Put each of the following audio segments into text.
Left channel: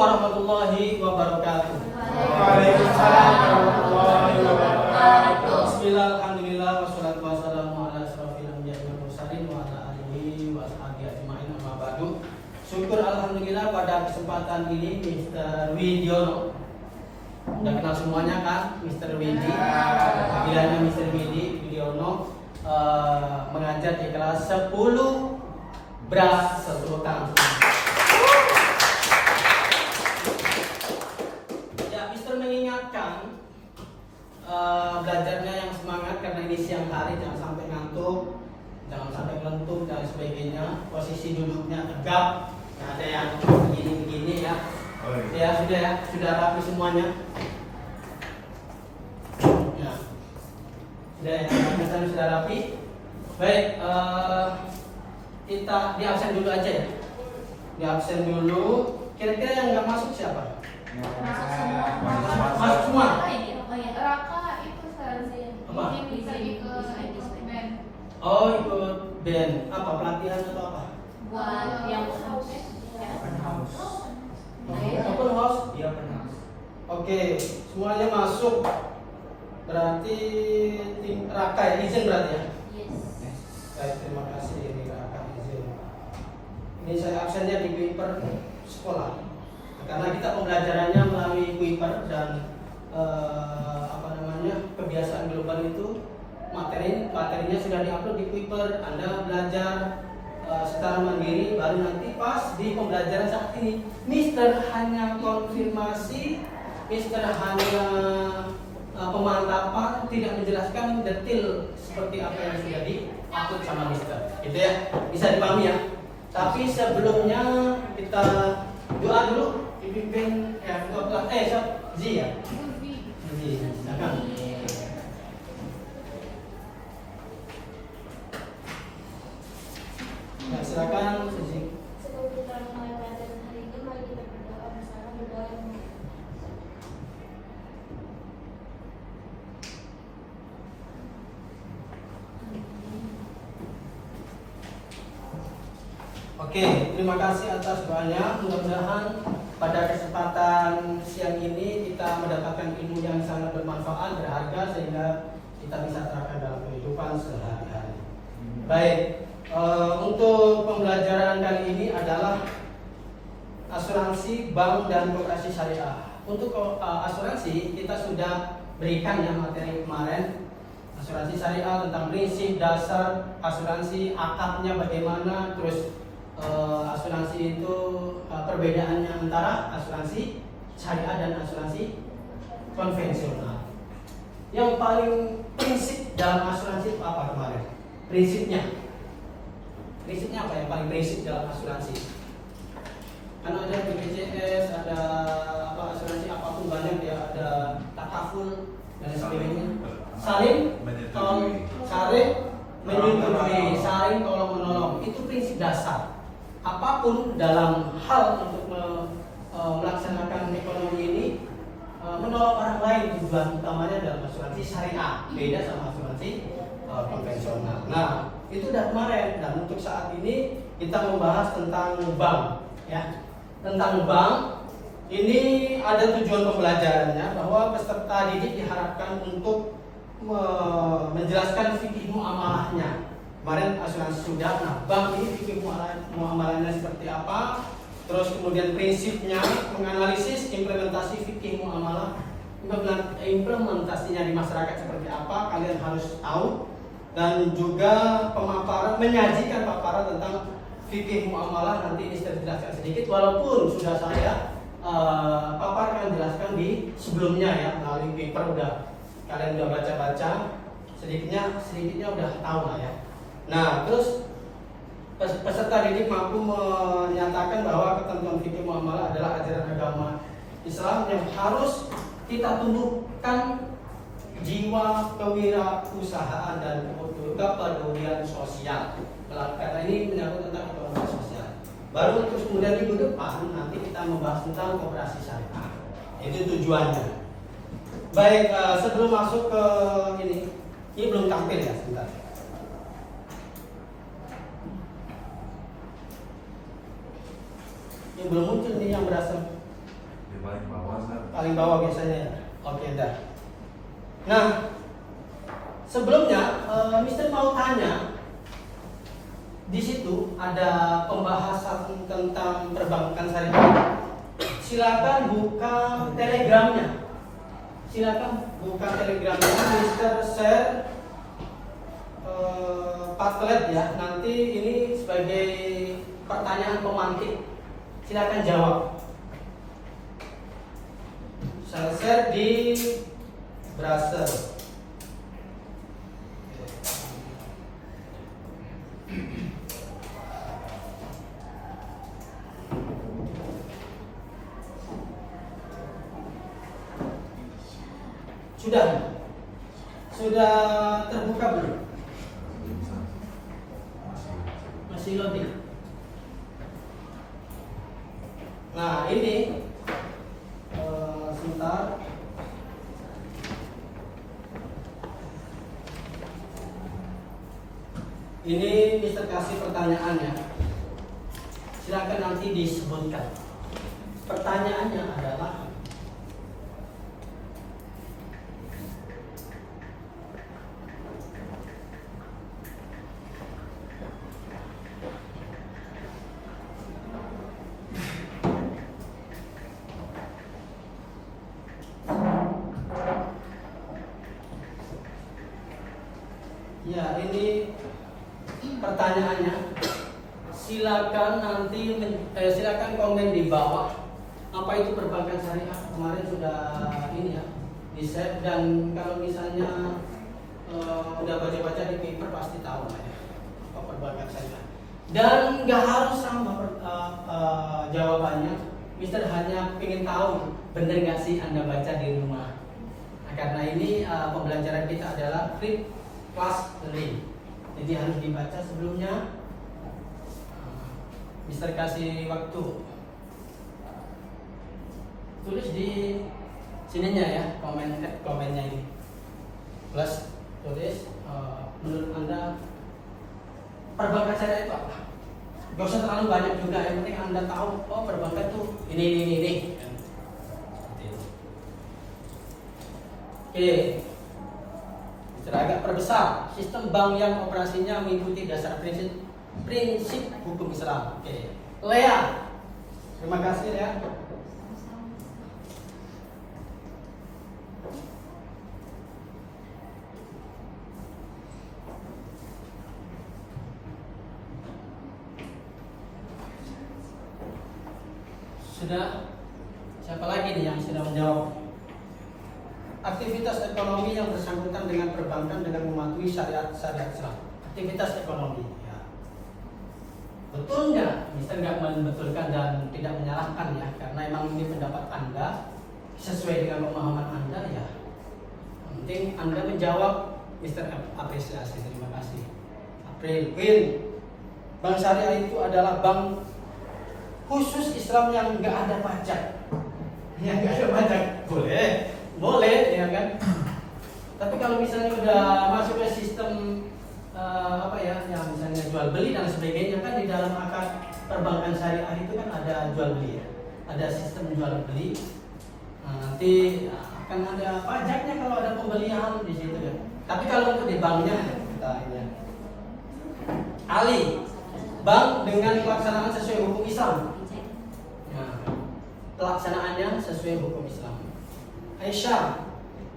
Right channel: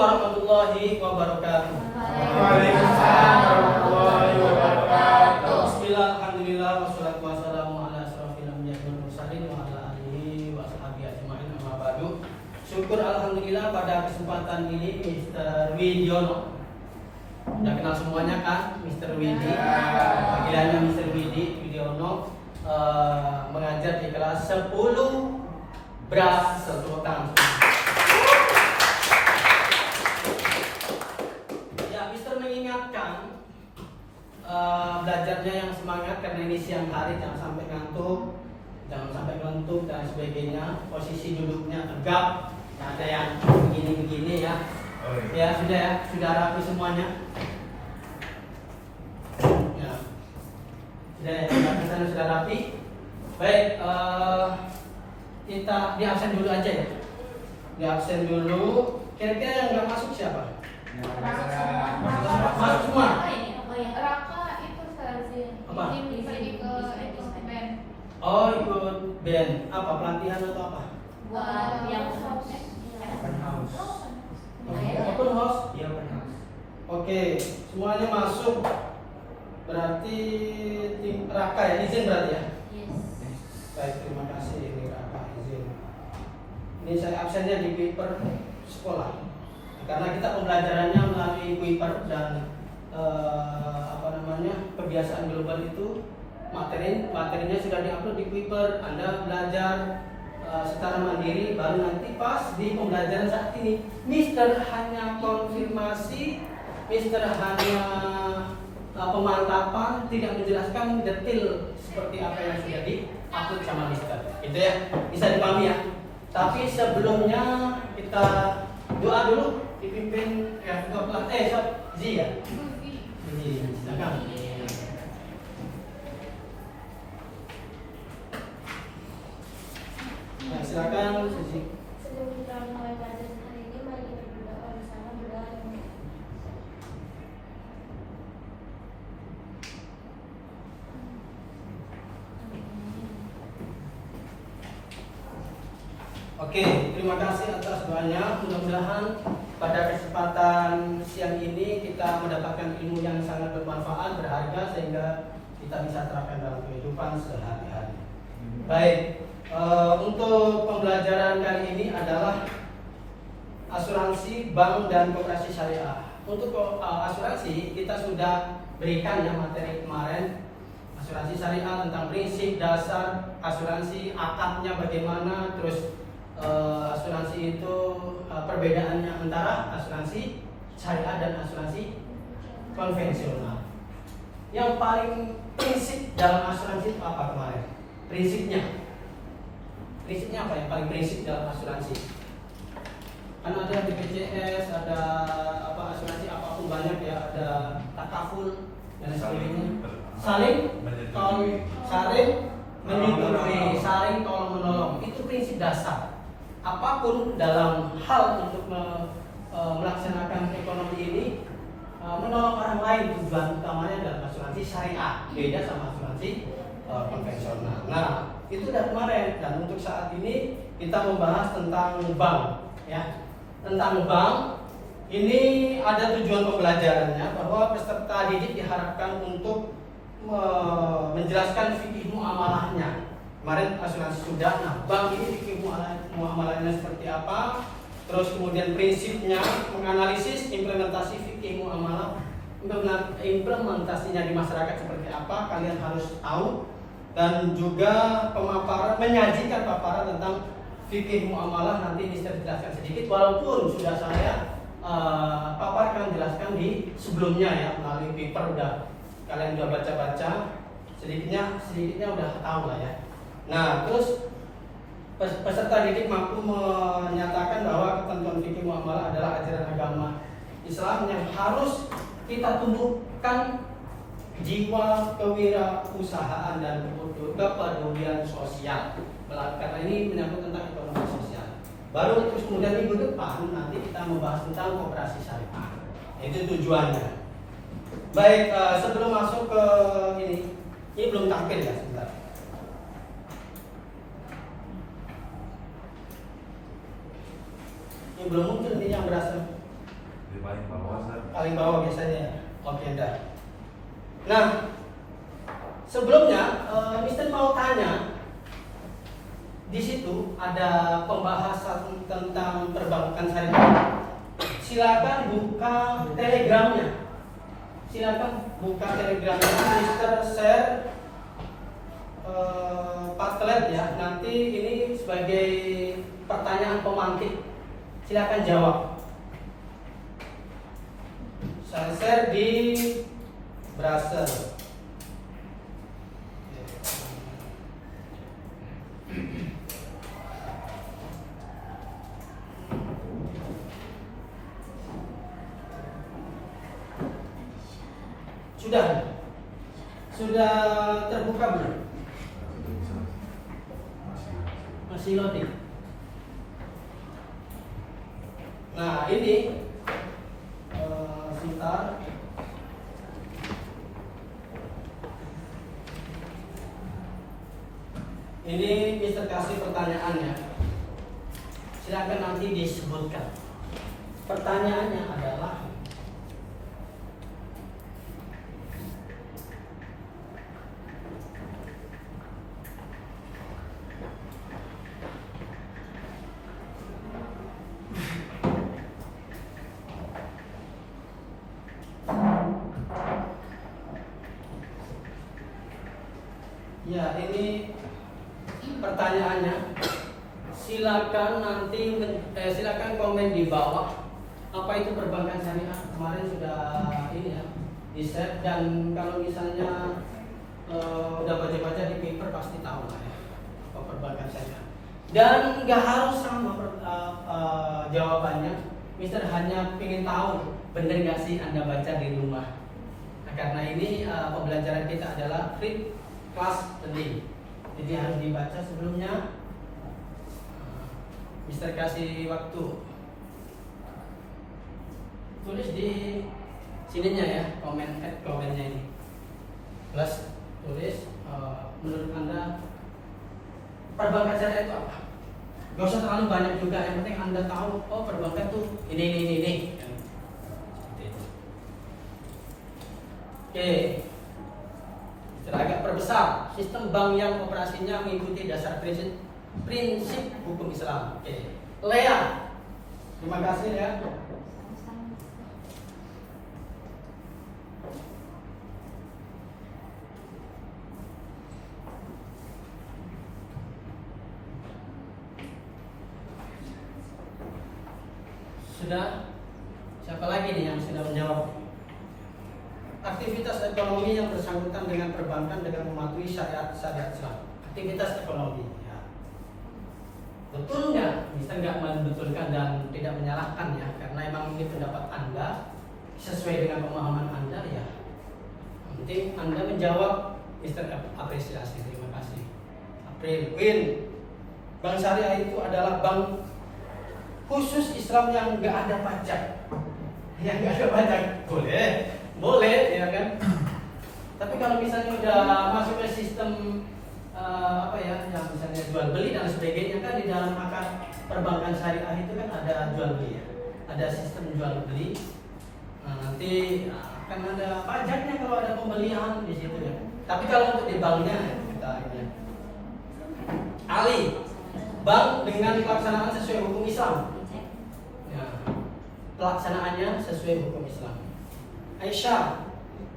warahmatullahi wabarakatuh. Waalaikumsalam warahmatullahi wabarakatuh. Bismillah, alhamdulillah, wassalatu wassalamu ala asrofil anbiya'i wal mursalin wa ala alihi wa ashabihi ajma'in, amma ba'du. Syukur alhamdulillah pada kesempatan ini Mr. Widiono. Udah kenal semuanya kan, Mr. Widi. Panggilannya Mr. Widiono mengajar di kelas 10 Bra Sertutan. Belajarnya yang semangat karena ini siang hari, jangan sampai ngantuk, jangan sampai kelentuk dan sebagainya. Posisi duduknya tegap, nggak ada yang begini-begini ya. Ya sudah rapi semuanya. Ya, sudah rapi. Baik, kita di absen dulu aja ya. Di absen dulu. Kira-kira yang nggak masuk siapa? Masuk semua. Raka itu versi Apa? bisa ikut band. Oh, ikut band. Apa, pelatihan atau apa? Yang Open house. Open house? Iya, open house. Oke, semuanya masuk. Berarti tim Raka ya, izin berarti ya? Baik, terima kasih Raka, izin. Ini saya absennya di Kuiper sekolah. Karena kita pembelajarannya melalui Kuiper dan kebiasaan global itu materinya sudah diupload di Kuiper. Anda belajar secara mandiri, baru nanti pas di pembelajaran saat ini Mister hanya konfirmasi, Mister hanya pemantapan, tidak menjelaskan detail seperti apa yang sudah diupload sama Mister. Itu ya, bisa dipahami ya. Tapi sebelumnya kita doa dulu, dipimpin Zi ya. Silakan. Nah, silakan Suci. Sebelum kita mulai pelajaran hari ini, mari kita berdoa bersama. Berdoa yang Oke, terima kasih atas doanya. Mudah-mudahan pada kesempatan siang ini kita mendapatkan ilmu yang sangat bermanfaat, berharga, sehingga kita bisa terapkan dalam kehidupan sehari-hari. Baik, untuk pembelajaran kali ini adalah asuransi bank dan koperasi syariah. Untuk asuransi kita sudah berikan ya materi kemarin, asuransi syariah tentang prinsip dasar asuransi, akadnya bagaimana, terus asuransi itu perbedaannya antara asuransi syariah dan asuransi konvensional. Yang paling prinsip dalam asuransi itu apa kemarin? Prinsipnya apa yang paling prinsip dalam asuransi? Kan ada BPJS, ada apa asuransi apapun banyak ya, ada takaful dan sebagainya. Saling tolong, saling menyetujui, saling tolong menolong. Itu prinsip dasar. Apapun dalam hal untuk melaksanakan ekonomi ini, menolong orang lain, tujuan utamanya dalam asuransi syariah, beda sama asuransi konvensional. Nah, itu udah kemarin, dan untuk saat ini kita membahas tentang bank ya. Tentang bank ini ada tujuan pembelajarannya, bahwa peserta didik diharapkan untuk menjelaskan fikih muamalahnya. Kemarin asuransi sudah, nah bank ini fikih muamalahnya seperti apa, terus kemudian prinsipnya, menganalisis implementasi fikih muamalah, implementasinya di masyarakat seperti apa, kalian harus tahu. Dan juga pemaparan, menyajikan paparan tentang fikih muamalah, nanti Mister jelaskan sedikit, walaupun sudah saya paparkan, jelaskan di sebelumnya ya, melalui paper udah kalian udah baca-baca, sedikitnya udah tahu lah ya. Nah, terus peserta didik mampu menyatakan bahwa ketentuan fikih muamalah adalah ajaran agama Islam yang harus kita tumbuhkan jiwa kewirausahaan dan kepedulian sosial. Karena ini menyangkut tentang ekonomi sosial. Baru terus kemudian minggu depan nanti kita membahas tentang koperasi syariah. Itu tujuannya. Baik, sebelum masuk ke ini belum tampil ya, sebentar. Ini belum muncul nih yang berasal paling bawah Ustaz. Paling bawah biasanya ya. Oke, dah. Nah, sebelumnya Mister mau tanya, di situ ada pembahasan tentang perbankan syariah. Silakan buka telegramnya. Silakan buka telegramnya, Mister share Padlet ya. Nanti ini sebagai pertanyaan pemantik. Silakan jawab. Saya share di browser. Sudah terbuka belum? Masih loading. Nah ini sebentar. Ini Mister kasih pertanyaannya. Silakan nanti disebutkan. Pertanyaannya adalah, ya ini pertanyaannya. Silakan nanti silakan komen di bawah apa itu perbankan syariah. Kemarin sudah ini ya di set, dan kalau misalnya udah baca-baca di paper pasti tahu lah ya apa perbankan syariah. Dan nggak harus sama jawabannya. Mister hanya ingin tahu bener nggak sih Anda baca di rumah. Nah, karena ini pembelajaran kita adalah free class learning, jadi harus dibaca sebelumnya. Mister kasih waktu, tulis di sininya ya, komennya ini, plus tulis menurut Anda perbankan syariah itu apa? Gak usah terlalu banyak juga, yang penting Anda tahu oh perbankan tuh ini. Oke. Agak perbesar, sistem bank yang operasinya mengikuti dasar prinsip hukum Islam. Oke. Lea, terima kasih Lea. Sudah? Siapa lagi nih yang sudah menjawab? Aktivitas ekonomi yang bersangkutan dengan perbankan dengan mematuhi syariat Islam. Aktivitas ekonomi. Ya. Betul nggak? Mister nggak membetulkan dan tidak menyalahkan ya, karena emang ini pendapat Anda sesuai dengan pemahaman Anda ya. Yang penting Anda menjawab. Mister apresiasi, terima kasih. April Win. Bank syariah itu adalah bank khusus Islam yang nggak ada pajak. Yang nggak ada pajak boleh ya kan. Tapi kalau misalnya udah masuk ke sistem yang misalnya jual beli dan sebagainya, kan di dalam akad perbankan syariah itu kan ada jual beli ya, ada sistem jual beli. Nah, nanti akan ada pajaknya kalau ada pembelian di situ ya. Tapi kalau untuk di banknya kita ini Ali, bank dengan pelaksanaan sesuai hukum Islam. Nah, pelaksanaannya sesuai hukum Islam. Aisyah,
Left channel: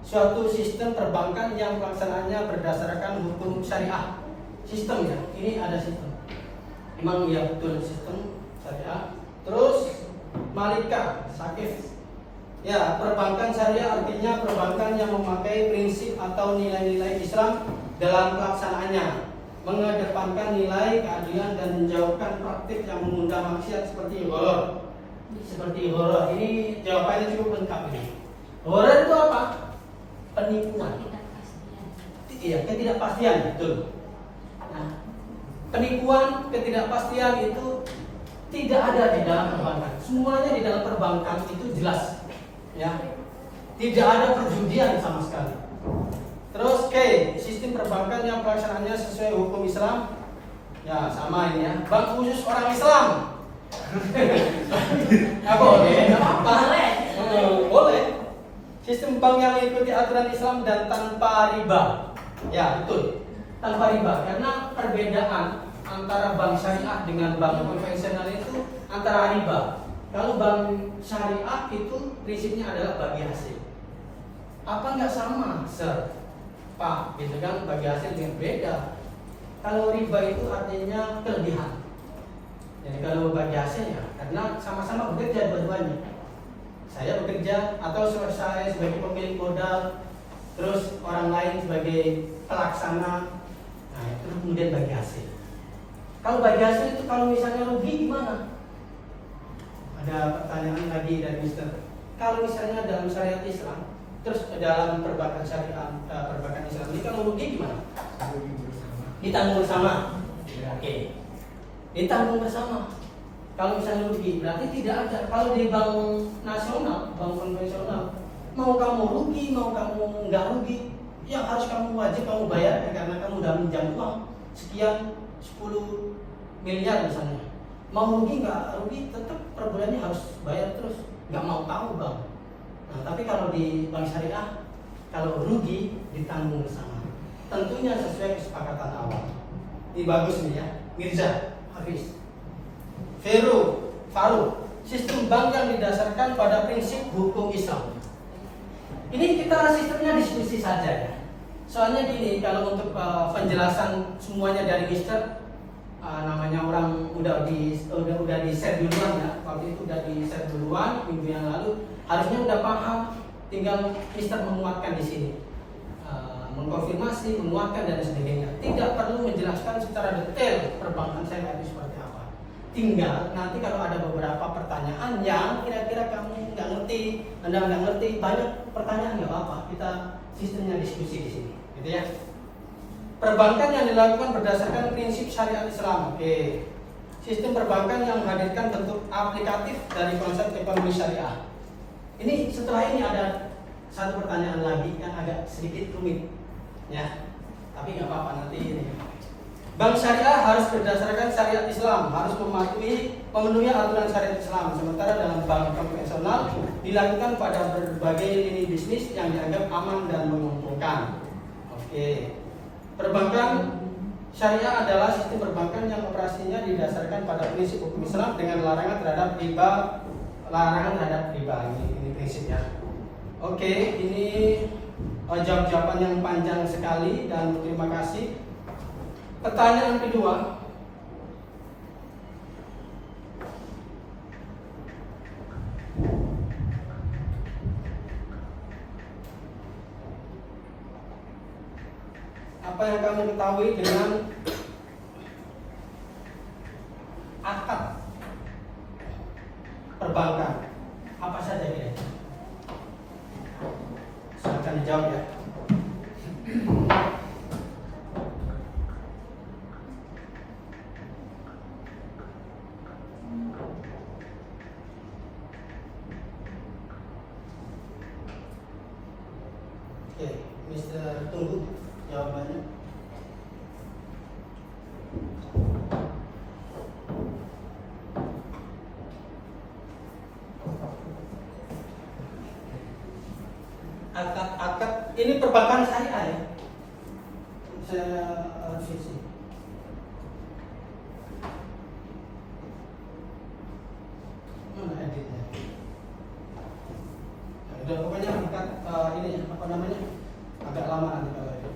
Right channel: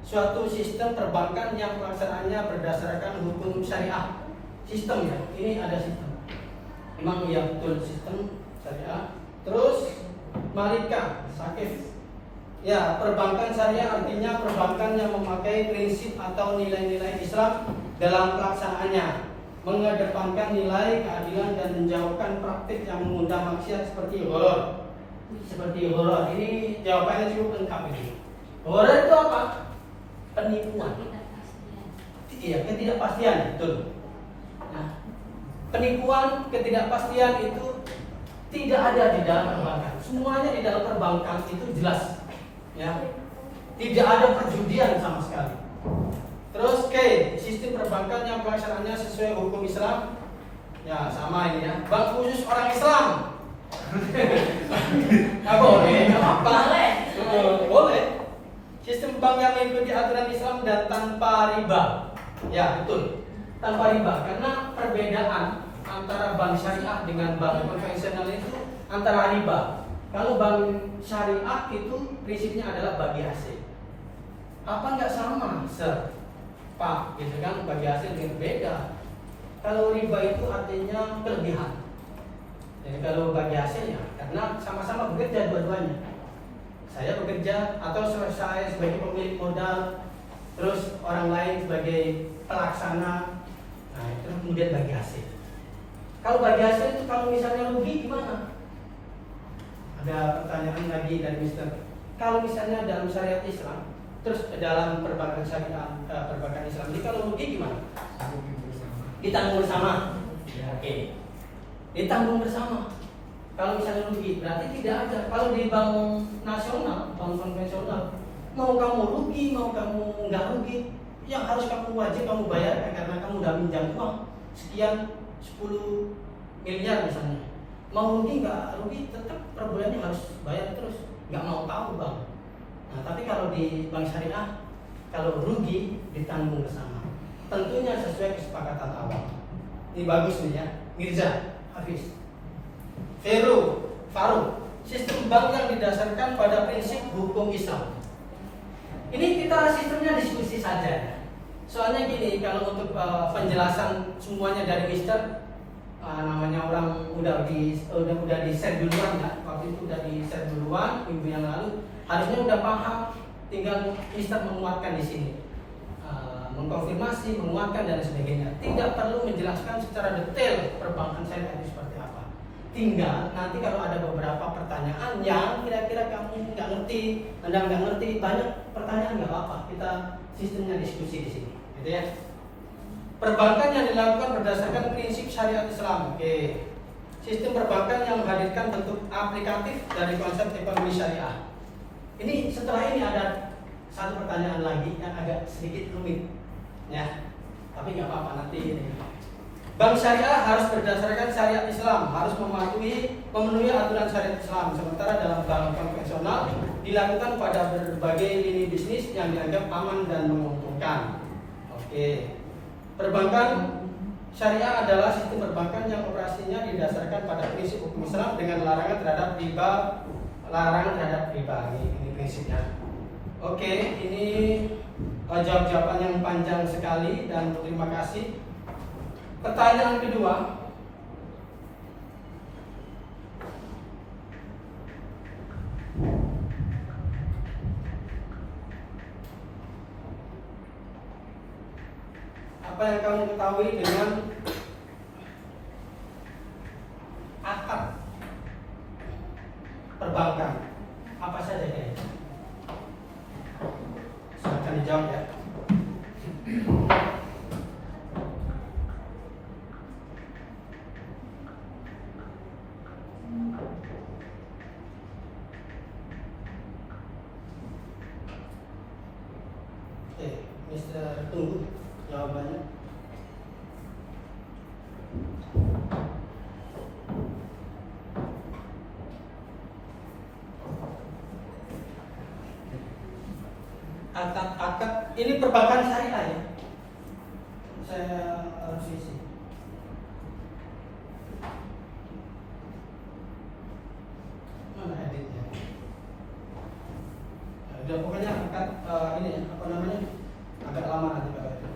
suatu sistem perbankan yang pelaksanaannya berdasarkan hukum syariah. Sistem ya, ini ada sistem. Memang ya betul sistem syariah. Terus Malika, Sakif. Ya, perbankan syariah artinya perbankan yang memakai prinsip atau nilai-nilai Islam dalam pelaksanaannya, mengedepankan nilai keadilan dan menjauhkan praktik yang mengundang maksiat seperti horor. Ini jawabannya cukup lengkap ini. Horor itu apa? Penipuan. Iya, ketidakpastian, betul. Nah, penipuan, ketidakpastian itu tidak ada di dalam perbankan. Semuanya di dalam perbankan itu jelas, ya. Tidak ada perjudian sama sekali. Terus sistem perbankan yang pelaksanaannya sesuai hukum Islam. Ya, sama ini ya. Bank khusus orang Islam. Nggak boleh, nggak apa-apa. boleh. Sistem bank yang mengikuti aturan Islam dan tanpa riba. Ya, betul. Tanpa riba, karena perbedaan antara bank syariah dengan bank konvensional itu antara riba. Kalau bank syariah itu prinsipnya adalah bagi hasil. Apa nggak sama, Sir? Pak, gitu kan, bagi hasil yang beda. Kalau riba itu artinya kelebihan. Jadi kalau bagi hasilnya, karena sama-sama bekerja dua-duanya. Saya bekerja atau saya sebagai pemilik modal, terus orang lain sebagai pelaksana. Nah, itu kemudian bagi hasil. Kalau bagi hasil itu kalau misalnya rugi gimana? Ada pertanyaan lagi dari Mister. Kalau misalnya dalam syariat Islam, terus dalam perbankan syariah, perbankan Islam ini kalau rugi gimana? Ditanggung bersama. Oke. Ditanggung bersama. Kalau misalnya rugi, berarti tidak ada. Kalau di bank nasional, bank konvensional, mau kamu rugi, mau kamu nggak rugi, yang harus kamu wajib kamu bayar karena kamu udah minjam uang sekian 10 miliar misalnya. Mau rugi nggak rugi, tetap per bulannya harus bayar terus. Nggak mau tahu bang. Nah, tapi kalau di bank syariah, kalau rugi ditanggung bersama. Tentunya sesuai kesepakatan awal. Ini bagus nih ya, Mirza, Hafiz. Faru, sistem bank yang didasarkan pada prinsip hukum Islam. Ini kita sistemnya diskusi saja. Soalnya gini, kalau untuk penjelasan semuanya dari Mister, namanya orang udah di share duluan ya. Waktu itu udah di share duluan minggu yang lalu. Harusnya udah paham, tinggal Mister menguatkan di sini. Mengkonfirmasi, menguatkan dan sebagainya. Tidak perlu menjelaskan secara detail perbankan syariah itu seperti apa. Tinggal nanti kalau ada beberapa pertanyaan yang kira-kira kamu nggak ngerti, Anda nggak ngerti, banyak pertanyaan nggak apa-apa. Kita sistemnya diskusi di sini, gitu ya. Perbankan yang dilakukan berdasarkan prinsip syariat Islam. Oke. Sistem perbankan yang menghadirkan bentuk aplikatif dari konsep ekonomi syariah. Ini setelah ini ada satu pertanyaan lagi yang agak sedikit rumit, ya. Tapi nggak apa-apa nanti ini. Bank syariah harus berdasarkan syariat Islam, harus memenuhi aturan syariat Islam. Sementara dalam bank konvensional dilakukan pada berbagai lini bisnis yang dianggap aman dan menguntungkan. Oke. Perbankan syariah adalah sistem perbankan yang operasinya didasarkan pada prinsip hukum Islam dengan larangan terhadap riba. Ini prinsipnya. Oke, ini jawaban yang panjang sekali dan terima kasih. Pertanyaan kedua, apa yang kamu ketahui dengan akad perbankan? Apa saja kira-kira? Silakan dijawab ya. Oke, Mister tunggu jawabannya. Akad ini perbankan syariah ya. Saya revisi. Mana editnya? Udah pokoknya akad ini apa namanya? Agak lama nanti kalau itu.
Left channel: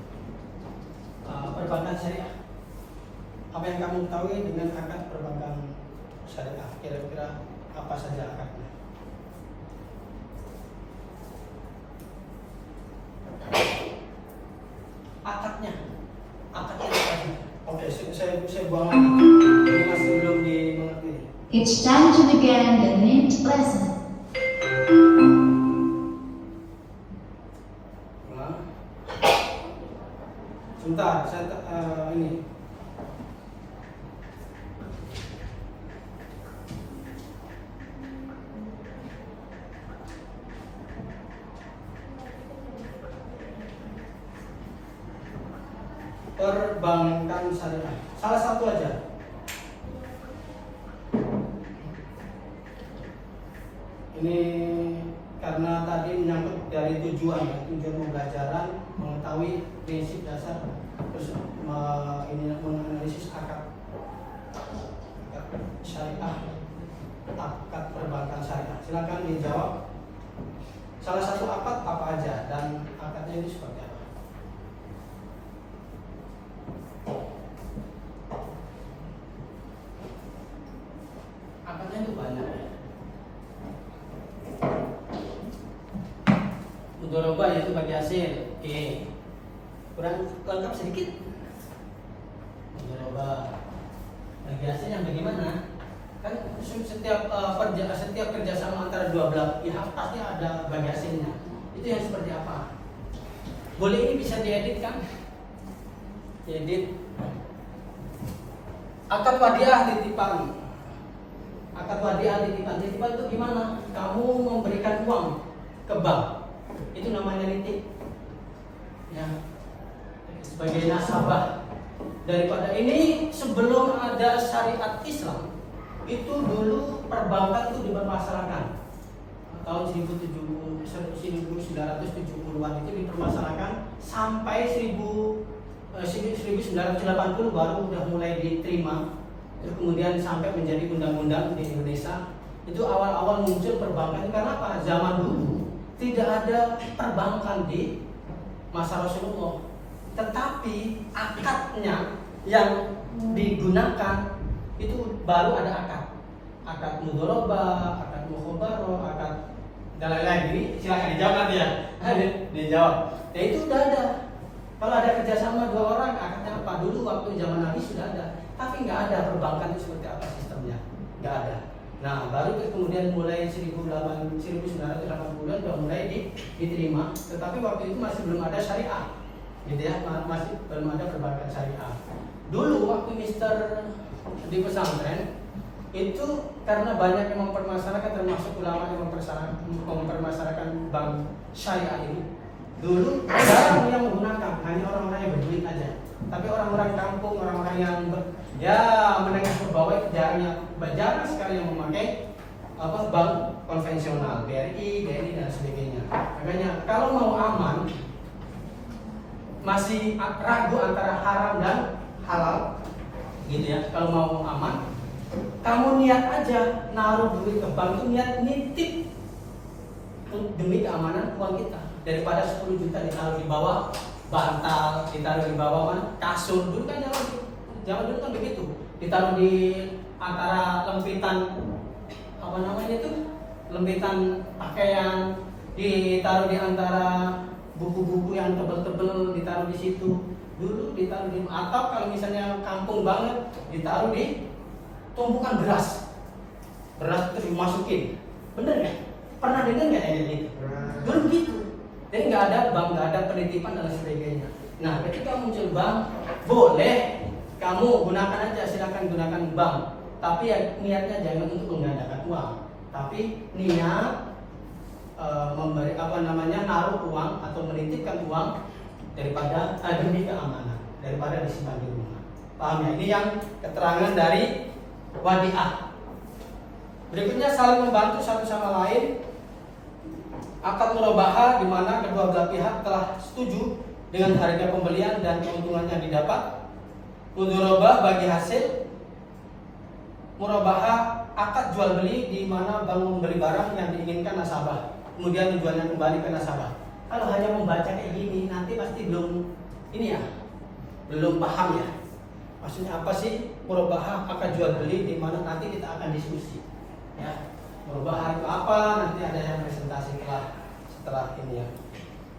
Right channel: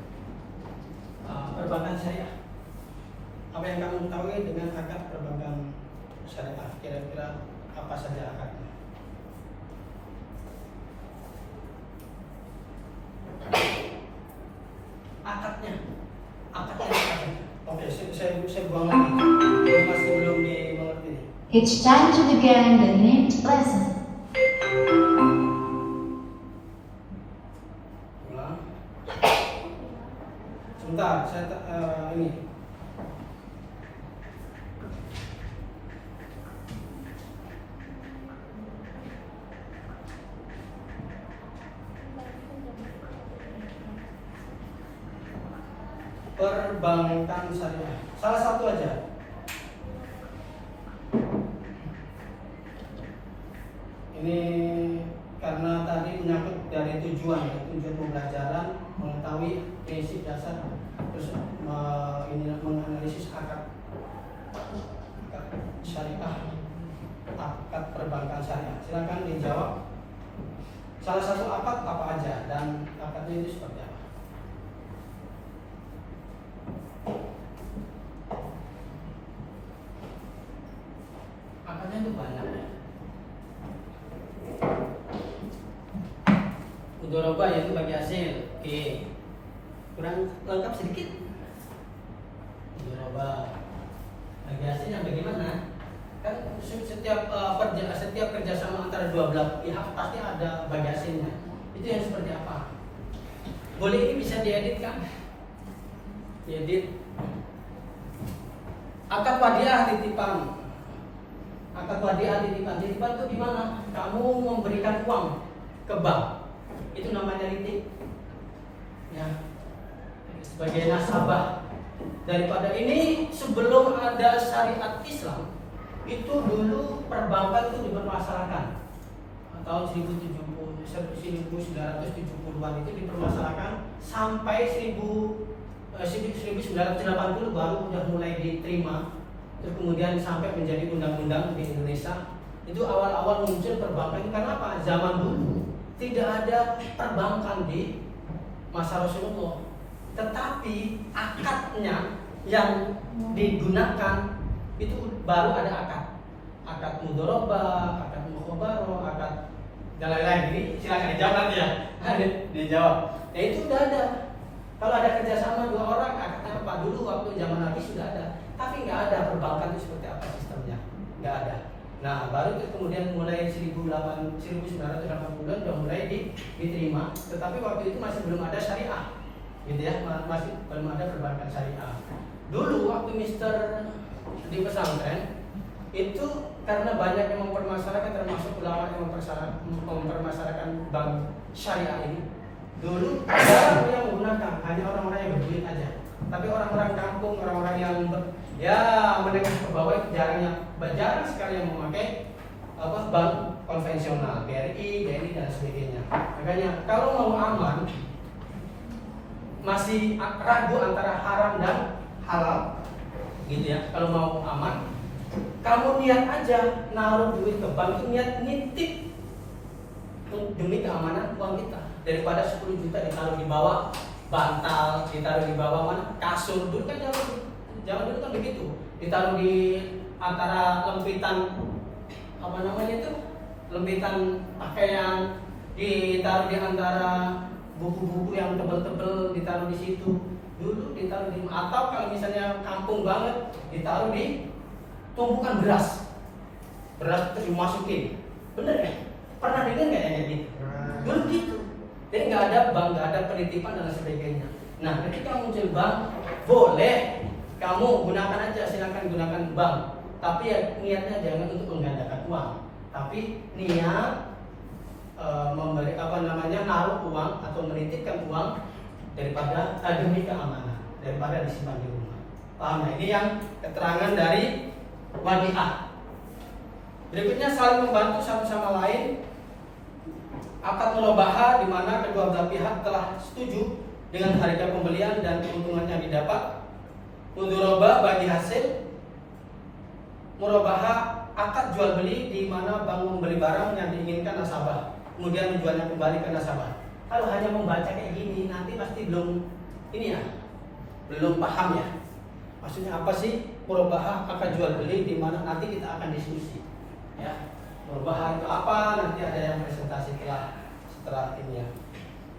Perbankan syariah. Apa yang kamu ketahui dengan akad perbankan syariah? Kira-kira apa saja akadnya? Akadnya apa sih? Oke, saya buang lagi. Masih belum dimengerti. It's time to begin the next lesson. Ulang. Sebentar, saya ini. Perbankan syariah. Salah satu aja. Ini karena tadi menyangkut dari tujuan ya, tujuan pembelajaran, mengetahui prinsip dasar, terus menganalisis akad syariah, akad perbankan syariah. Silakan dijawab. Salah satu akad apa aja dan akadnya ini seperti apa? Akadnya itu banyak ya. Mudharabah yaitu bagi hasil. Oke. Kurang lengkap sedikit. Mudharabah bagi hasil yang bagaimana? Kan setiap kerjasama antara dua belah pihak pasti ada bagi hasilnya. Itu yang seperti apa? Boleh ini bisa diedit kan? Diedit. Akad wadiah titipan. Akad wadiah titipan. Titipan itu gimana? Kamu memberikan uang ke bank. Itu namanya nitip. Ya. Sebagai nasabah. Daripada ini sebelum ada syariat Islam, itu dulu perbankan itu dipermasalahkan. Tahun 1970-an itu dipermasalahkan sampai 1980 baru udah mulai diterima. Terus kemudian sampai menjadi undang-undang di Indonesia. Itu awal-awal muncul perbankan itu karena apa? Zaman dulu tidak ada perbankan di masa Rasulullah. Tetapi akadnya yang digunakan itu baru ada akad mudharabah, akad mukhabarah, akad dan lain-lain. Ini silakan dijawab nanti ya. Dijawab. Ya itu sudah ada. Kalau ada kerjasama dua orang, akadnya apa? Dulu waktu zaman Nabi sudah ada. Tapi nggak ada perbankan itu seperti apa sistemnya. Nggak ada. Nah, baru kemudian mulai 1980-an sudah mulai diterima. Tetapi waktu itu masih belum ada syariah. Gitu ya, masih belum ada perbankan syariah. Dulu waktu Mister di pesantren itu karena banyak yang mempermasalahkan, termasuk ulama yang mempermasalahkan bank syariah ini. Dulu jarang yang menggunakan, hanya orang-orang yang berduit aja. Tapi orang-orang kampung, orang-orang yang menengah ke bawah itu jarang sekali yang memakai bank konvensional, BRI dan sebagainya. Makanya kalau mau aman, masih ragu antara haram dan halal, gitu ya. Kalau mau aman, kamu niat aja naruh duit ke bank itu niat nitip demi keamanan uang kita. Daripada 10 juta ditaruh di bawah bantal, ditaruh di bawah mana kasur. Dulu kan zaman dulu kan begitu, ditaruh di antara lempitan lempitan pakaian, ditaruh di antara buku-buku yang tebel-tebel, ditaruh di situ. Dulu ditaruh di, atau kalau misalnya kampung banget, ditaruh di tumpukan beras itu dimasukin. Bener ya? Pernah dengar nggak yang gitu? Dulu begitu. Jadi nggak ada bank, nggak ada penitipan dan sebagainya. Nah, ketika muncul bank, boleh kamu gunakan aja, silakan gunakan bank. Tapi ya niatnya jangan untuk menggandakan uang, tapi niat memberi naruh uang atau menitipkan uang daripada demi keamanan, daripada disimpan di rumah. Paham ya? Ini yang keterangan dari wadiah. Berikutnya saling membantu satu sama lain. Akad murabahah di mana kedua belah pihak telah setuju dengan harga pembelian dan keuntungan yang didapat. Mudharabah bagi hasil. Murabahah akad jual beli di mana bank membeli barang yang diinginkan nasabah, kemudian menjualnya kembali ke nasabah. Kalau hanya membaca kayak gini nanti pasti belum paham ya. Maksudnya apa sih murabahah akad jual beli, di mana nanti kita akan diskusi. Ya, murabahah itu apa? Nanti ada yang presentasi setelah ini ya.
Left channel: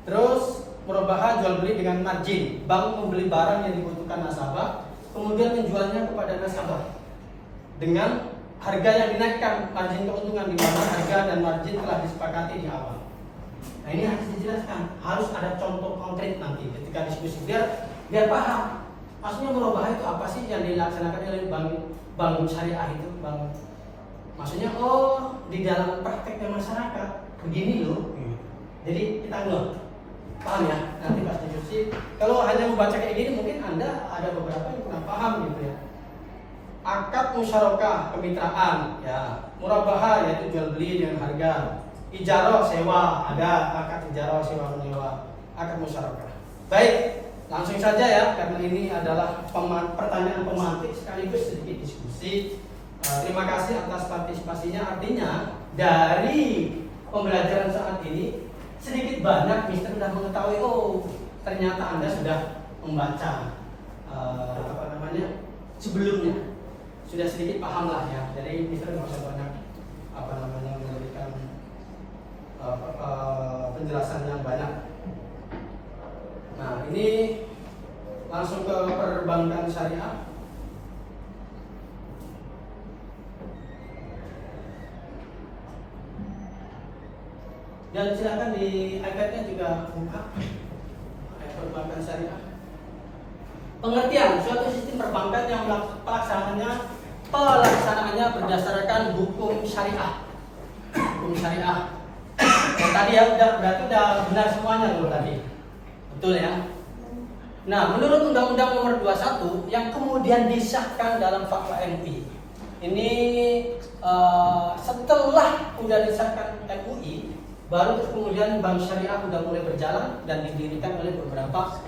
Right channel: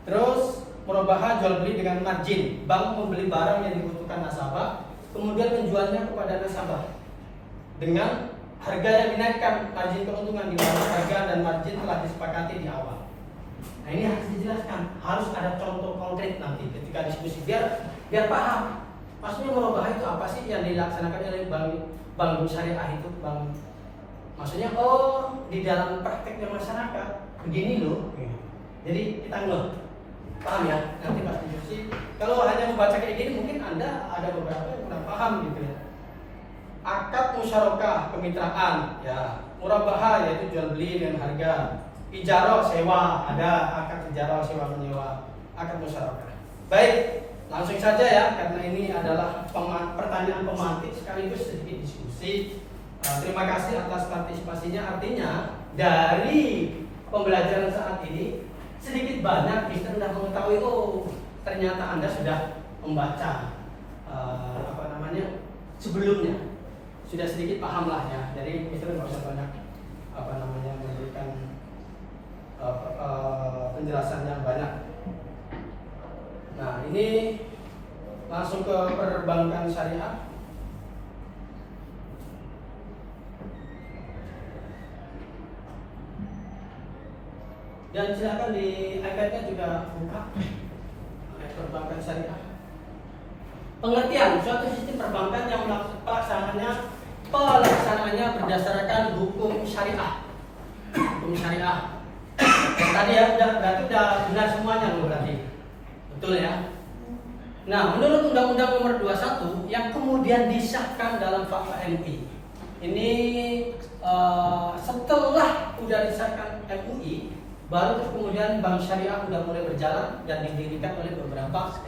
Terus murabahah jual beli dengan margin. Bank membeli barang yang dibutuhkan nasabah, kemudian menjualnya kepada nasabah dengan harga yang dinaikkan, margin keuntungan di mana harga dan margin telah disepakati di awal. Nah, ini harus dijelaskan, harus ada contoh konkret nanti ketika diskusi biar paham. Maksudnya murabahah itu apa sih yang dilaksanakan oleh bank syariah itu, bank. Maksudnya di dalam prakteknya masyarakat begini loh. Jadi kita paham ya, nanti pas diskusi. Kalau hanya membaca kayak gini mungkin Anda ada beberapa yang kurang paham gitu ya. Akad musyarakah kemitraan ya, murabahah yaitu jual beli dengan harga. Ijaro sewa, ada akad ijaro sewa menyewa, akad musyarakah. Baik, langsung saja ya, karena ini adalah pertanyaan pemantik sekaligus sedikit diskusi. Terima kasih atas partisipasinya. Artinya dari pembelajaran saat ini sedikit banyak Mister sudah mengetahui, oh ternyata Anda sudah membaca sebelumnya, sudah sedikit paham lah ya. Jadi Mister nggak usah banyak memberikan penjelasan yang banyak. Nah, ini langsung ke perbankan syariah. Dan silakan di iPad-nya juga buka perbankan syariah. Pengertian suatu sistem perbankan yang pelaksanaannya berdasarkan hukum syariah. Hukum syariah. Yang tadi ya berarti udah benar semuanya tuh tadi. Betul ya? Nah, menurut Undang-Undang Nomor 21 yang kemudian disahkan dalam Fatwa MI. Ini setelah sudah disahkan MUI, baru kemudian bank syariah sudah mulai berjalan dan didirikan oleh beberapa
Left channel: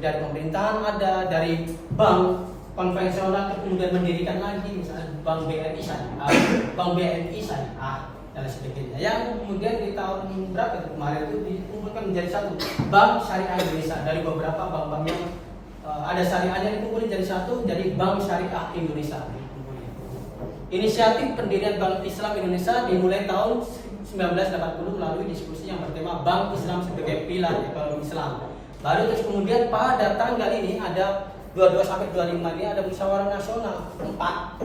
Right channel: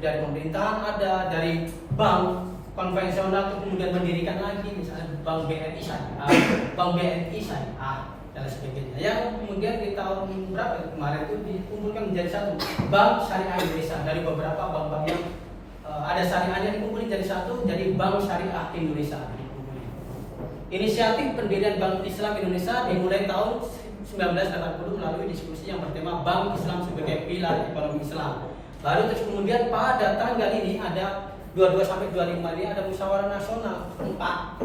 dari pemerintahan, ada dari bank konvensional kemudian mendirikan lagi, misalnya Bank BNI Syariah, Bank BNI Syariah dan sebagainya. Yang kemudian di tahun berapa kemarin itu dikumpulkan menjadi satu Bank Syariah Indonesia dari beberapa bank-bank yang ada syariahnya dikumpulkan jadi satu, jadi Bank Syariah Indonesia. Inisiatif pendirian Bank Islam Indonesia dimulai tahun 1980 melalui diskusi yang bertema Bank Islam sebagai pilar ekonomi Islam. Baru terus kemudian pada tanggal ini ada 22 sampai 25 ini ada musyawarah nasional 4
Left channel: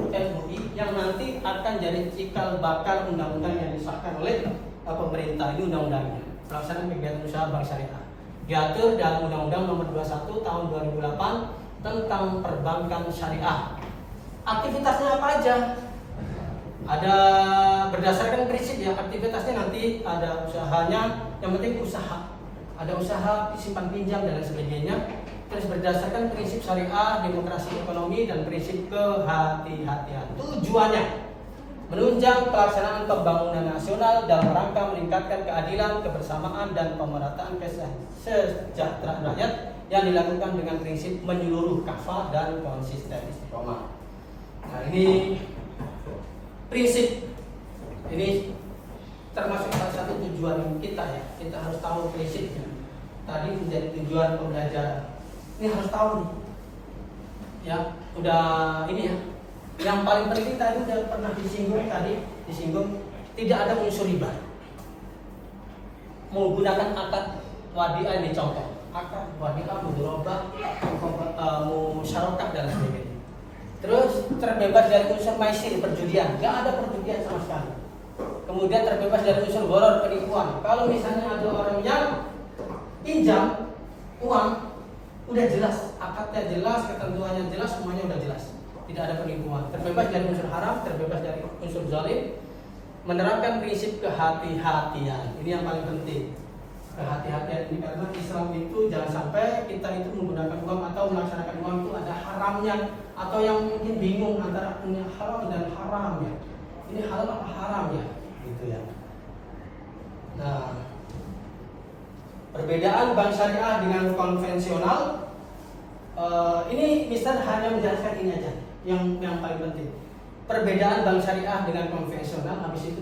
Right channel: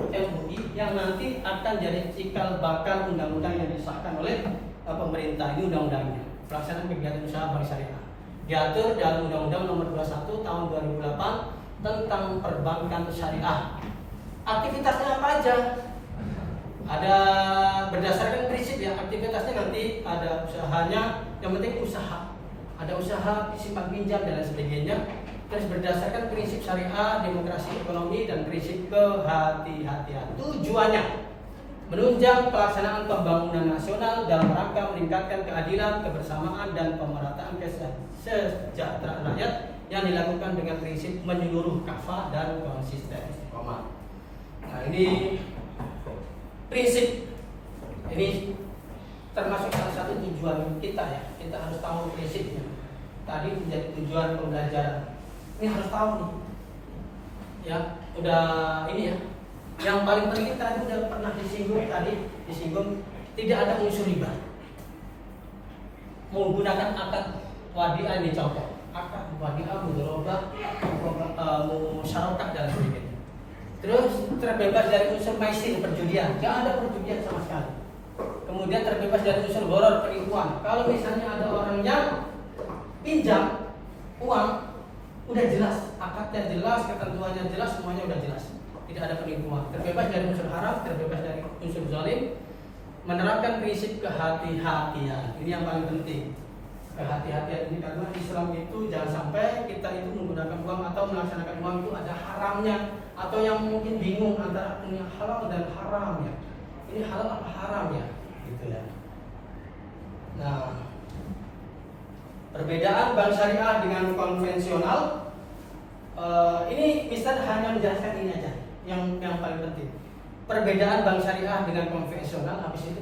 MUI yang nanti akan jadi cikal bakal undang-undang yang disahkan oleh pemerintah. Ini undang-undangnya pelaksanaan kegiatan usaha bank syariah diatur dalam Undang-Undang Nomor 21 tahun 2008 tentang perbankan syariah. Aktivitasnya apa aja? Ada berdasarkan prinsip ya, aktivitasnya nanti ada usahanya, yang penting usaha. Ada usaha simpan pinjam dan lain sebagainya. Terus berdasarkan prinsip syariah, demokrasi ekonomi dan prinsip kehati-hatian. Tujuannya menunjang pelaksanaan pembangunan nasional dalam rangka meningkatkan keadilan, kebersamaan dan pemerataan kesejahteraan rakyat yang dilakukan dengan prinsip menyeluruh, kafah dan konsisten istiqomah. Nah, ini prinsip ini termasuk salah satu tujuan kita ya. Kita harus tahu prinsipnya. Tadi menjadi tujuan pembelajaran. Ini harus tahu nih. Ya, udah ini ya. Yang paling penting tadi udah pernah disinggung tidak ada unsur riba. Menggunakan akad wadiah ini contoh. Akad wadiah, mudharabah, musyarakah dan sebagainya. Terus terbebas dari unsur maisir perjudian, nggak ada perjudian sama sekali. Kemudian terbebas dari unsur gharar penipuan. Kalau misalnya ada orang yang pinjam uang, udah jelas, akadnya jelas, ketentuannya jelas, semuanya udah jelas. Tidak ada penipuan. Terbebas dari unsur haram, terbebas dari unsur zalim. Menerapkan prinsip kehati-hatian. Ini yang paling penting. Kehati-hatian ini karena Islam itu jangan sampai kita itu menggunakan uang atau melaksanakan uang itu ada haramnya, atau yang mungkin bingung antara yang halal dan haram ya. Ini halal apa haram ya? Gitu ya. Nah, perbedaan bank syariah dengan konvensional ini Mister hanya menjelaskan ini aja yang paling penting. Perbedaan bank syariah dengan konvensional, habis itu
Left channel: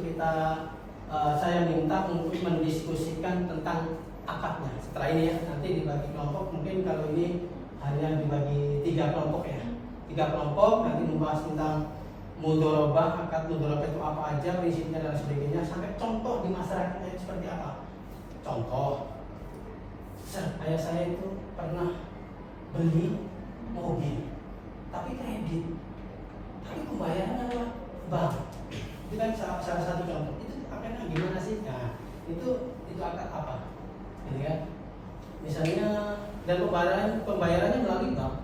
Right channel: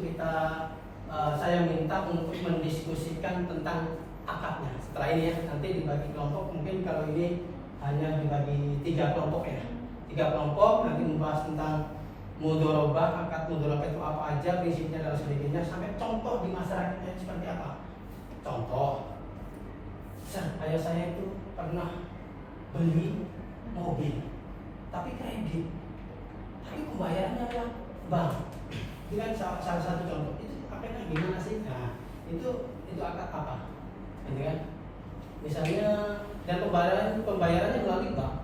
saya minta untuk mendiskusikan tentang akadnya. Setelah ini ya, nanti dibagi kelompok. Mungkin kalau ini hanya dibagi 3 kelompok ya. 3 kelompok nanti membahas tentang mudharabah, akad mudharabah itu apa aja, prinsipnya dan sebagainya, sampai contoh di masyarakatnya seperti apa. Contoh, ayah saya itu pernah beli mobil, tapi kredit, tapi pembayarannya lewat bank. Itu kan salah satu contoh. Itu akadnya gimana sih? Nah, itu akad apa? Gitu kan? Misalnya dan pembayarannya melalui bank,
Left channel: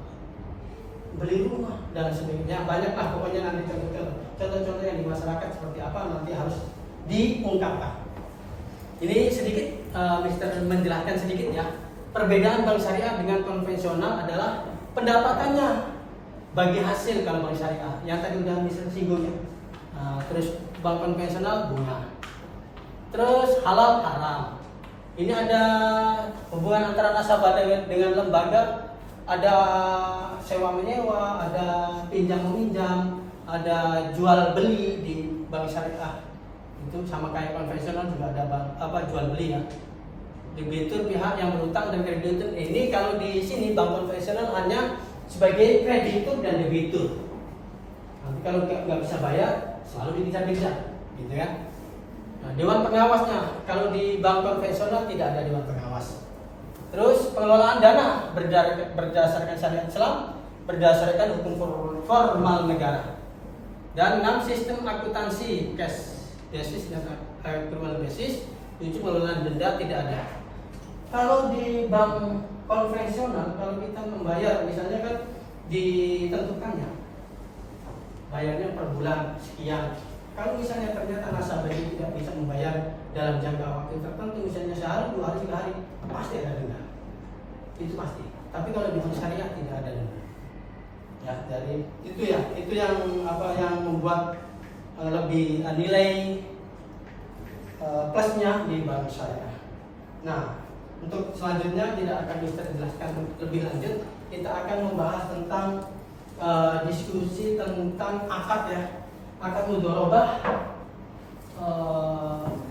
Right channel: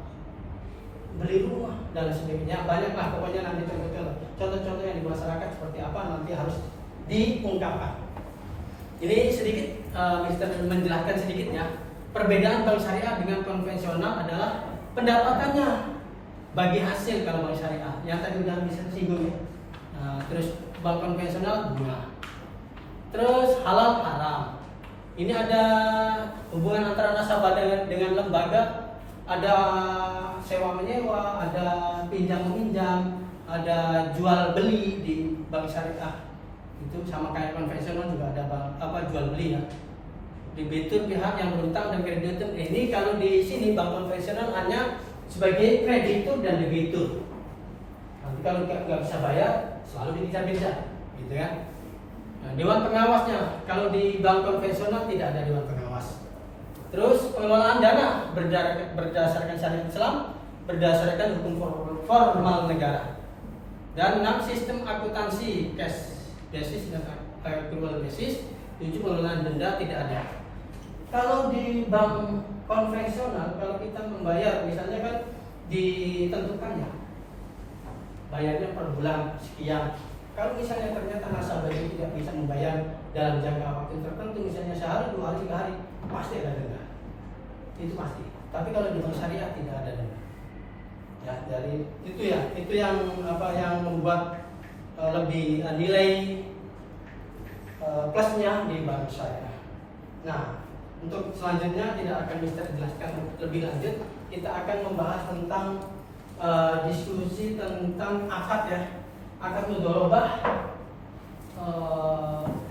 beli rumah dan sebagainya. Banyak lah pokoknya nanti contoh-contoh yang di masyarakat seperti apa nanti harus diungkapkan. Ini sedikit Mister menjelaskan sedikit ya. Perbedaan bank syariah dengan konvensional adalah pendapatannya bagi hasil kalau bank syariah. Yang tadi udah bisa singgung ya. Terus bank konvensional bunga. Terus halal haram. Ini ada hubungan antara nasabah dengan lembaga, ada sewa menyewa, ada pinjam meminjam, ada jual beli di bank syariah. Itu sama kayak konvensional juga ada jual beli ya. Debitur pihak yang berutang dan kreditur. Ini kalau di sini bank konvensional hanya sebagai kreditur dan debitur. Nanti kalau nggak bisa bayar selalu dipisah-pisah, gitu kan? Nah, dewan pengawasnya kalau di bank konvensional tidak ada dewan pengawas. Terus pengelolaan dana berdasarkan syariat Islam, berdasarkan hukum formal negara. Dan 6 sistem akuntansi cash basis dan accrual basis. 7 pengelolaan denda tidak ada. Kalau di bank konvensional, kalau kita membayar misalnya kan ditentukannya bayarnya per bulan sekian. Kalau misalnya ternyata nasabahnya tidak bisa membayar dalam jangka waktu tertentu, misalnya sehari, 2 hari, 3 hari, pasti ada denda. Itu pasti. Tapi kalau di bank syariah tidak ada denda. Ya, dari itu yang membuat lebih nilai plusnya di bank syariah. Nah, untuk selanjutnya tidak akan bisa dijelaskan lebih lanjut. Kita akan membahas tentang diskusi tentang akad ya, akad mudharabah.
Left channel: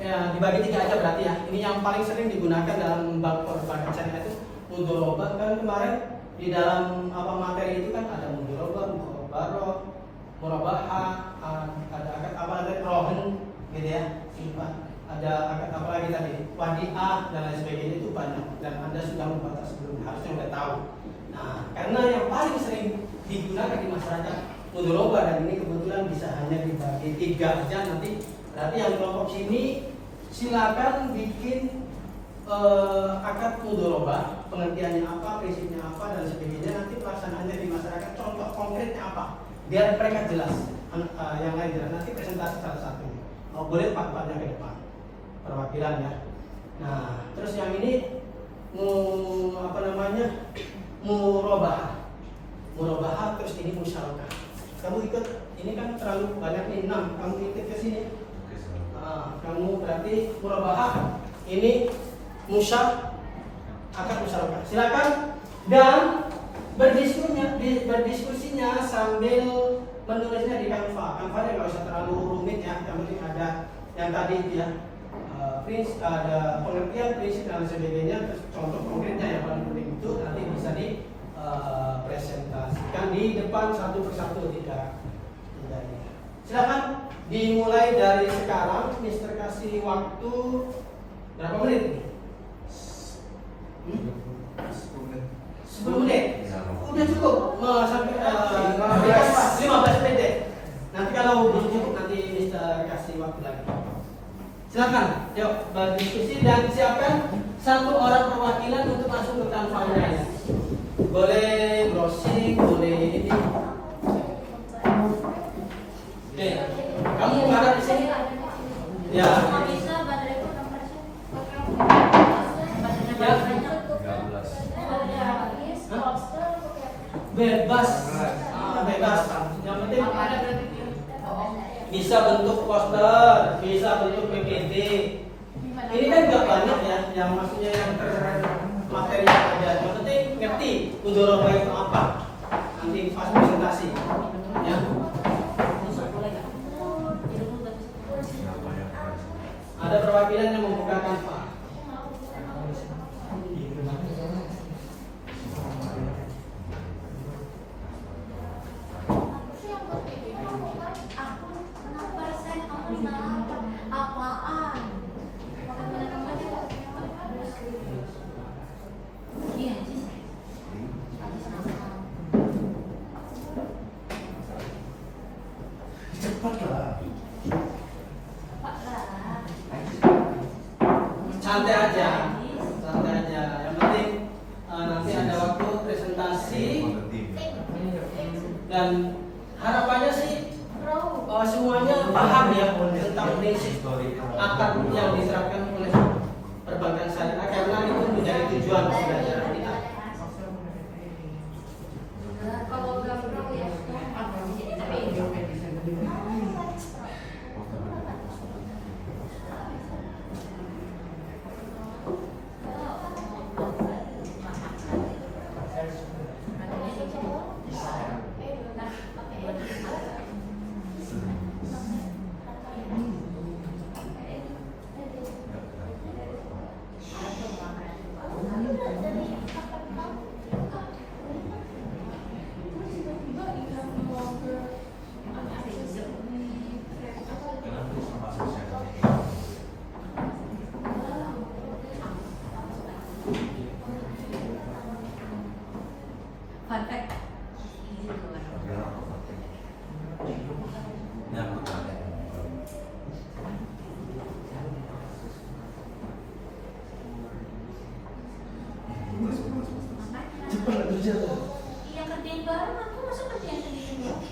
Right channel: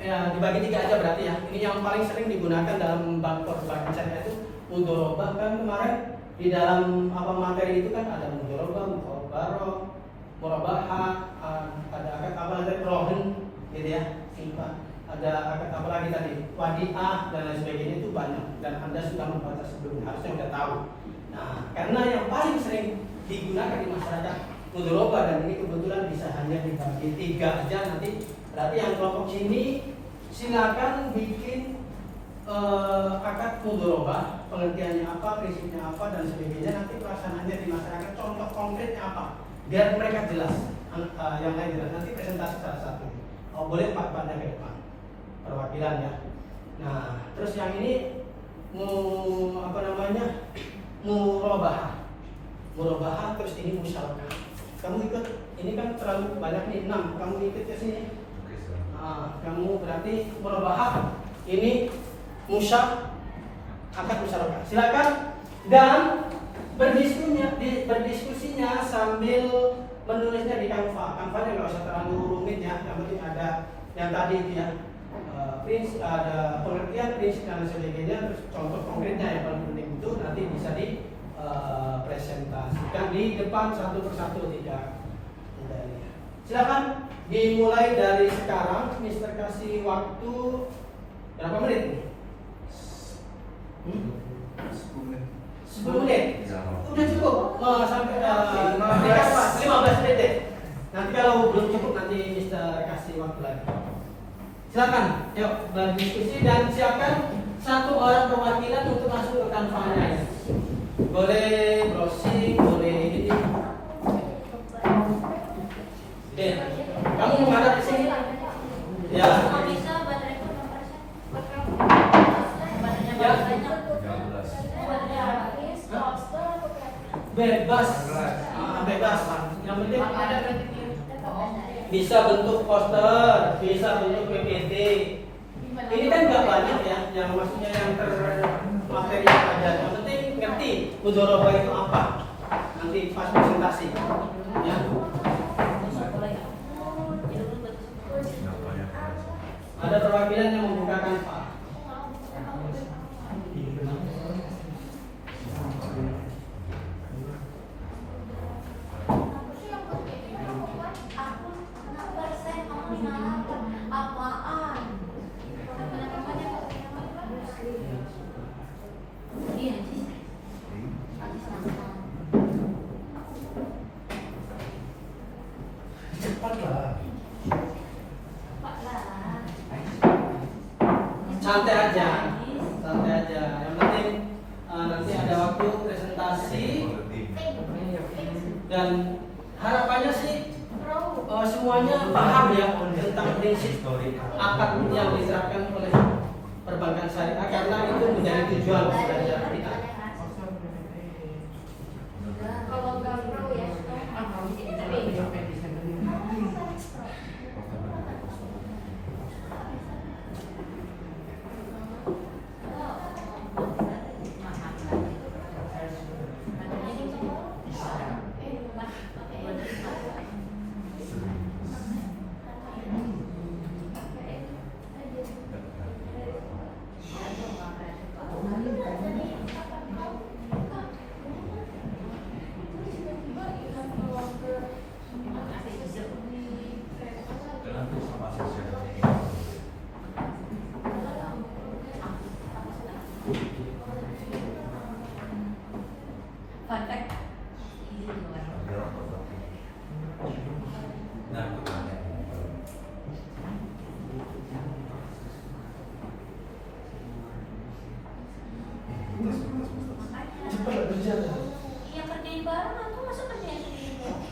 Ya dibagi 3 aja berarti ya. Ini yang paling sering digunakan dalam bank perbankan syariah itu mudharabah. Kan kemarin di dalam materi itu kan ada mudharabah, mukhabarah, murabahah, ada akad ada rohen gitu ya, simpan. Ada apa lagi tadi, wadiah dan lain sebagainya, itu banyak dan Anda sudah membaca sebelumnya, harusnya sudah tahu. Nah, karena yang paling sering digunakan di masyarakat mudharabah, dan ini kebetulan bisa hanya dibagi 3 aja nanti. Berarti yang kelompok sini silakan bikin akad mudharabah, pengertiannya apa, prinsipnya apa dan sebagainya. Nanti pelaksanaannya di masyarakat, contoh konkretnya apa, biar mereka jelas, yang lain jelas. Nanti presentasi salah satu. Boleh pak-paknya ke depan. Perwakilan ya. Nah, terus yang ini murabahah. Murabahah, terus ini musyarakah. Kamu ikut, ini kan terlalu banyak nih 6. Kamu ikut ke sini. Kamu berarti murabahah. Ini akad musyarakah. Silakan dan berdiskusinya sambil menulisnya di Canva. Canva-nya nggak usah terlalu rumit ya. Yang penting ada yang tadi ya. Prinsip, ada pengertian prinsip dan sebagainya, terus contoh konkretnya yang paling penting itu nanti bisa dipresentasikan di depan satu persatu, tidak ini. Silakan dimulai dari sekarang. Mister kasih waktu berapa menit ini? 10 menit. Udah cukup. Sampai 15 menit. Nanti kalau belum cukup nanti Mister kasih waktu lagi. Silakan, yuk berdiskusi dan siapkan 1 orang perwakilan untuk masuk ke Canva-nya. Boleh browsing, boleh ini. Oke, kamu menghadap di sini. Ya. Ya. Bebas. Bebas. Yang penting bisa bentuk poster, bisa bentuk PPT. Ini kan nggak banyak ya, yang maksudnya yang materi yang ada. Yang penting ngerti mudharabah itu apa. Nanti pas presentasi. Ya. Ada perwakilan yang membuka Canva. Santai aja. Yang penting nanti ada waktu presentasi dan harapannya sih semuanya paham ya tentang prinsip akad yang diterapkan oleh perbankan syariah, karena itu menjadi tujuan belajar kita. Yang kerjain bareng aku masa kerjain sendiri doang?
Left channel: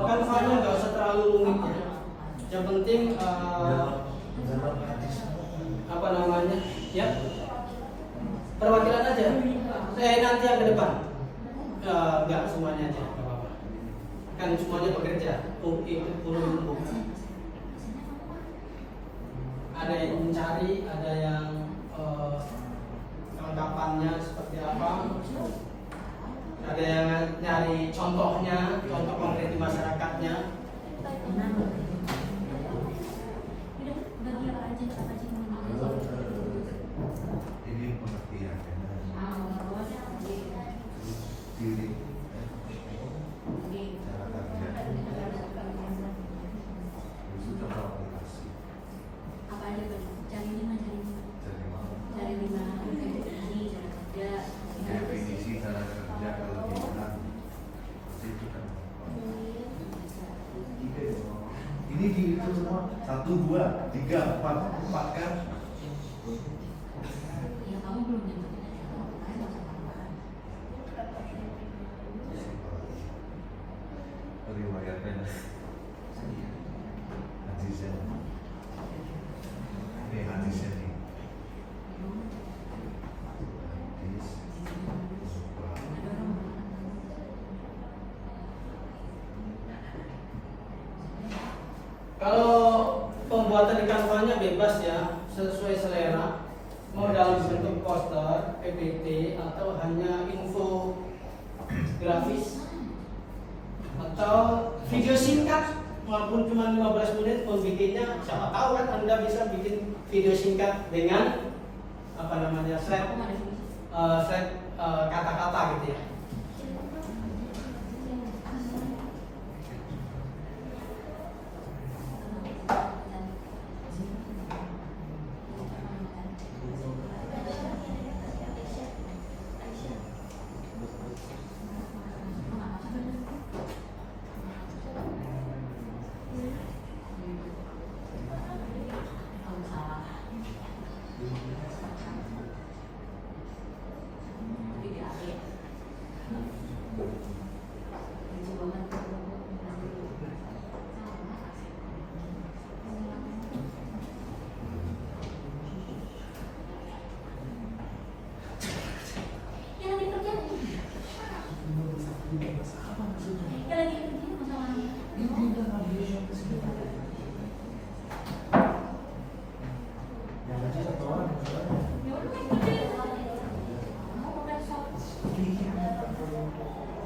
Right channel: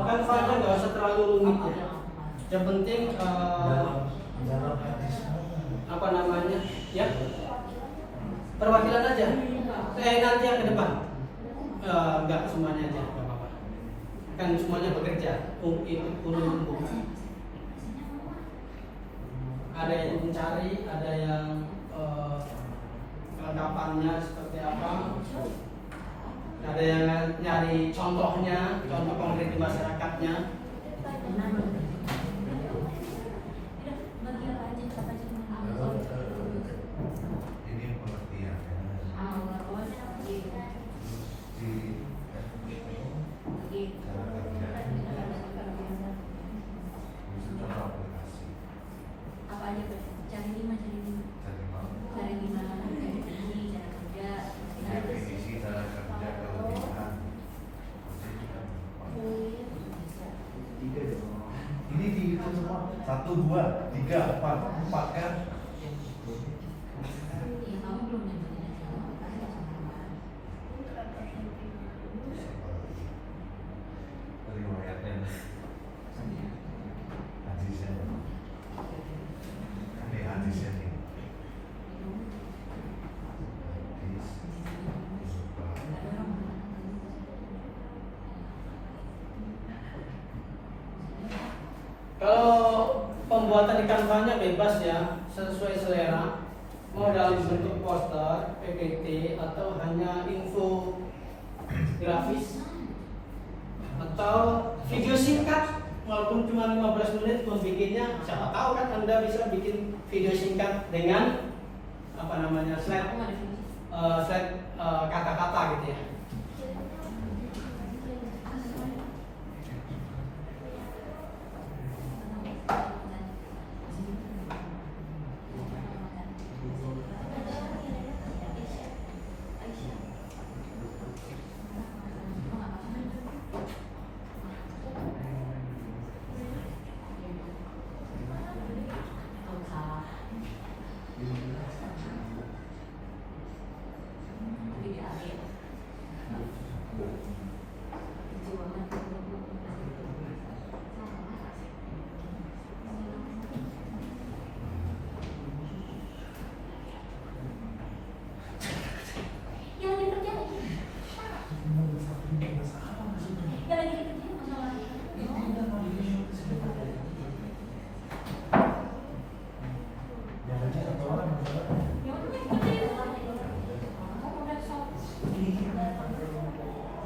Kanvanya nggak usah terlalu rumit ya. Yang penting apa namanya ya, perwakilan aja. Nanti yang ke depan. Nggak semuanya aja, nggak apa-apa. Kan semuanya bekerja. Umum. Ada yang mencari, ada yang kelengkapannya seperti apa. Ada yang nyari contohnya, contoh konkret di masyarakatnya. Ini pengertian. Apa aja cari di mana? Cari di mana? Definisi cara kerja kelebihan. Ini dihitung semua 1, 2, 3, 4 kan? Riwayatnya hadisnya. Ini hadisnya nih. Kalau pembuatan di kanvanya bebas ya, sesuai selera. Mau dalam bentuk poster, PPT, atau hanya info grafis, atau video singkat, walaupun cuma 15 menit pun bikinnya. Siapa tahu kan Anda bisa bikin video singkat dengan apa namanya slide kata-kata gitu ya.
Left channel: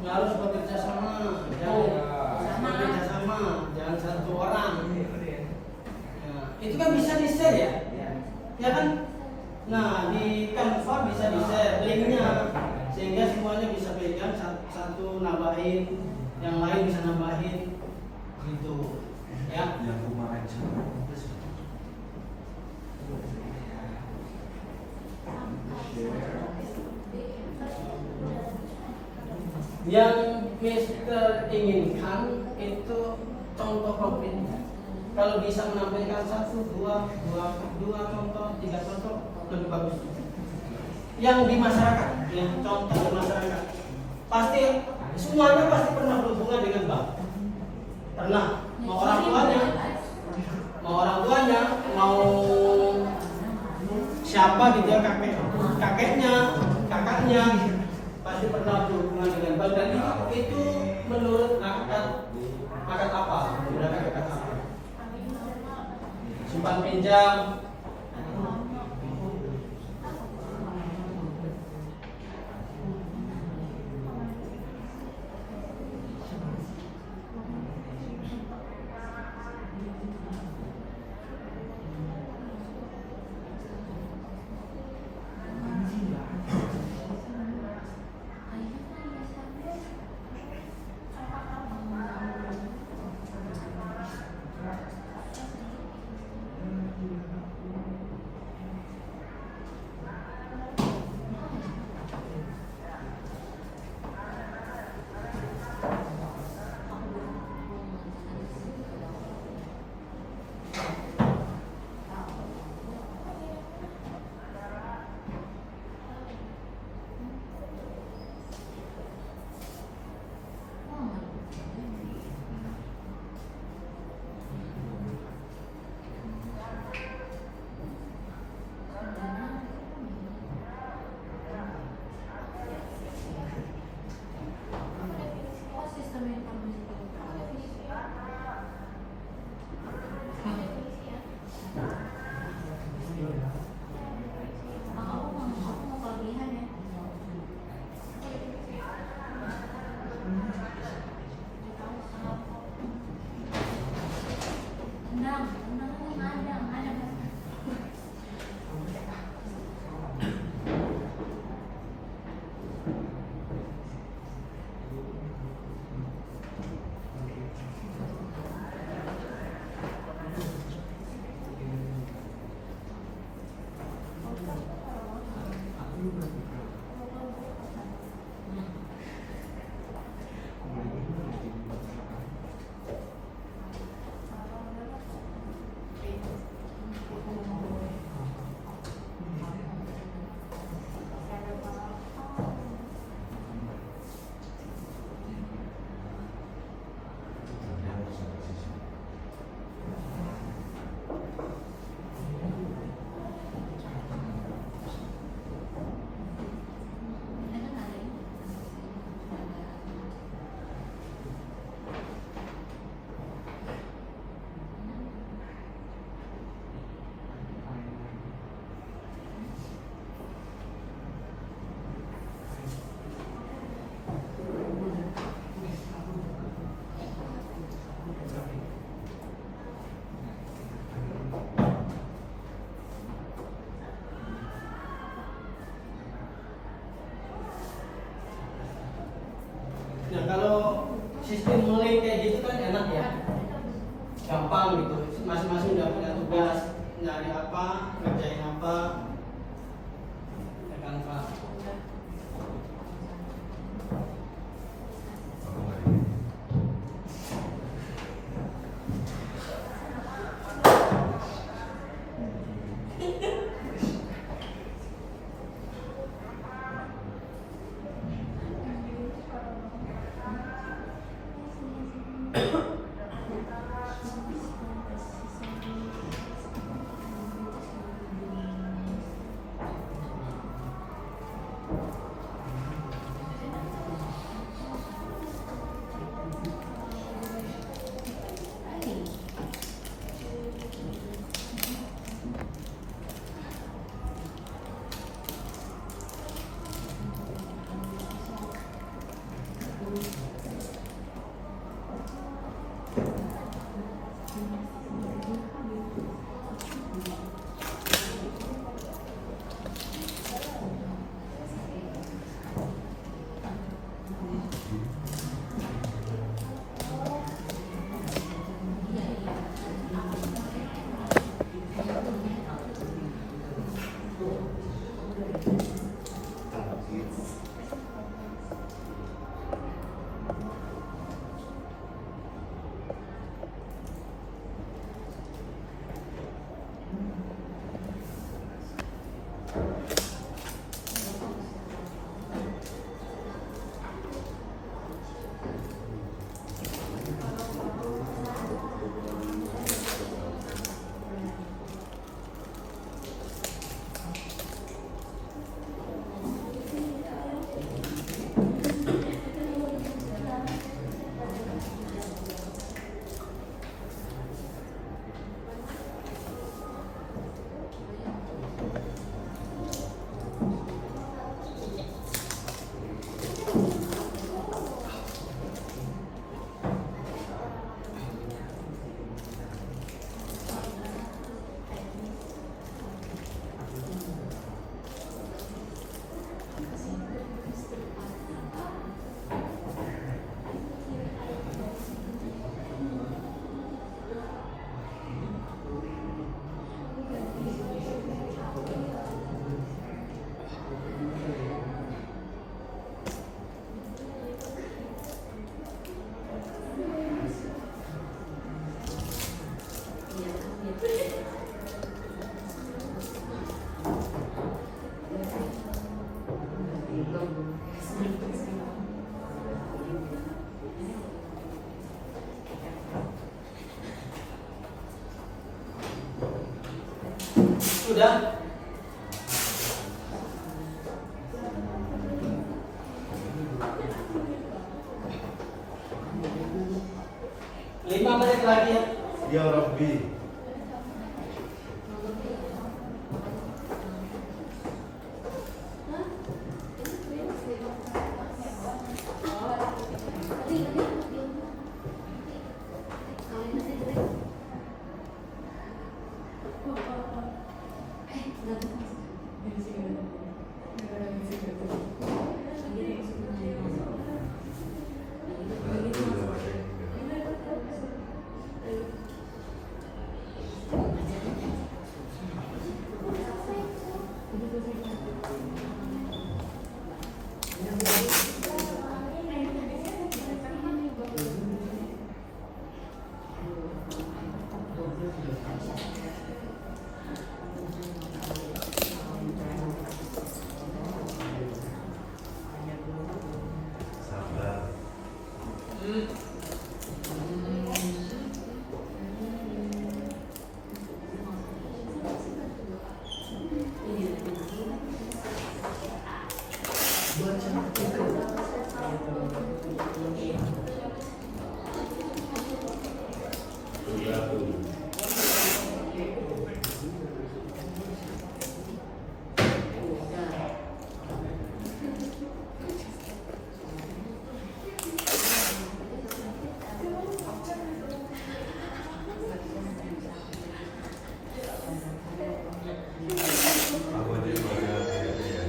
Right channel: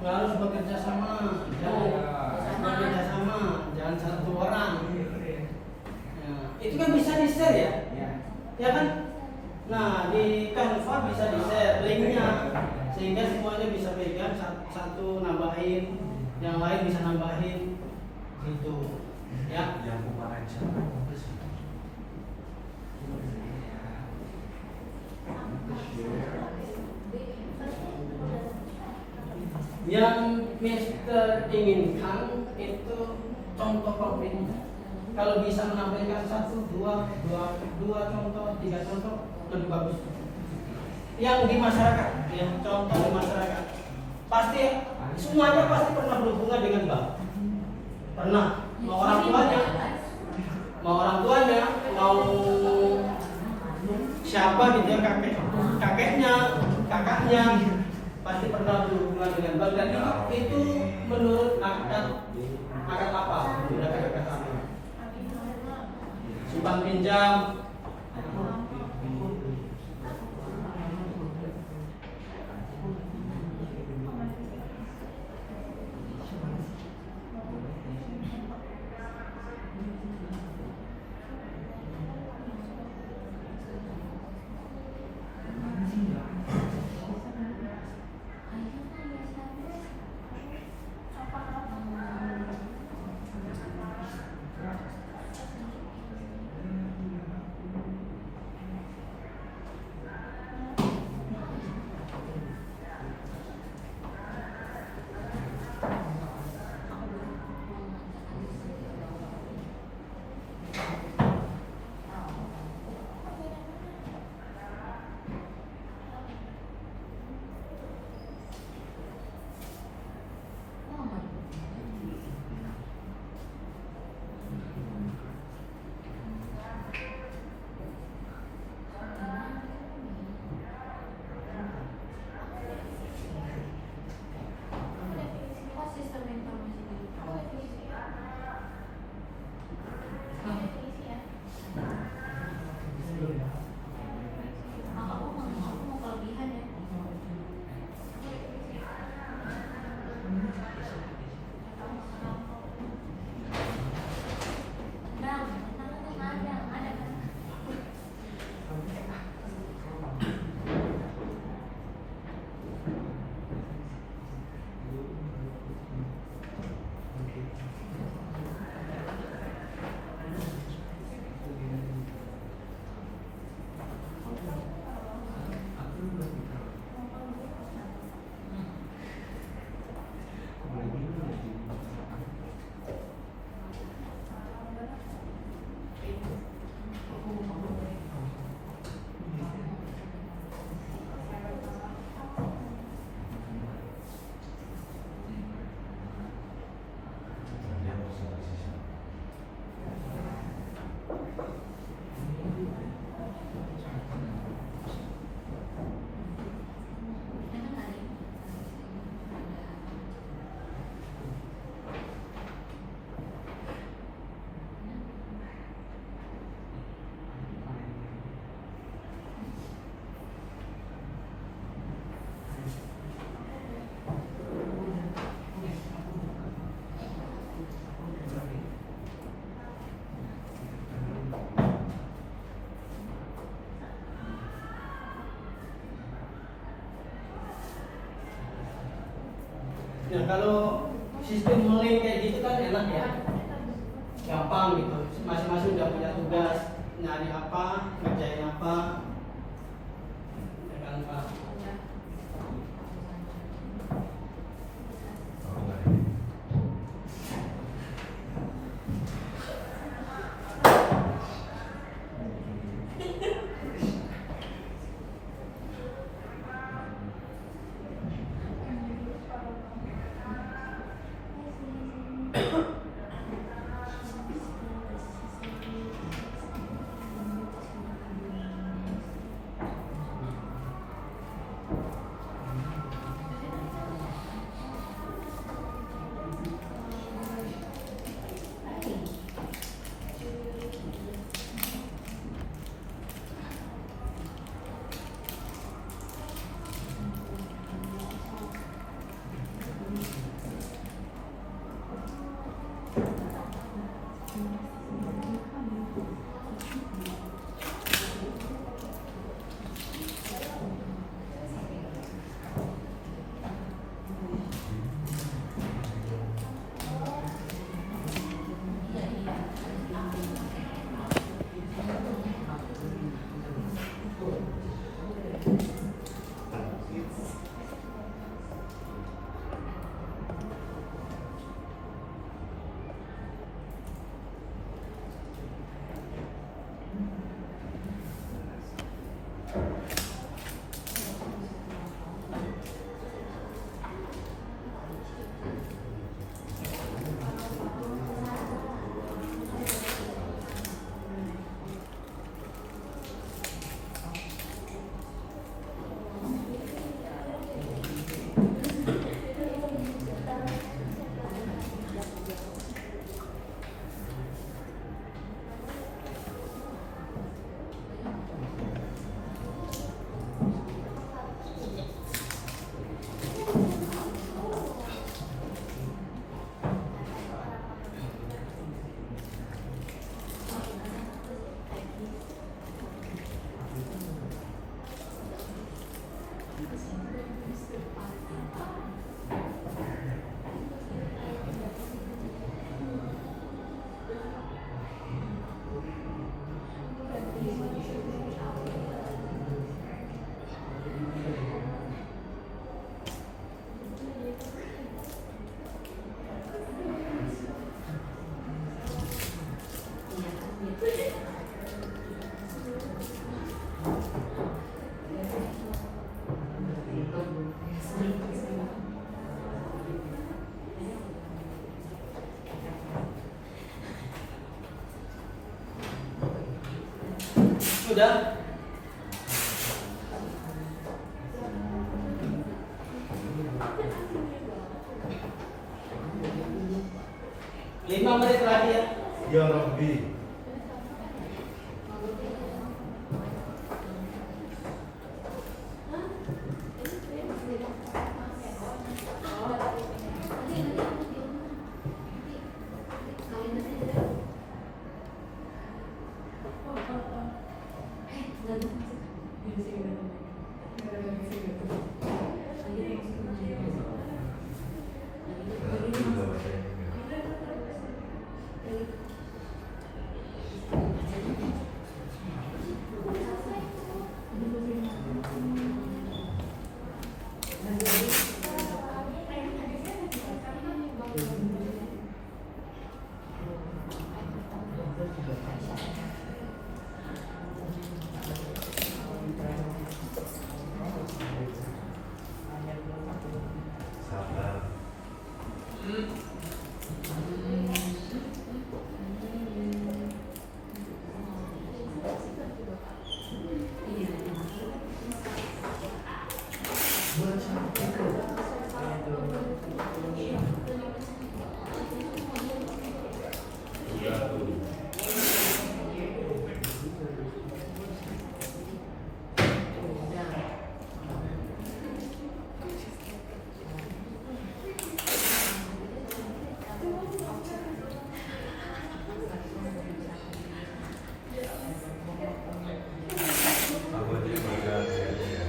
Harus bekerja sama, bekerja sama, jangan satu orang. Nah, itu kan bisa di share ya, ya kan? Nah di Canva bisa di share linknya, sehingga semuanya bisa pegang, satu nambahin, yang lain bisa nambahin, gitu, ya. Yang kemarin Yang Mister inginkan itu contoh konkretnya. Kalau bisa menampilkan 1, 2 contoh, 3 contoh lebih bagus. Yang di masyarakat, ya contoh di masyarakat. Pasti semuanya pasti pernah berhubungan dengan bank. Pernah. Mau orang tuanya, mau siapa gitu ya, kakeknya, kakaknya pasti pernah berhubungan dengan bank. Dan itu menurut akad apa? Sudah akad apa? Simpan pinjam. Nah, kalau sistem mulai kayak gitu kan enak ya, gampang gitu. Masing-masing udah punya tugas, nyari apa, ngerjain apa, ya kan Pak. Sudah. Lima menit lagi ya. Ya Rabbi. Sabar. Apa dia baca ayatnya?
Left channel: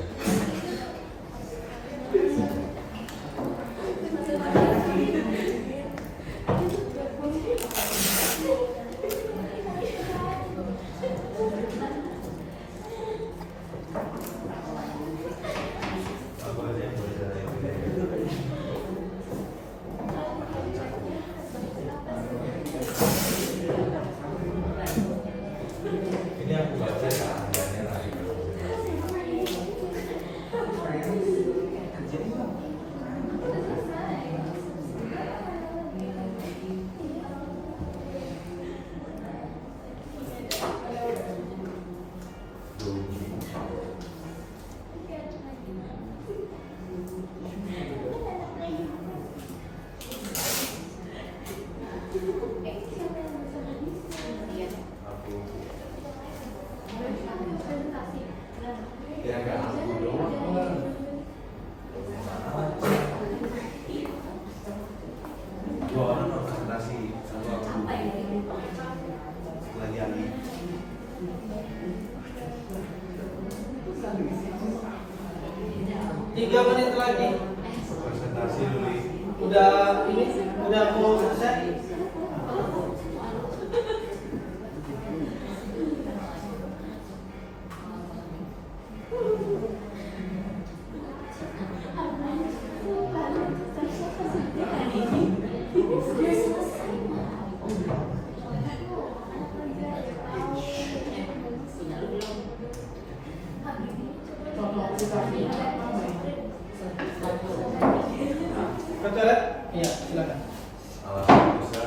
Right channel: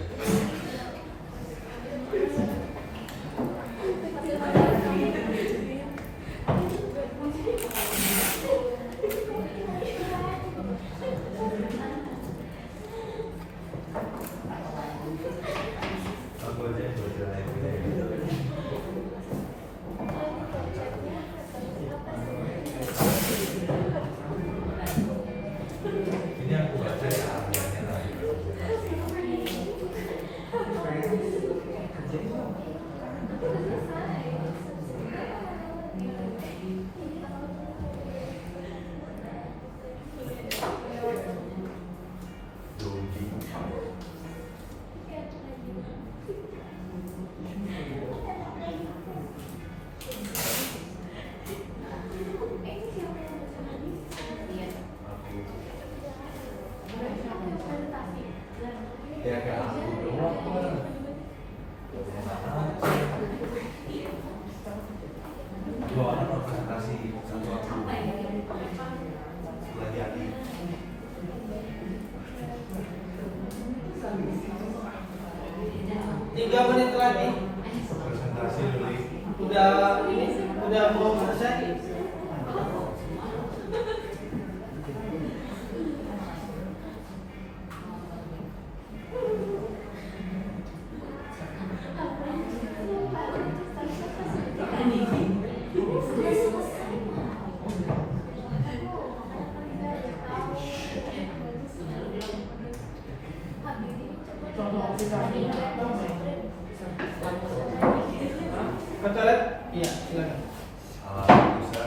Apa dia baca ayatnya? Ini aku baca ya ayatnya lagi. Ya kayak aku doang. Dua orang presentasi sama aku. Lagi Ali. Tiga menit lagi. Presentasi dulu. Udah mau selesai. Betul ya? Iya, silakan. Bisa.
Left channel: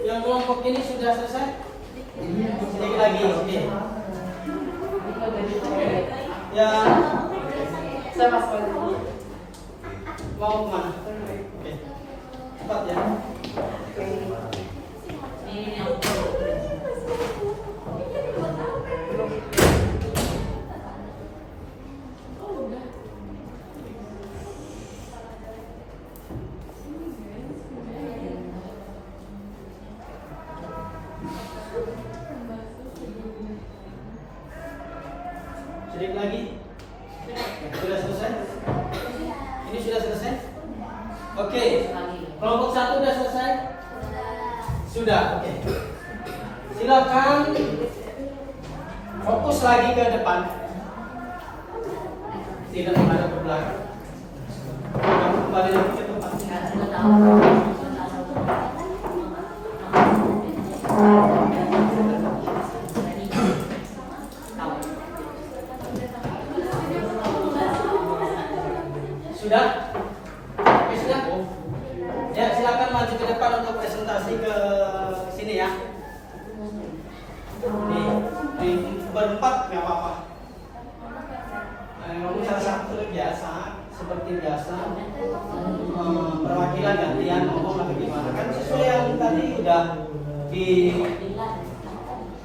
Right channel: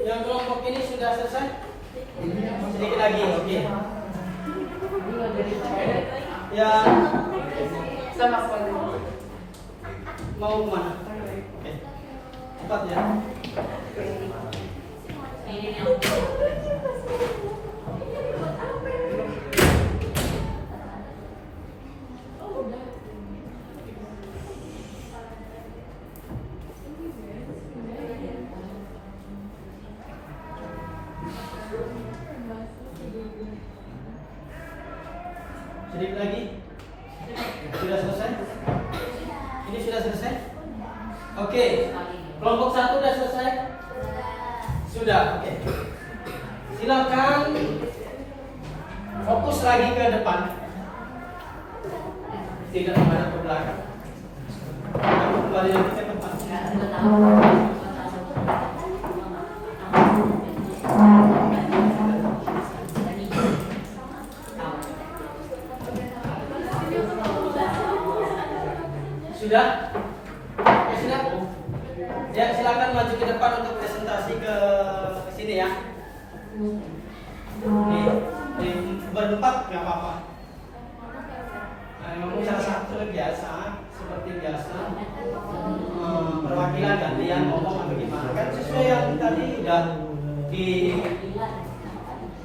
Yang kelompok ini sudah selesai? Sedikit lagi, oke. Yang mau kemana? Oke. Cepat ya. Sedikit lagi. Sudah selesai? Ini sudah selesai? Oke. Kelompok satu sudah selesai? Sudah, oke. Silakan fokus lagi ke depan. Tidak menghadap ke belakang. Kamu kembali lagi ke tempat. Sudah? Oke, sudah? Ya, silakan maju ke depan untuk presentasi ke sini ya. Di berempat nggak apa-apa. Nah, ngomong salah satu biasa, seperti biasa. Perwakilan gantian ngomong atau gimana? Kan sesuai yang tadi udah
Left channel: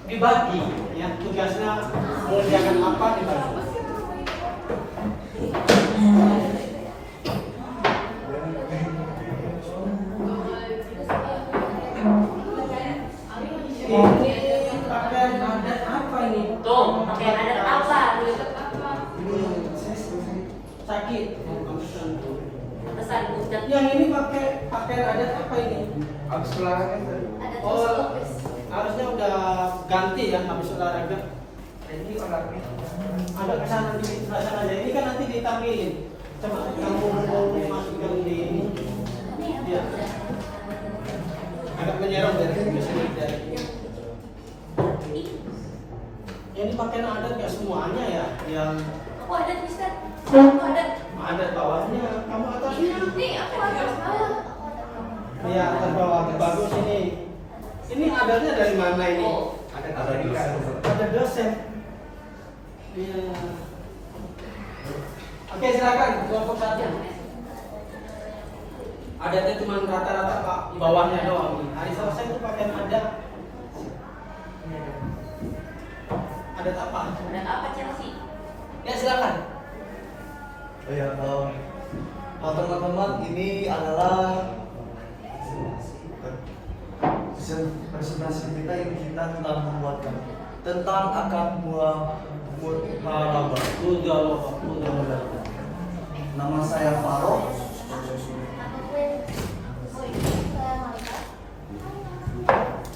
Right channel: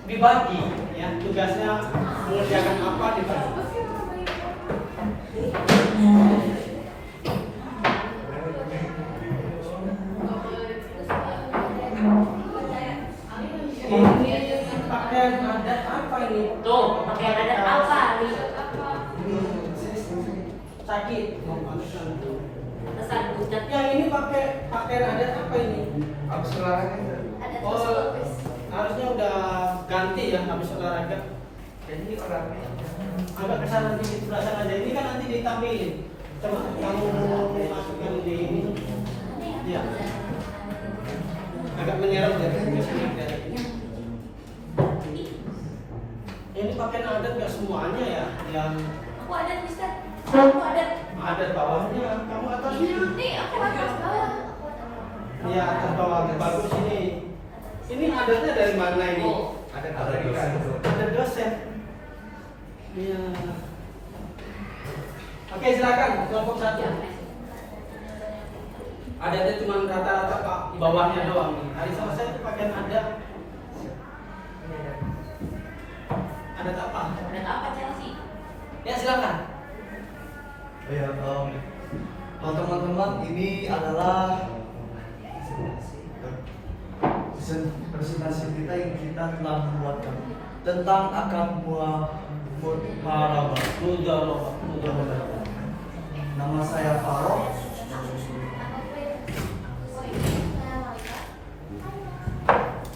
dibagi, ya tugasnya mengerjakan apa dibagi. Ini pakaian adat apa ini? Tuh, pakaian adat apa? Sakit. Pesan budak. Yang ini pakai pakaian adat apa ini? Habis olahraga tadi. Oh, harusnya udah ganti ya habis olahraga. Ini olahraga. Agak kesana di sebelah sana aja. Ini kan nanti ditampilin. Coba kamu mau masukkan di ini. Ya. Agak menyerong dari sini dari ini. Ini pakaian adat nggak semuanya ya, yang Aku adat bisa. Aku adat. adat bawahnya, kamu atasnya. Nih, aku adat bawah. Iya, atas bawah bagus ini. Ini adatnya dari mana ini? Ada dosen. Iya. Oke, silakan kelompok satu. Adatnya cuma rata-rata Pak, di bawahnya doang. Hari Selasa itu pakaian adat. Adat apa? Adat apa Chelsea? Ya silakan. Oh ya, teman-teman, ini adalah presentasi kita yang kita telah membuatkan tentang akad muharabah. Mudah. Nama saya Farouk.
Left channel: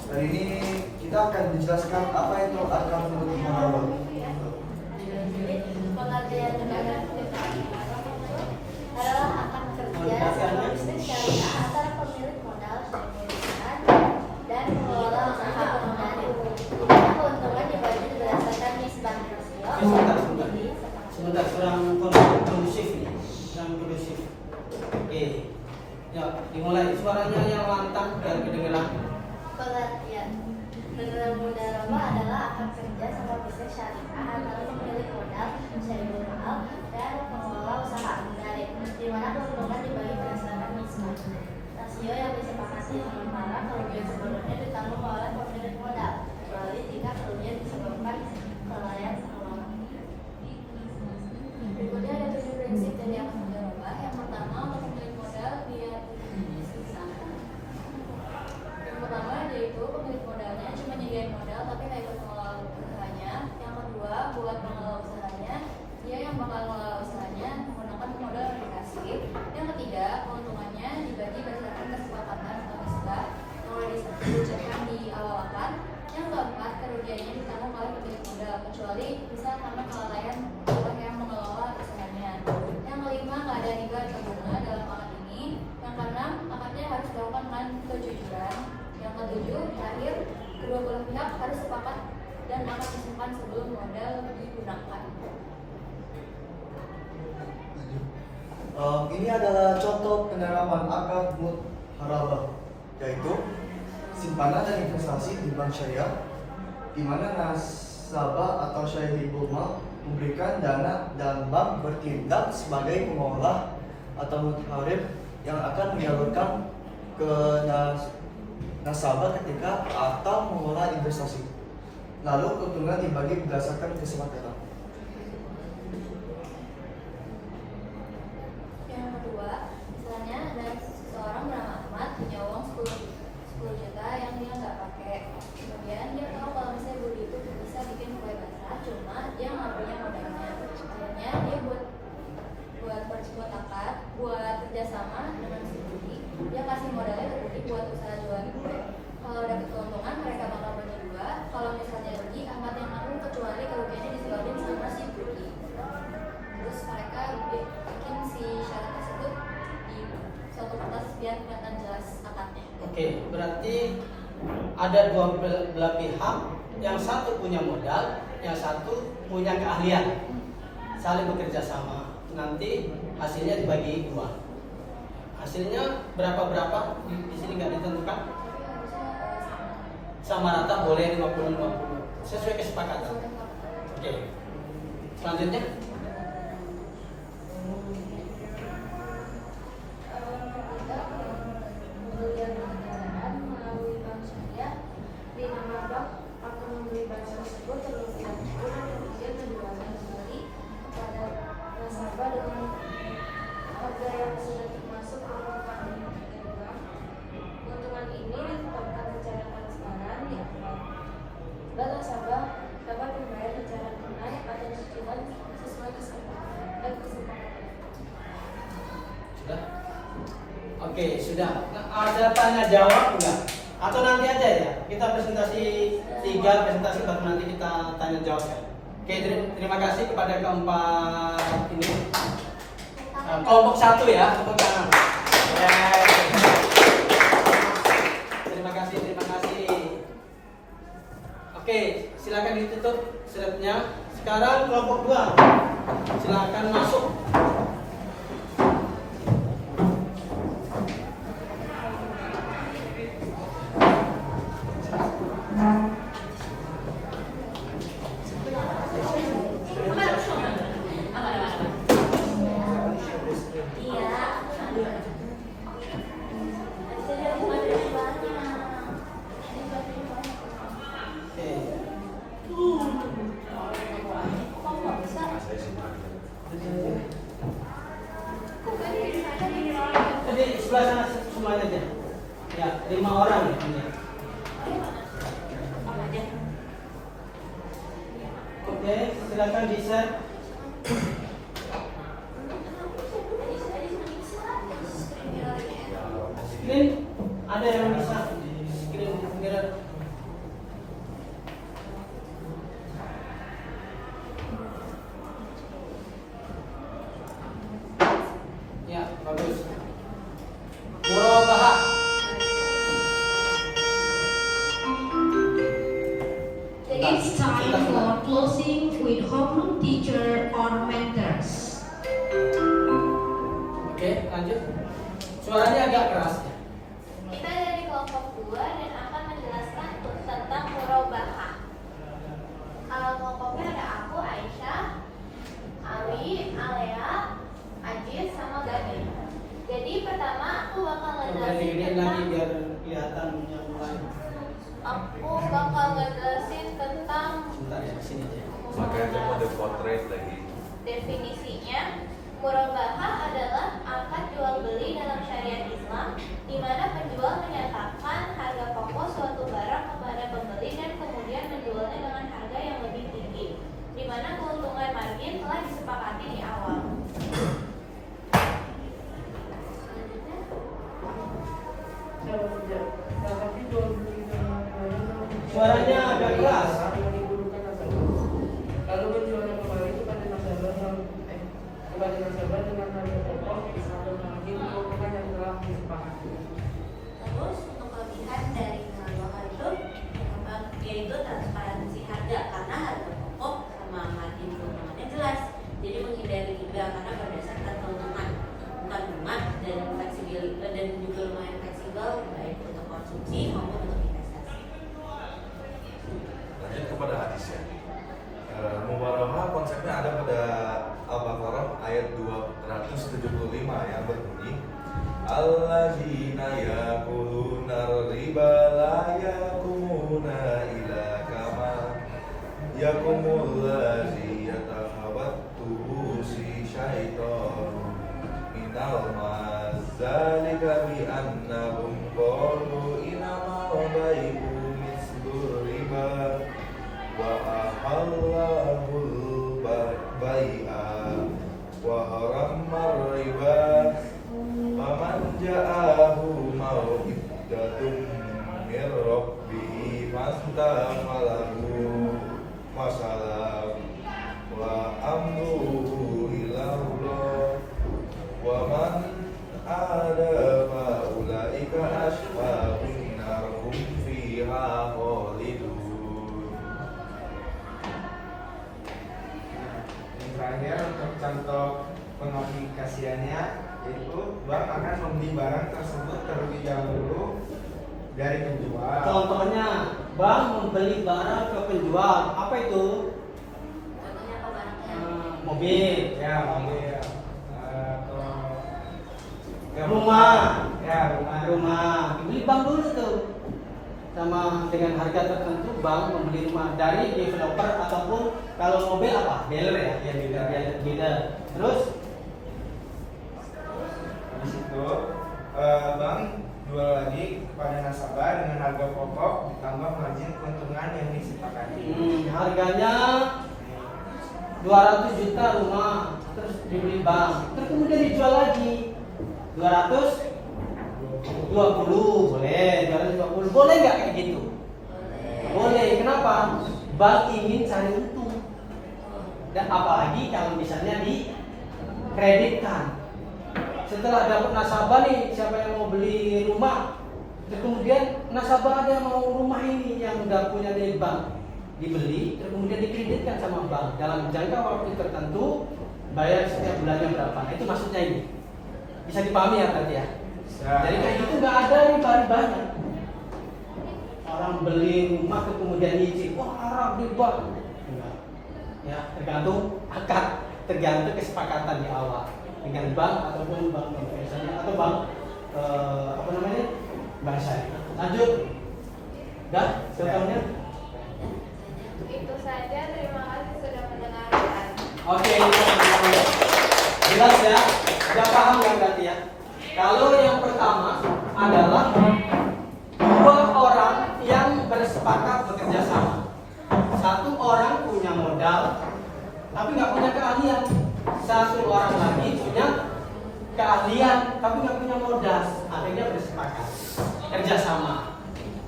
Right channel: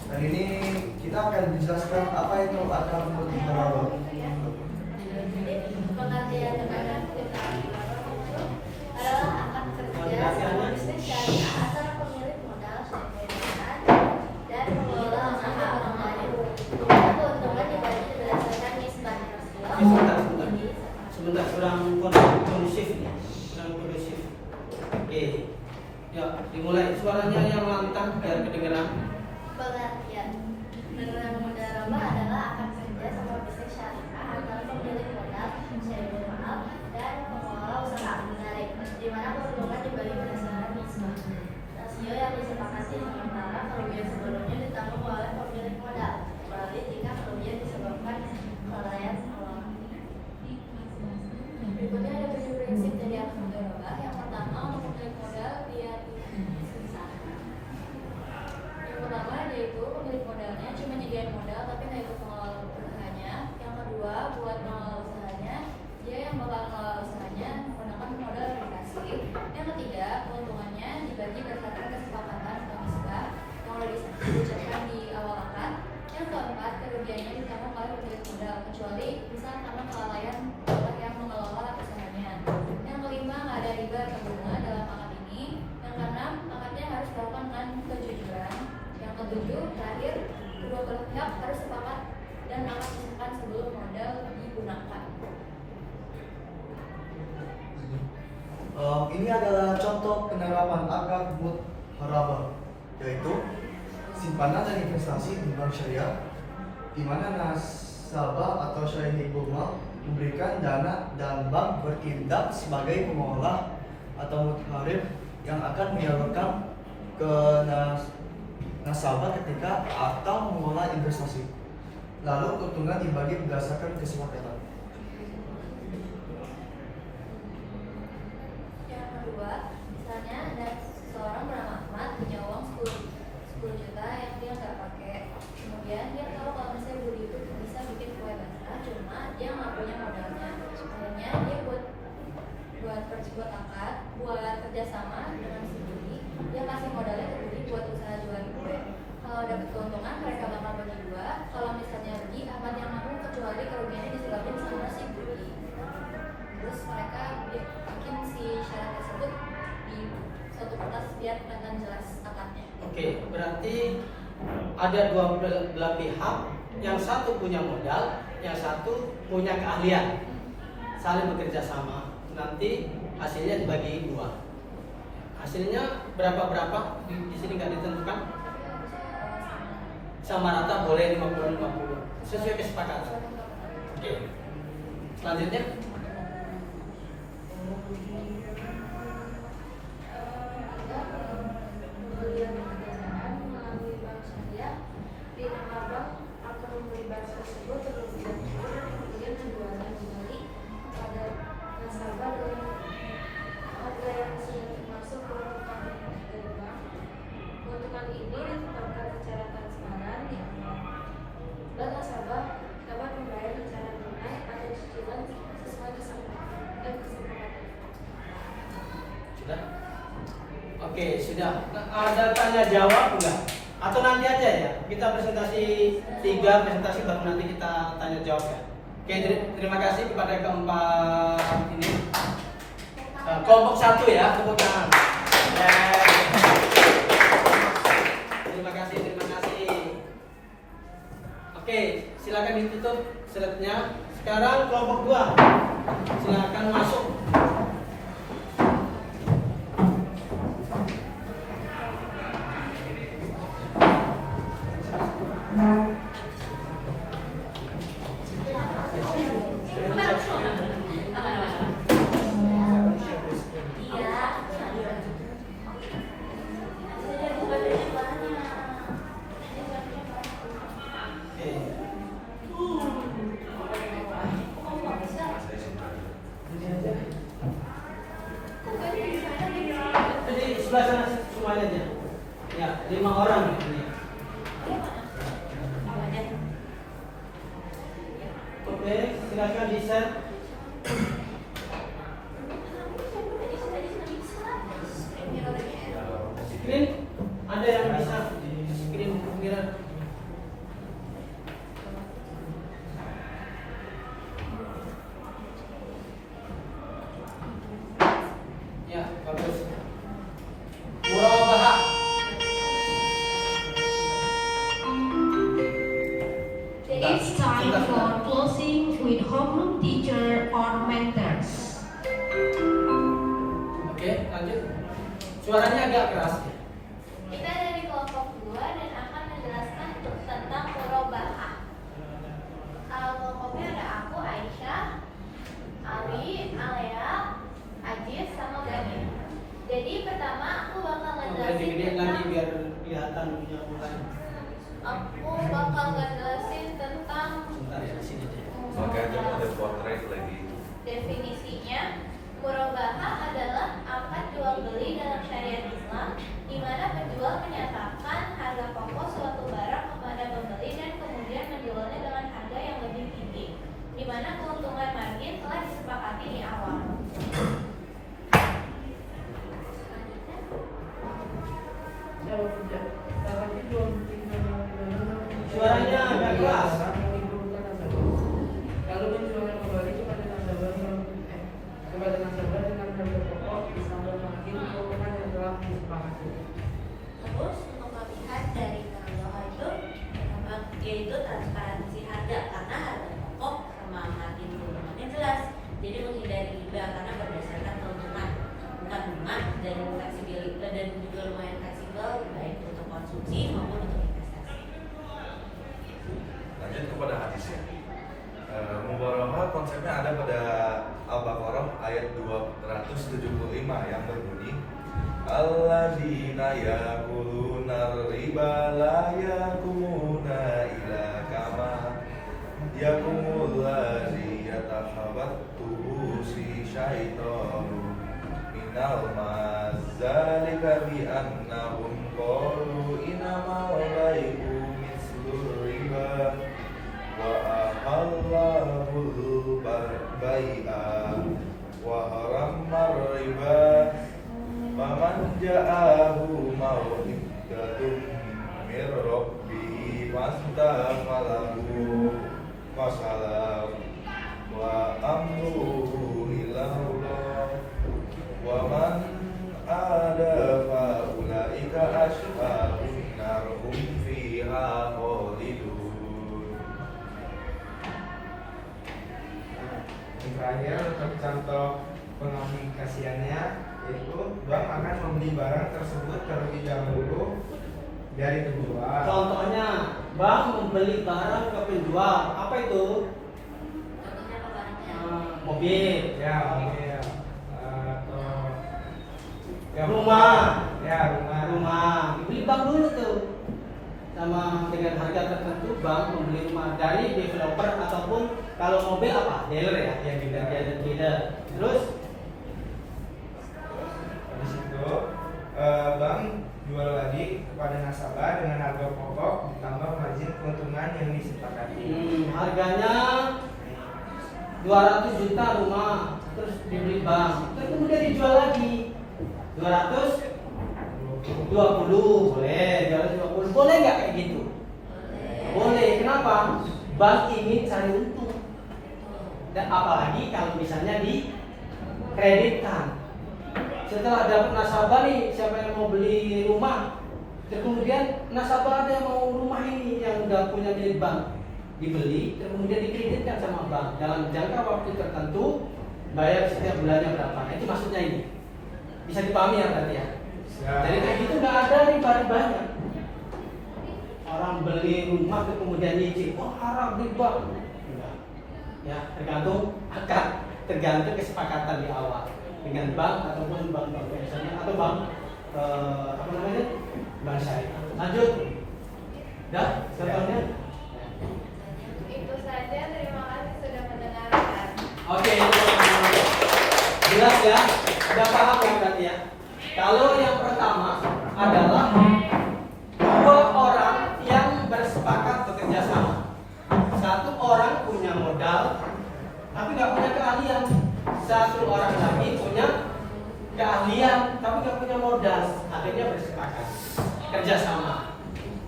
Dan ini kita akan menjelaskan apa itu akad muharabah. Pengertian dengan adalah akan kerja sama bisnis syariah antara pemilik modal dan pengelola usaha atau modal. Keuntungan dibagi berdasarkan nisbah. Sebentar kurang kondusif nih, kurang kondusif. Oke, ya dimulai suaranya yang lantang biar kedengeran. Pengertian dengan mudarabah adalah akan kerja sama bisnis syariah antara pemilik modal, syariah mahal dan pengelola usaha menarik, di mana keuntungan dibagi berdasarkan nisbah. Rasio yang disepakati sementara kerugian sebelumnya ditanggung oleh pemilik modal, kecuali jika kerugian disebabkan kelalaian pengelola. Berikutnya ada tujuh prinsip dari akad mudarabah. Yang pertama, untuk pemilik modal dia yang pertama yaitu pemilik modalnya cuma nyediain modal tapi nggak ikut mengelola usahanya. Yang kedua, buat mengelola usahanya dia yang bakal mengelola usahanya menggunakan modal yang dikasih. Yang ketiga, keuntungannya dibagi berdasarkan kesepakatan atau nisbah yang udah disebutkan di awal akad. Yang keempat, kerugiannya ditanggung oleh pemilik modal kecuali bisa karena kelalaian orang yang mengelola usahanya. Yang kelima, nggak ada riba atau bunga dalam akad ini. Yang keenam, akadnya harus dilakukan dengan kejujuran. Yang ketujuh, terakhir, kedua belah pihak harus sepakat dan akan disimpan sebelum modal digunakan. Ini adalah contoh penerapan akad muharabah, yaitu simpanan dan investasi di bank syariah, di mana nasabah atau syahibul mal memberikan dana dan bank bertindak sebagai pengelola atau mutharib yang akan menyalurkan ke nasabah ketika atau mengelola investasi. Lalu keuntungan dibagi berdasarkan kesepakatan. Yang kedua, misalnya ada seseorang bernama Ahmad punya uang 10 juta yang dia nggak pakai. Kemudian dia tahu kalau misalnya Budi itu bisa bikin kue basah, cuma dia nggak punya modalnya. Akhirnya dia buat akad, buat kerjasama dengan si Budi. Dia kasih modalnya ke Budi buat usaha jualan kue. Kalau dapat keuntungan mereka bakal bagi dua. Kalau misalnya rugi, Ahmad yang nanggung kecuali kerugiannya disebabkan sama si Budi. Terus mereka bikin si syarat tersebut di suatu kertas biar kelihatan jelas akadnya. Oke, berarti ada dua belah pihak, yang satu punya modal, yang satu punya keahlian, saling bekerja sama. Nanti hasilnya dibagi dua. Hasilnya berapa di sini nggak ditentukan. Sama rata boleh 50-50 sesuai kesepakatan. Oke. Selanjutnya pembelian kendaraan melalui bank syariah di nama bank akan membeli barang tersebut terlebih dahulu dan kemudian menjualnya kembali kepada nasabah dengan harga yang sudah termasuk keuntungan dari bank. Keuntungan ini ditetapkan secara transparan di awal dan nasabah dapat membayar secara tunai atau cicilan sesuai kesepakatan dan kesepakatan. sudah. Oke, sudah. Ada tanya jawab enggak? Atau nanti aja ya? Kita presentasi 3 presentasi baru nanti kita tanya jawab ya. Oke, terima kasih kepada keempat ini. Kelompok 1 ya, tepuk tangan. Ya. Terima kasih. Oke, silakan ditutup slide-nya. Sekarang kelompok 2. Silakan masuk. Jadi sebelah sana semuanya aja. Ya, 5 orang ini. Oke, silakan di-share. Screen, ada yang bisa screen mirror. Ya, bagus. Murabahah. It's time for closing with homeroom teacher or mentors. Oke, lanjut. Suaranya agak keras ya. Kita dari kelompok 2 dan akan menjelaskan tentang murabahah. Kelompoknya ada aku, Aisyah, Ali, Alea, Ajis, sama Gani. Jadi pertama aku bakal Boleh ngejelasin digedein lagi tentang biar kelihatan yang lain. tentang Sebentar ya, di sini aja. Makanya mau ada potret lagi. definisinya. Murabahah adalah akad jual beli dalam syariat Islam, di mana penjual menyatakan harga pokok suatu barang kepada pembeli dan kemudian menjualnya dengan harga yang lebih tinggi, di mana keuntungan margin telah disepakati di awal. Suaranya agak keras. Lalu berjualan kembali kepada nasabah dengan harga pokok disambung margin keuntungan yang telah disepakati. Terus untuk kelebihan dari murabahah itu yaitu transparansi harga, karena harga pokok sama margin keuntungannya jelas. Jadi menghindari riba karena berdasarkan keuntungan, bukan bunga, dan fleksibilitas dan juga lumayan fleksibel baik untuk konsumsi maupun untuk investasi. Lanjut kepada hadis ya. Mubarahah konsepnya ada pada Al-Baqarah ayat 275 yang berbunyi Alladzina yakuluna riba la yakumuna ila kama yakumul ladzi yatakhabattu si syaitanu minal mazalika bi annahum qalu innamal bai'u mislur riba wa ahallahul bai'a wa haramar riba faman ja'ahu mau'idatun mir rabbihi fastaghfalahu masalam wa amruhu ilallah wa man ada fa ulaika ashabun nar hum fiha khalidun. Yang terakhir untuk contoh pengaplikasiannya, yaitu bank akan membeli barang tersebut terlebih dahulu dari penjual. Contohnya, bank membeli barang ke penjual. Apa itu? Contohnya apa barangnya? Mobil, Ya, mobil atau ya, rumah, Ya, rumah. rumah. Dibeli bank dulu tuh. Sama dengan harga tertentu, bank membeli rumah dari developer ataupun kalau mobil apa? Dealer ya, yang dealer. Terus Habis itu bank jual lagi kepada nasabah dengan harga pokok ditambah margin keuntungan yang disepakati. harganya 200 juta rumah, terus dibeli bank, terus kemudian dijual lagi 220, boleh 220, boleh nggak kayak gitu? Boleh. Kenapa? Bank ingin cari untung. Dan apalagi kalau misalnya dikreditkan. Setelah dapat nasabah nih, siapa yang mau beli rumah, terus kemudian nasabah ada yang mau rumah ini yang udah punya milik bank, dibeli, dan kemudian dikreditkan sama bank dalam jangka waktu tertentu, bayar setiap bulannya berapa. Nah, itu maksudnya ini. Bisa dipahami ya berarti ya? Jadi kayak gitu nggak ada nih banyak. Orang beli rumah terus kemudian nyicil, wah riba. Ya tergantung akad, tergantung kesepakatan di awal dengan bank ataupun bank konvensional atau bank bank syariah. Lanjut, dah contohnya. Itu saja, terima kasih sudah mendengarkan. Oke, jelas ya, sudah paham ya berarti ya. Kalau yang pertama adalah dua orang yang bersepakat bekerja sama. Satu orang punya modal, tapi nggak punya keahlian. Satu orang lagi punya keahlian, tapi nggak punya modal. Akhirnya bersepakat kerja sama.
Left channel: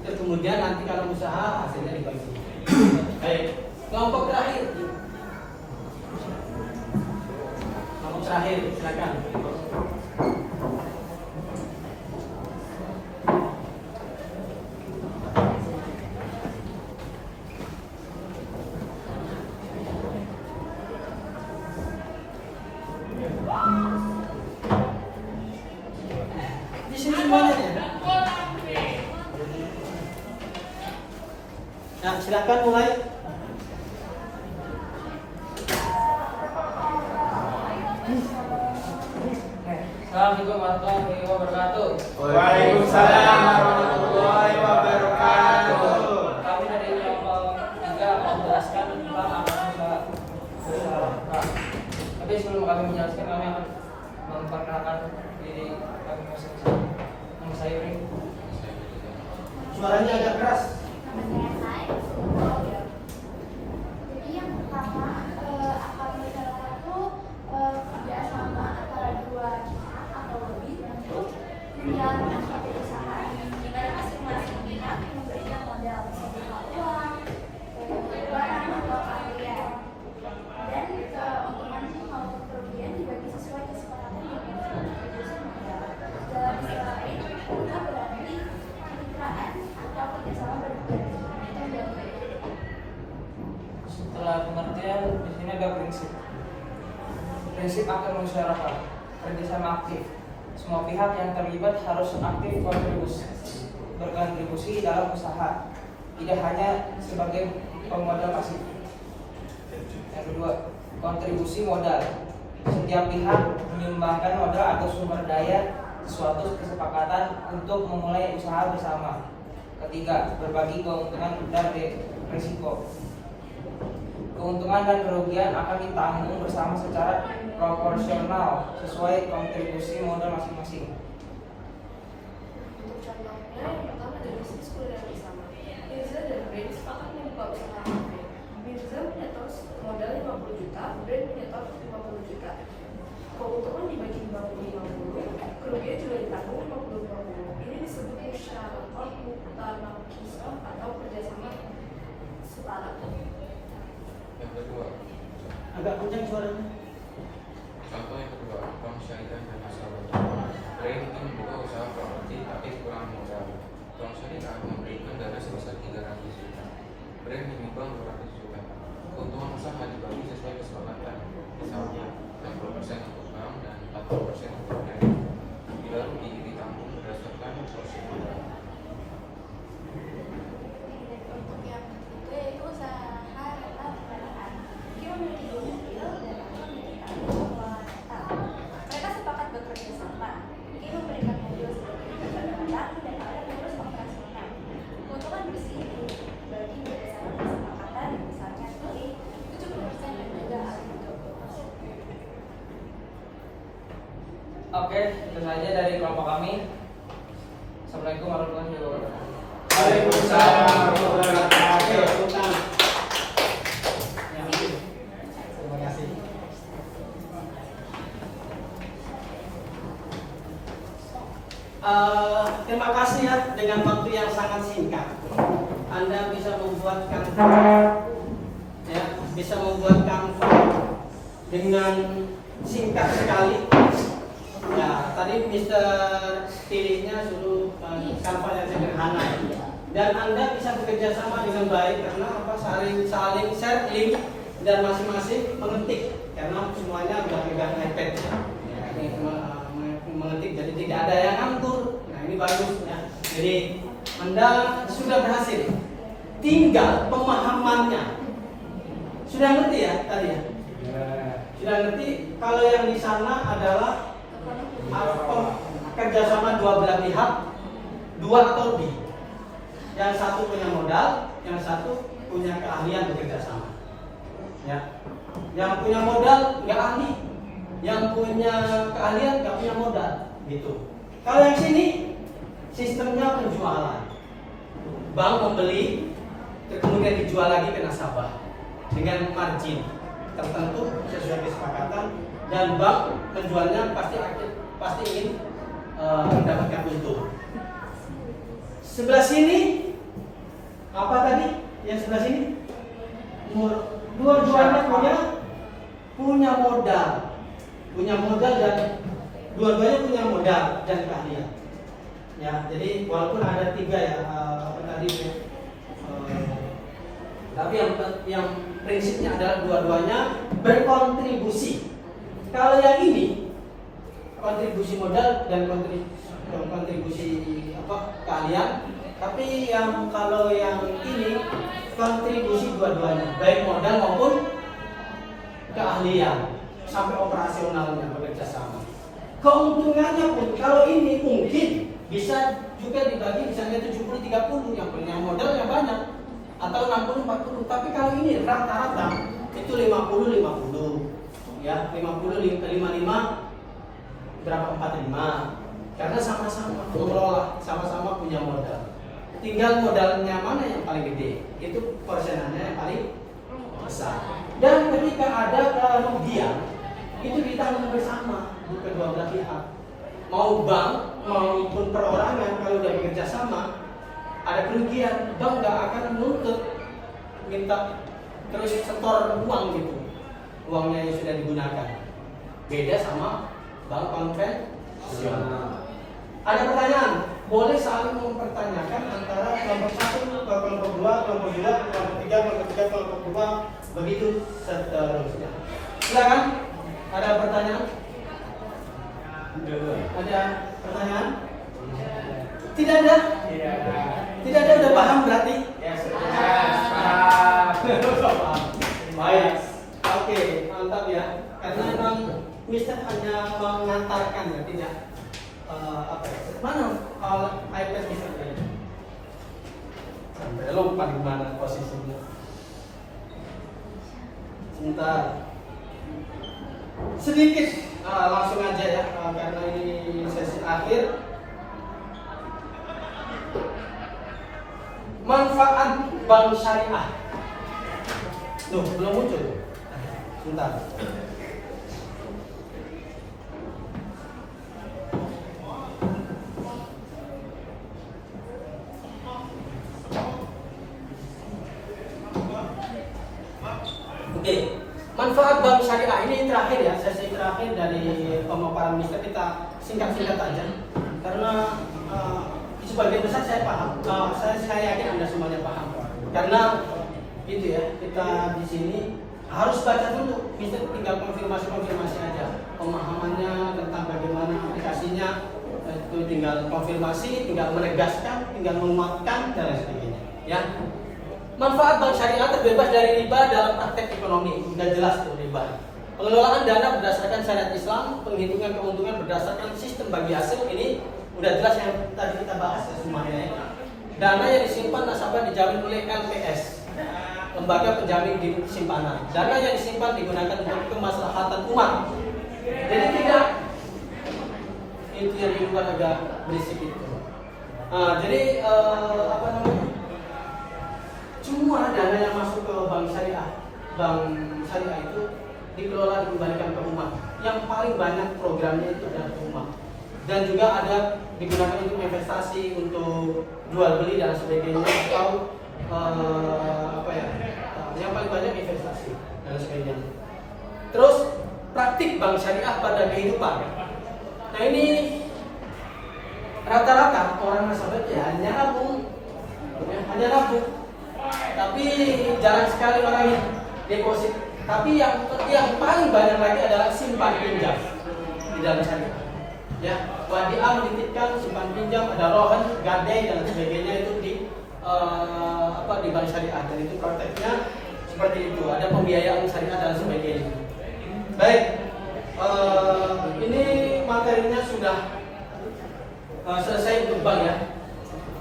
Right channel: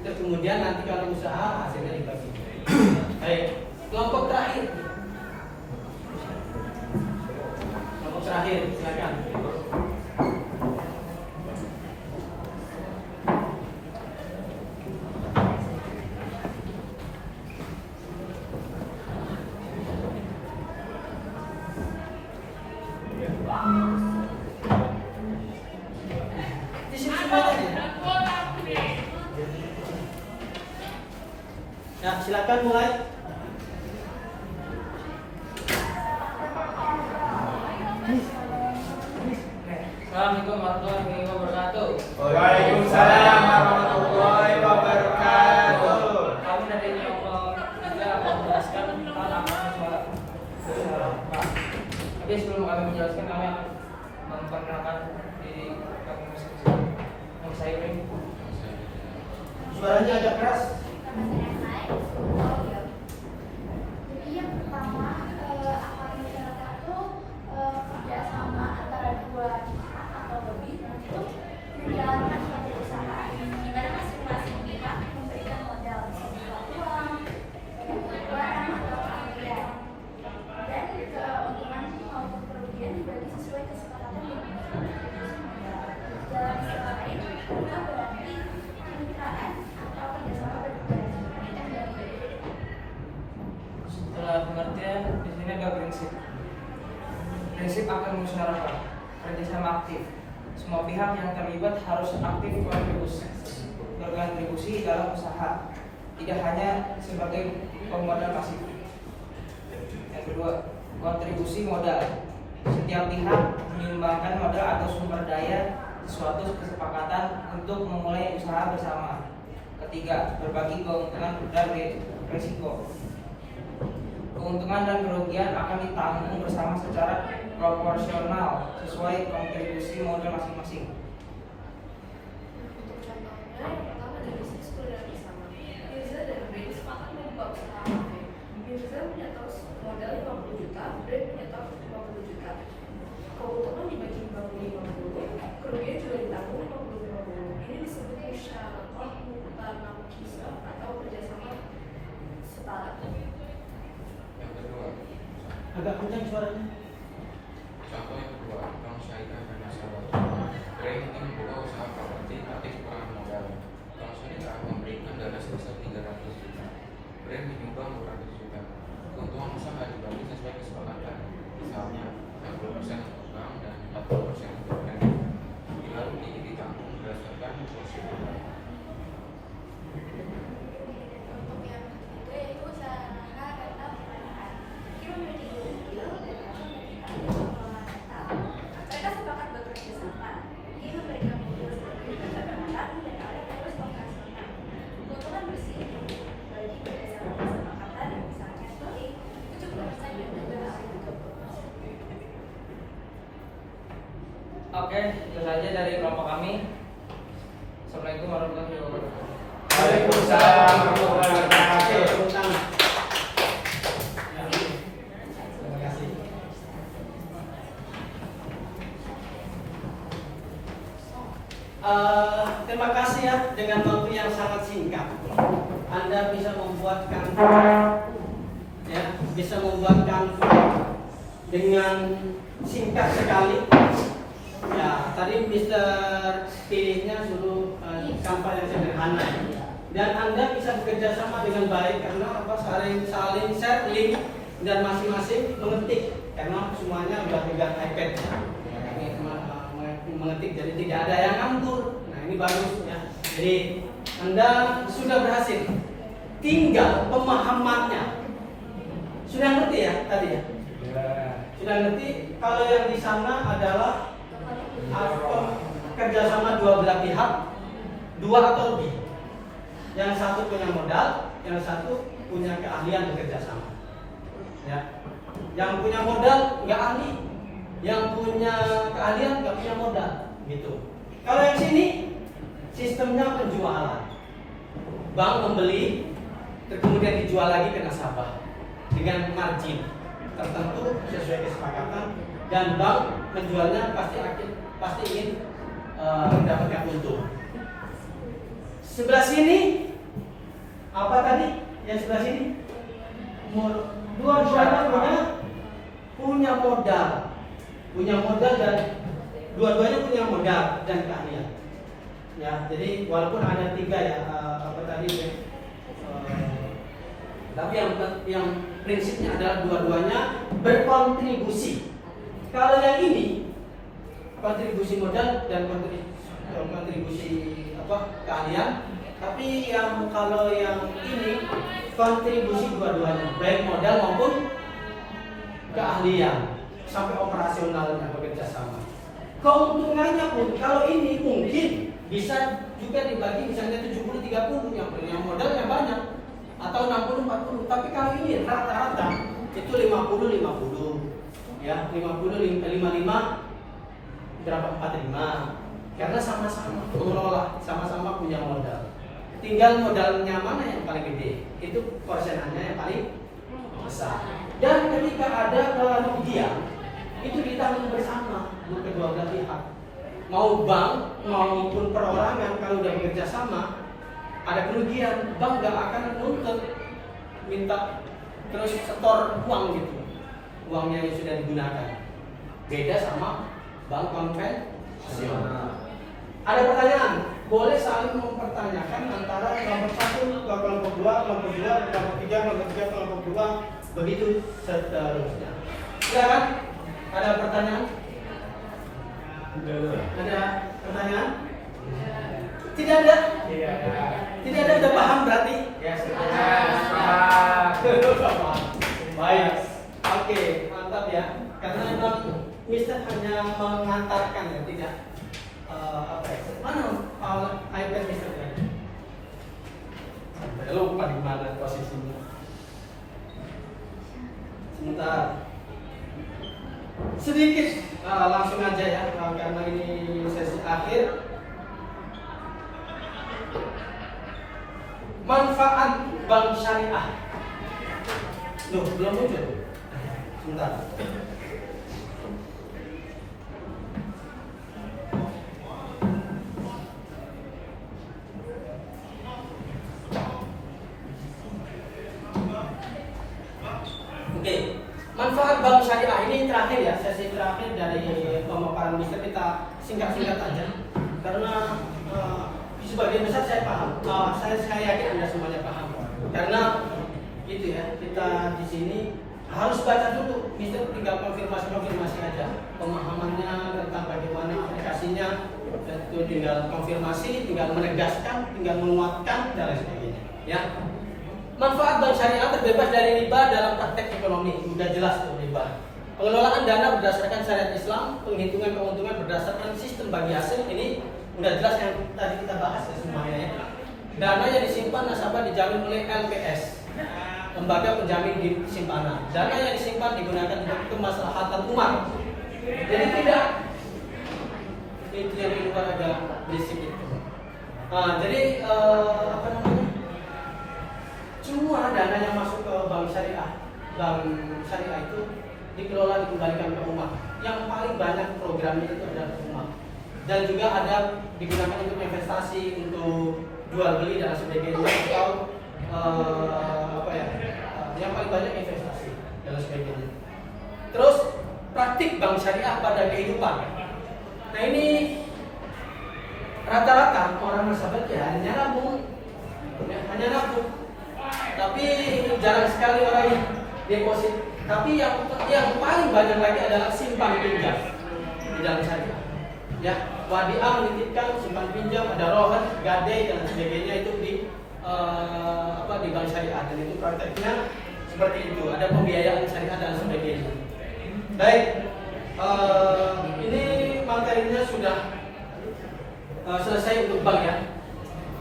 Terus kemudian nanti kalau usaha hasilnya dibagi. Baik, kelompok terakhir. Kelompok terakhir, silakan. Di sini semuanya ya. Ya, silakan mulai. Assalamualaikum warahmatullahi wabarakatuh. Waalaikumsalam warahmatullahi wabarakatuh. Kami dari kelompok 3 akan menjelaskan tentang apa usaha. Tapi sebelum kami menjelaskan, kami akan memperkenalkan diri kami masing-masing. Yang saya beri. Suaranya agak keras. Jadi yang pertama, akad masyarakat itu kerjasama antara dua pihak atau lebih untuk menjalankan suatu usaha di mana masing-masing pihak memberikan modal berupa uang, barang atau keahlian, dan keuntungan maupun kerugian dibagi sesuai kesepakatan yang dilakukan modal. Dalam istilah lain, kita berarti kemitraan atau kerjasama berdua. Itu yang dari Setelah pengertian, di sini ada prinsip. Prinsip akan musyawarah, kerjasama aktif. Semua pihak yang terlibat harus aktif berkontribusi dalam usaha, tidak hanya sebagai pemodal pasif. Yang kedua, kontribusi modal. Setiap pihak menyumbangkan modal atau sumber daya suatu kesepakatan untuk memulai usaha bersama. Ketiga, berbagi keuntungan dan risiko. Keuntungan dan kerugian akan ditanggung bersama secara proporsional sesuai kontribusi modal masing-masing. Untuk contohnya, yang pertama dari bisnis kuliah bersama. Mirza dan Brand sepakat membuka usaha kafe. Mirza punya tos modal 50 juta, Brand punya tos 50 juta. Keuntungan dibagi 50-50, kerugian juga ditanggung 50-50. Ini disebut musyawarah mutlaqah atau kerjasama sepakat. Yang kedua, Agak kencang suaranya. contoh yang kedua, bank syariah dan nasabah. Brand ingin membuka usaha properti tapi kekurangan modal. Bank syariah memberikan dana sebesar 300 juta. Brand menyumbang 200 juta. Keuntungan usaha dibagi sesuai kesepakatan. Misalnya 60% untuk bank, proses yang dilakukan baru ditampung berdasarkan prosedur. Untuk yang ketiga yaitu usaha atau perusahaan. Dia memiliki dua mobil mereka sepakat bekerja sama. Dia memberikan mobil seperti barang dan oleh terus operasinya. Keuntungan bersih bagi berdasarkan kesepakatan misalnya seperti 70% dan juga Oke, itu saja dari kelompok kami. Assalamualaikum warahmatullahi wabarakatuh. Waalaikumsalam warahmatullahi wabarakatuh. Terima kasih. Terima kasih ya, dengan waktu yang sangat singkat Anda bisa membuat kanvas, ya, bisa membuat kanvas dengan singkat sekali. Ya, tadi Mister pilihnya suruh kanvas yang sederhana, dan Anda bisa bekerja sama dengan baik karena apa, saling share link dan masing-masing mengetik karena semuanya sudah pegang iPad ya. Mengetik, jadi tidak ada yang nganggur. Nah, ini bagus ya. Jadi Anda sudah berhasil, tinggal pemahamannya. Sudah ngerti ya tadi ya? Sudah ngerti kalau yang di sana adalah kerjasama dua belah pihak, dua atau lebih. Yang satu punya modal, yang satu punya keahlian bekerja sama. Ya. Yang punya modal nggak ahli, yang punya keahlian nggak punya modal, gitu. Kalau yang sini sistemnya penjualan, bank membeli, kemudian dijual lagi ke nasabah dengan margin tertentu sesuai kesepakatan, dan bank menjualnya pasti ini mendapatkan untung. Sebelah sini apa tadi? Yang sebelah sini dua-duanya punya modal dan dua-duanya punya modal dan keahlian. Ya, jadi walaupun ada tiga ya, tapi yang prinsipnya adalah dua-duanya berkontribusi. Kalau yang ini kontribusi modal dan kontribusi keahlian, tapi kalau yang ini kontribusi dua-duanya, baik modal maupun keahlian sampai operasionalnya bekerja sama. Keuntungannya pun kalau ini mungkin bisa juga dibagi misalnya 70-30, yang punya modalnya banyak, atau 60-40. Tapi kalau ini rata-rata itu 50-50, ya 50-55 berapa 45, karena sama-sama mengelola, sama-sama punya modal. Tinggal modalnya mana yang paling gede, itu persenannya yang paling besar. Dan ketika ada kerugian, itu ditanggung bersama kedua belah pihak. Mau bank maupun perorangan, kalau udah bekerja sama, ada kerugian, bank gak akan menuntut minta terus setor uang gitu, uangnya yang sudah digunakan. Beda sama bank konvensional. Ada pertanyaan? Boleh saling mempertanyakan antara kelompok 1 ke kelompok 2, kelompok 2, kelompok 3, kelompok 3, kelompok 2, begitu seterusnya. Silakan. Ada pertanyaan? Ada pertanyaan? Tidak ada? Tidak ada, udah paham berarti? Ya, sudah paham. Baik. Oke, mantap ya. Karena memang Mister hanya mengantarkan ya, tidak mana iPad Mister tadi? Lupa di mana posisinya. Sebentar. Sedikit langsung aja ya, karena ini sesi akhir. Manfaat bank syariah. Loh, belum muncul. Sebentar. Oke, manfaat bank syariah ini terakhir ya, sesi terakhir dari pemaparan Mister, kita singkat-singkat aja. Karena sebagian besar saya paham, saya yakin Anda semuanya paham. Karena gitu ya, kita di sini harus baca dulu, Mister tinggal konfirmasi aja pemahamannya tentang bagaimana aplikasinya, itu tinggal konfirmasi, tinggal menegaskan, tinggal menguatkan dan lain sebagainya. Ya. Manfaat bank syariah terbebas dari riba dalam praktek ekonomi, sudah jelas riba. Pengelolaan dana berdasarkan syariat Islam, penghitungan keuntungan berdasarkan sistem bagi hasil, ini sudah jelas yang tadi kita bahas ya semuanya. Ya. Dana yang disimpan nasabah dijamin oleh LPS, lembaga penjamin di simpanan. Dana yang disimpan digunakan untuk kemaslahatan umat. Jadi tidak itu yang diluar agak berisik itu. Nah, jadi apa namanya? Semua dana yang masuk ke bank syariah itu dikelola dikembalikan ke rumah. Yang paling banyak programnya itu adalah ke rumah. Dan juga ada digunakan untuk investasi, untuk jual beli dan sebagainya, atau yang paling banyak investasi dan sebagainya. Terus praktik bank syariah pada kehidupan. Nah ini rata-rata orang nasabah ya hanya nabung, tapi jarang sekali orang yang deposit. Tapi yang paling banyak lagi adalah simpan pinjam di dalam syariah. Ya, wadiah menitipkan, simpan pinjam, ada rohan, gadai dan sebagainya itu di bank syariah, dan itu prakteknya seperti itu. Ada pembiayaan syariah dan sebagainya. Baik, ini materinya sudah selesai untuk bank ya.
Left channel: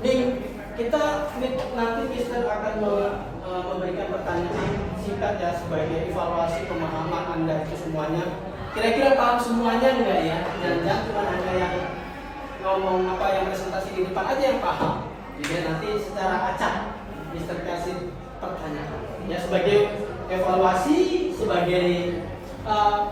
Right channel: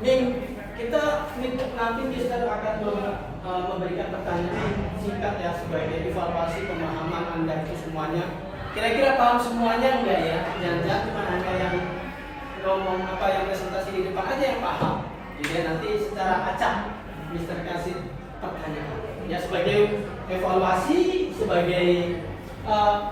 Ini nanti kita akan memberikan pertanyaan singkat ya sebagai evaluasi pemahaman Anda itu semuanya. Kira-kira paham semuanya enggak ya? Jangan cuma Anda yang ngomong yang presentasi di depan aja yang paham. Jadi nanti secara acak Mister kasih pertanyaan. Ya sebagai evaluasi, sebagai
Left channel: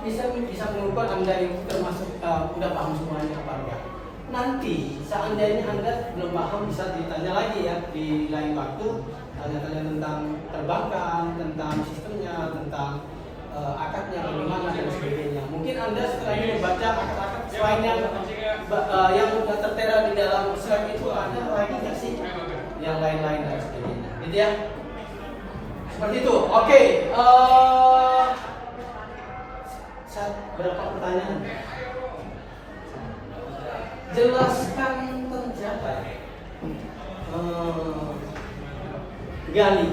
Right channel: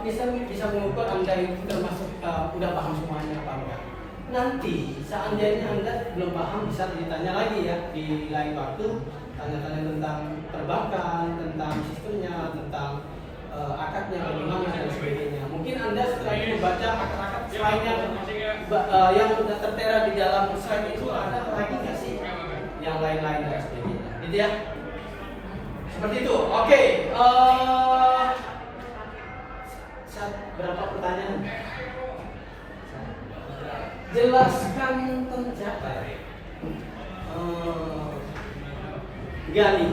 bisa mengukur Anda itu termasuk udah paham semuanya apa enggak. Nanti seandainya Anda belum paham bisa ditanya lagi ya di lain waktu, tanya-tanya tentang perbankan, tentang sistemnya, tentang akadnya bagaimana dan sebagainya. Mungkin Anda setelah membaca akad-akad slide-nya yang sudah tertera di dalam slide itu ada lagi nggak sih yang lain-lain dan sebagainya, gitu ya? Seperti itu. Oke. Berapa pertanyaan? Jelaskan tentang siapa? Gali.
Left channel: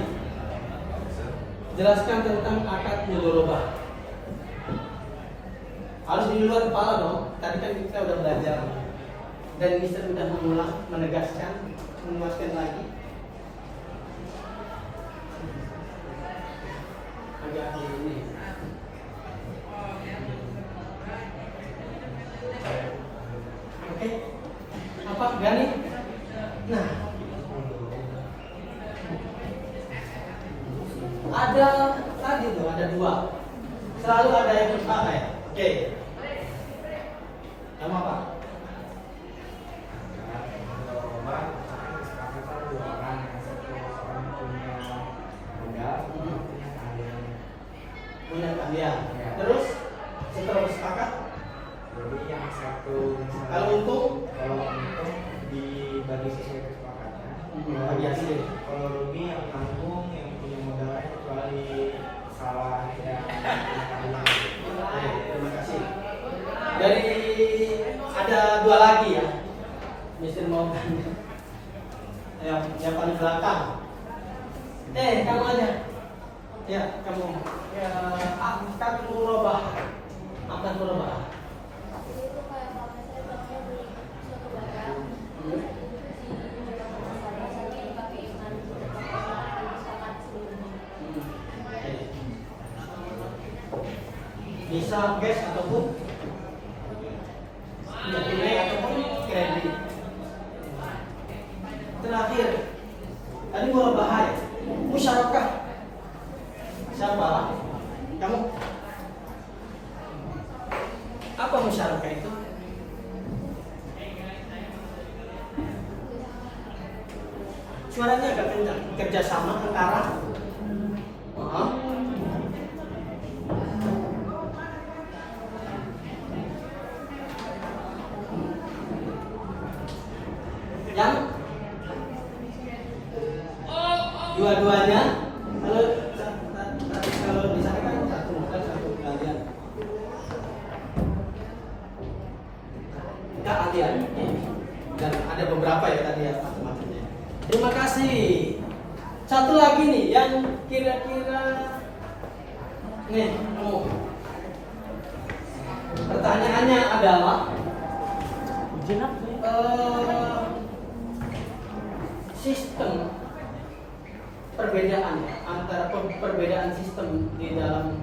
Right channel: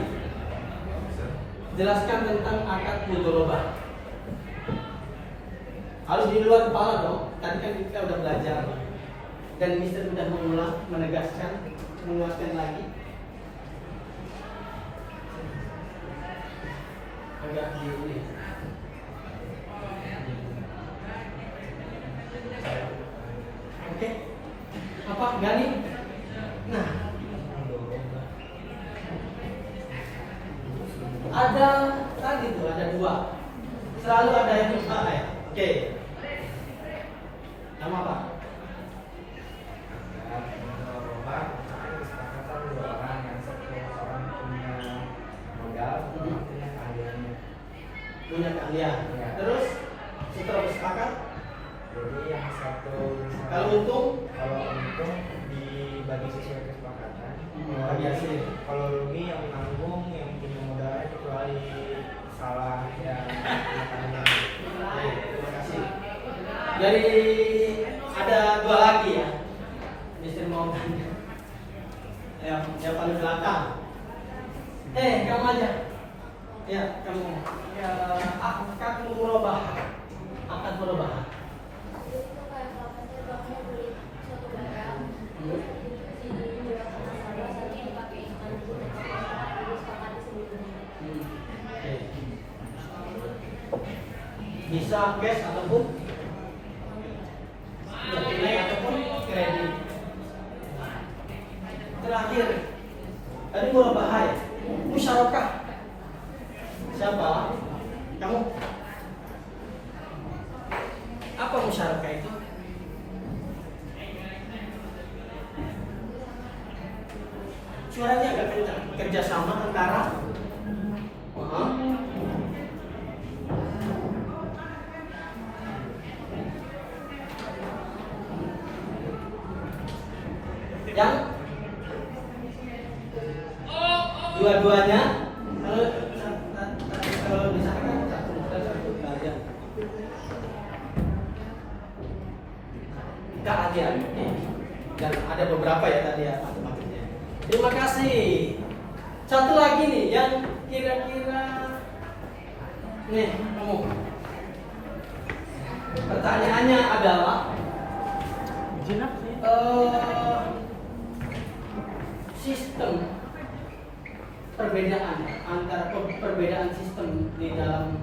Jelaskan tentang akad mudharabah. Harus di luar kepala dong. Tadi kan kita udah belajar dan Mister sudah mengulang, menegaskan, menguatkan lagi. Agak ini. Oke. Apa Gali? Nah. Ada tadi tuh ada dua. Selalu ada yang salah ya. Oke. Nama apa? Punya keahlian. Terus setelah bersepakat, Jadi yang satu kalau untung dibagi sesuai kesepakatan. bagi hasil. Kalau rugi yang menanggung, yang punya modalnya kecuali salah ya. Terima kasih. Dari ada dua lagi ya, Mister mau tanya. Yang paling belakang. Kamu aja. Ya, kamu. Ya, akan berubah. Itu kayak namanya banknya beli suatu barang, tapi dipakai ikan Bisa cash ataupun ataupun kredit. Terakhir, tadi bahaya. Musyarakah. Siapa? Kamu? Apa musyarakah itu? Suaranya agak kencang. Kerjasama antara yang dua-duanya kalau misalkan satu dan satu kalian keahlian. Dan ada beberapa ya tadi ya matematiknya. Terima kasih. Satu lagi nih yang kira-kira nih kamu. Pertanyaannya adalah sistem perbedaan antara perbedaan sistem di dalam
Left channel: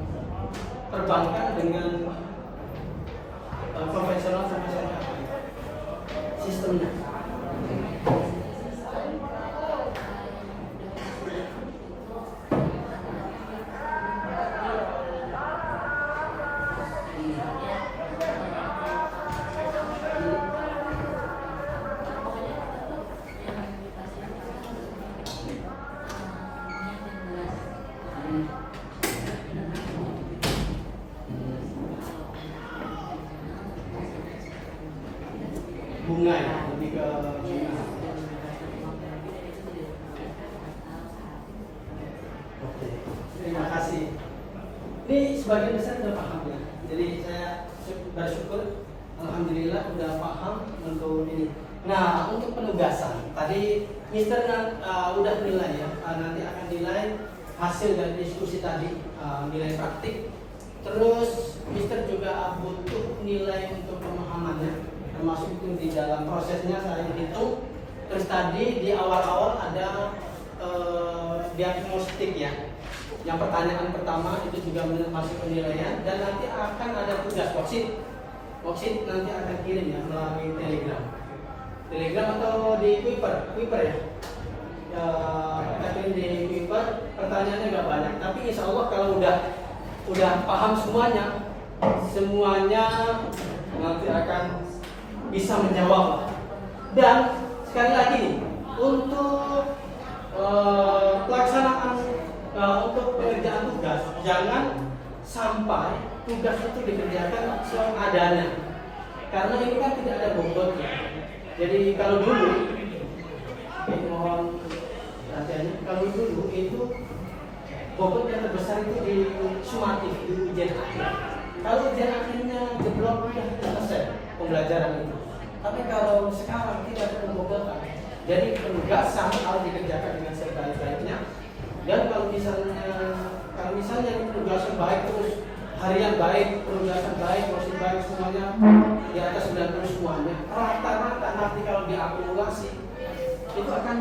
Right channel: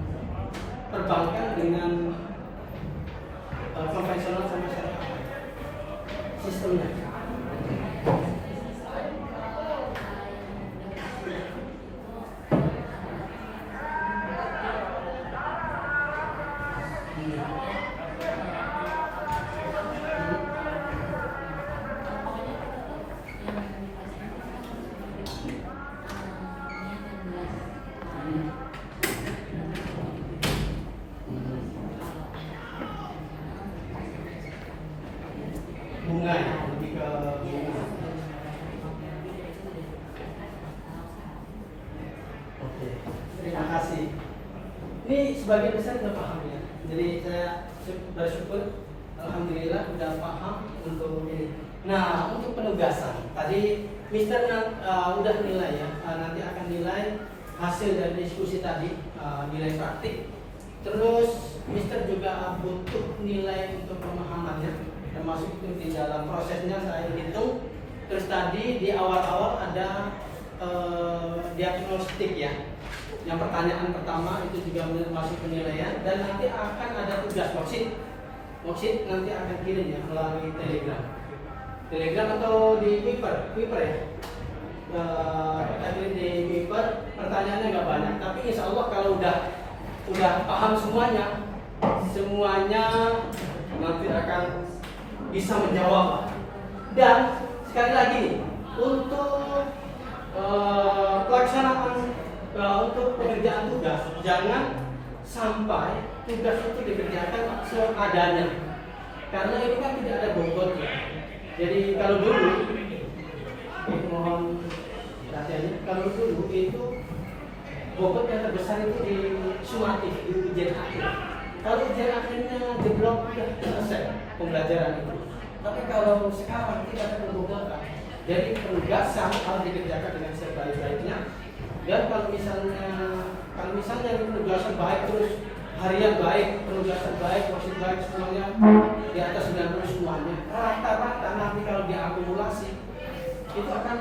perbankan dengan konvensional sama syariah. Sistemnya. Bunga ya, lebih ke bunga. Oke, terima kasih. Ini sebagian besar sudah paham ya. Jadi saya bersyukur, alhamdulillah sudah paham untuk ini. Nah, untuk penugasan tadi Mister udah nilai ya, nanti akan nilai hasil dari diskusi tadi, nilai praktik. Terus Mister juga butuh nilai untuk pemahamannya, termasuk itu di dalam prosesnya saya hitung. Terus tadi di awal-awal ada diagnostik ya. Yang pertanyaan pertama itu juga masuk penilaian, dan nanti akan ada tugas worksheet nanti akan kirim ya melalui Telegram atau di Kuiper ya. Kita kirim di Kuiper, pertanyaannya nggak banyak, tapi insya Allah kalau udah paham semuanya nanti akan bisa menjawab. Dan sekali lagi nih, untuk pelaksanaan untuk pengerjaan tugas, jangan sampai tugas itu dikerjakan seadanya, karena ini kan tidak ada bobotnya. Jadi kalau dulu, mohon perhatiannya, kalau dulu itu bobot yang terbesar itu di sumatif, di ujian akhir. Kalau ujian akhirnya jeblok sudah selesai pembelajaran itu. Tapi kalau sekarang tidak ada pembobotan, jadi penugasan harus dikerjakan dengan sebaik-baiknya. Dan kalau misalnya penugasan baik terus, harian baik, penugasan baik, worksheet baik, semuanya di atas 90 semuanya, rata-rata nanti kalau diakumulasi itu akan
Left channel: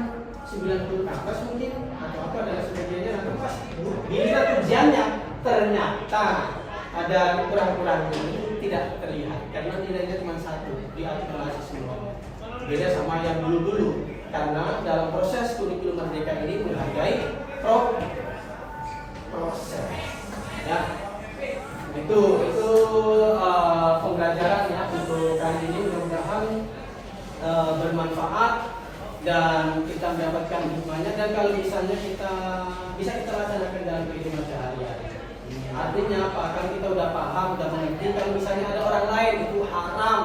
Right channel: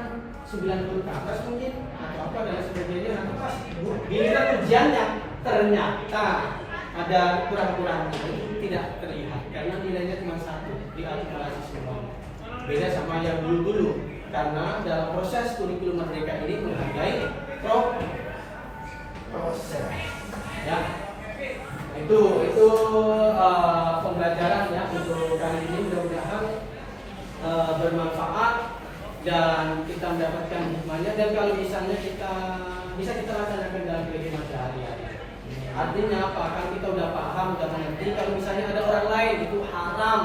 90 ke atas mungkin atau apa dan sebagainya. Nanti pas bila ujiannya ternyata ada kurang-kurangnya, itu tidak terlihat karena nilainya cuma 1, diakumulasi semua. Beda sama yang dulu-dulu, karena dalam proses kurikulum merdeka ini menghargai proses. Ya, itu pembelajaran ya untuk kali ini, mudah-mudahan bermanfaat dan kita mendapatkan hikmahnya, dan kalau misalnya bisa kita laksanakan dalam kehidupan sehari-hari. Artinya apa? Kalau kita udah paham, udah mengerti, kalau misalnya ada orang lain itu haram,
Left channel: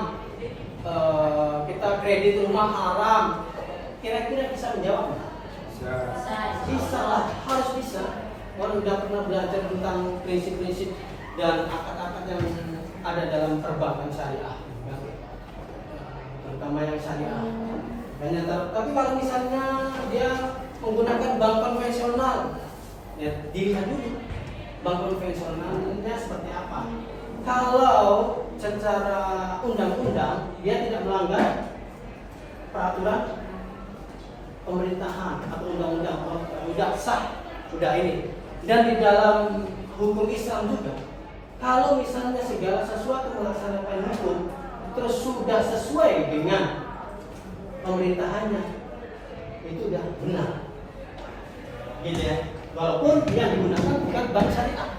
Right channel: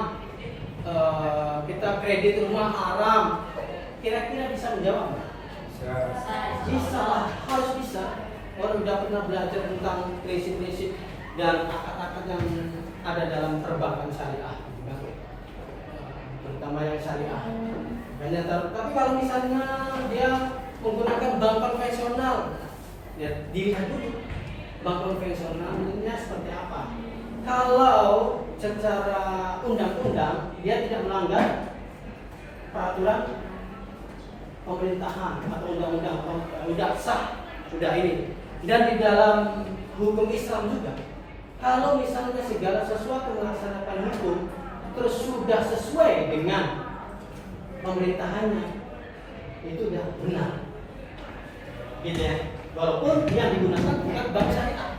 kita kredit rumah haram, kira-kira bisa menjawab nggak? Bisa lah, harus bisa. Orang udah pernah belajar tentang prinsip-prinsip dan akad-akad yang ada dalam perbankan syariah, terutama yang syariah. Tapi kalau misalnya dia menggunakan bank konvensional, ya dilihat dulu bank konvensionalnya seperti apa. Kalau secara undang-undang dia tidak melanggar peraturan pemerintahan atau undang-undang, sudah sah, sudah ini. Dan di dalam hukum Islam juga, kalau misalnya segala sesuatu melaksanakan hukum terus sudah sesuai dengan pemerintahannya, itu sudah benar, gitu ya. Walaupun yang digunakan bukan bank syariah,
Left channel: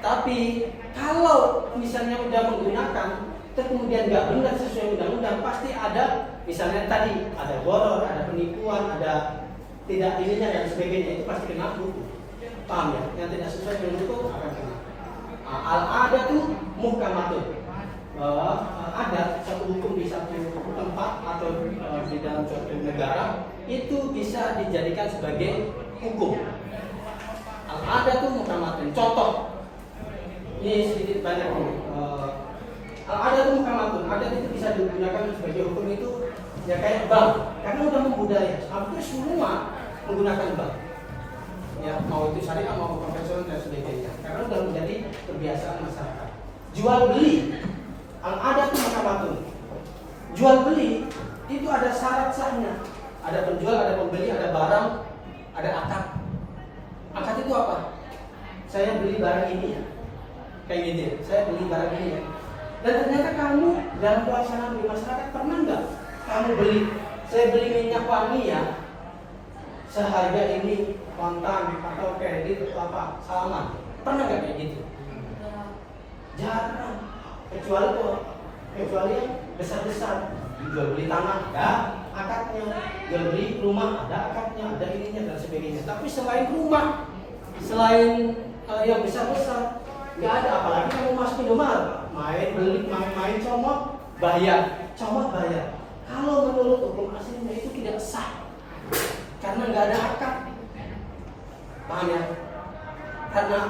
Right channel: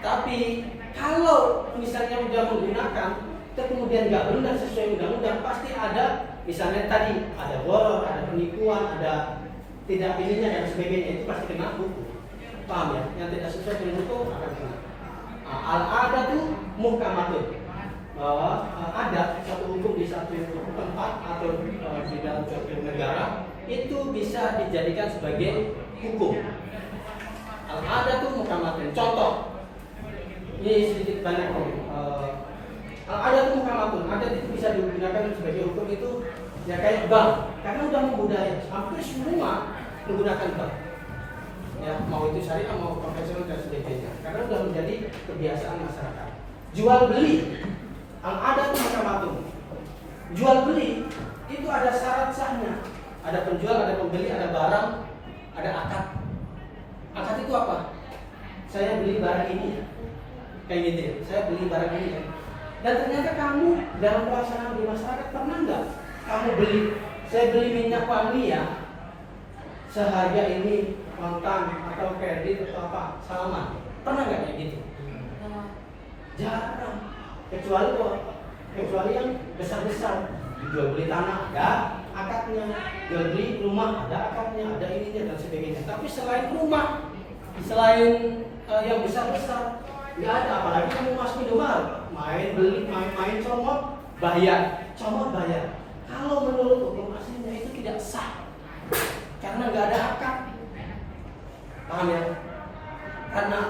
tapi kalau misalnya sudah menggunakan kemudian nggak benar sesuai undang-undang, pasti ada, misalnya tadi ada boror, ada penipuan, ada tidak ininya dan sebagainya, itu pasti kena hukum. Paham ya? Yang tidak sesuai dengan hukum akan kena. Al-adat itu muhkamatun, bahwa adat satu hukum di satu tempat atau di dalam satu negara itu bisa dijadikan sebagai hukum. Al-adat itu muhkamatun. Contoh, ini sedikit banyak. Al-adat itu mukamatun, adat itu bisa digunakan sebagai hukum itu ya kayak bank, karena udah membudaya, hampir semua menggunakan bank. Ya, mau itu syariah mau konvensional dan sebagainya, karena udah menjadi kebiasaan masyarakat. Jual beli, ada itu mukamatun. Jual beli itu ada syarat sahnya, ada penjual, ada pembeli, ada barang, ada akad. Akad itu apa? Saya beli barang ini ya, kayak gitu ya. Saya beli barang ini ya. Dan ternyata kamu dalam pelaksanaan di masyarakat pernah nggak kamu beli? Saya beli minyak wangi ya, seharga ini kontan atau kredit atau apa, salaman. Pernah nggak kayak gitu? Jarang. Kecuali yang besar-besar. Jual beli tanah ada akadnya, jual beli rumah ada akadnya, ada ininya dan sebagainya. Tapi selain rumah, selain yang besar-besar nggak ada. Apalagi kamu masuk Indomaret, main comot bayar. Kalau menurut hukum aslinya itu tidak sah karena nggak ada akad. Paham ya? Karena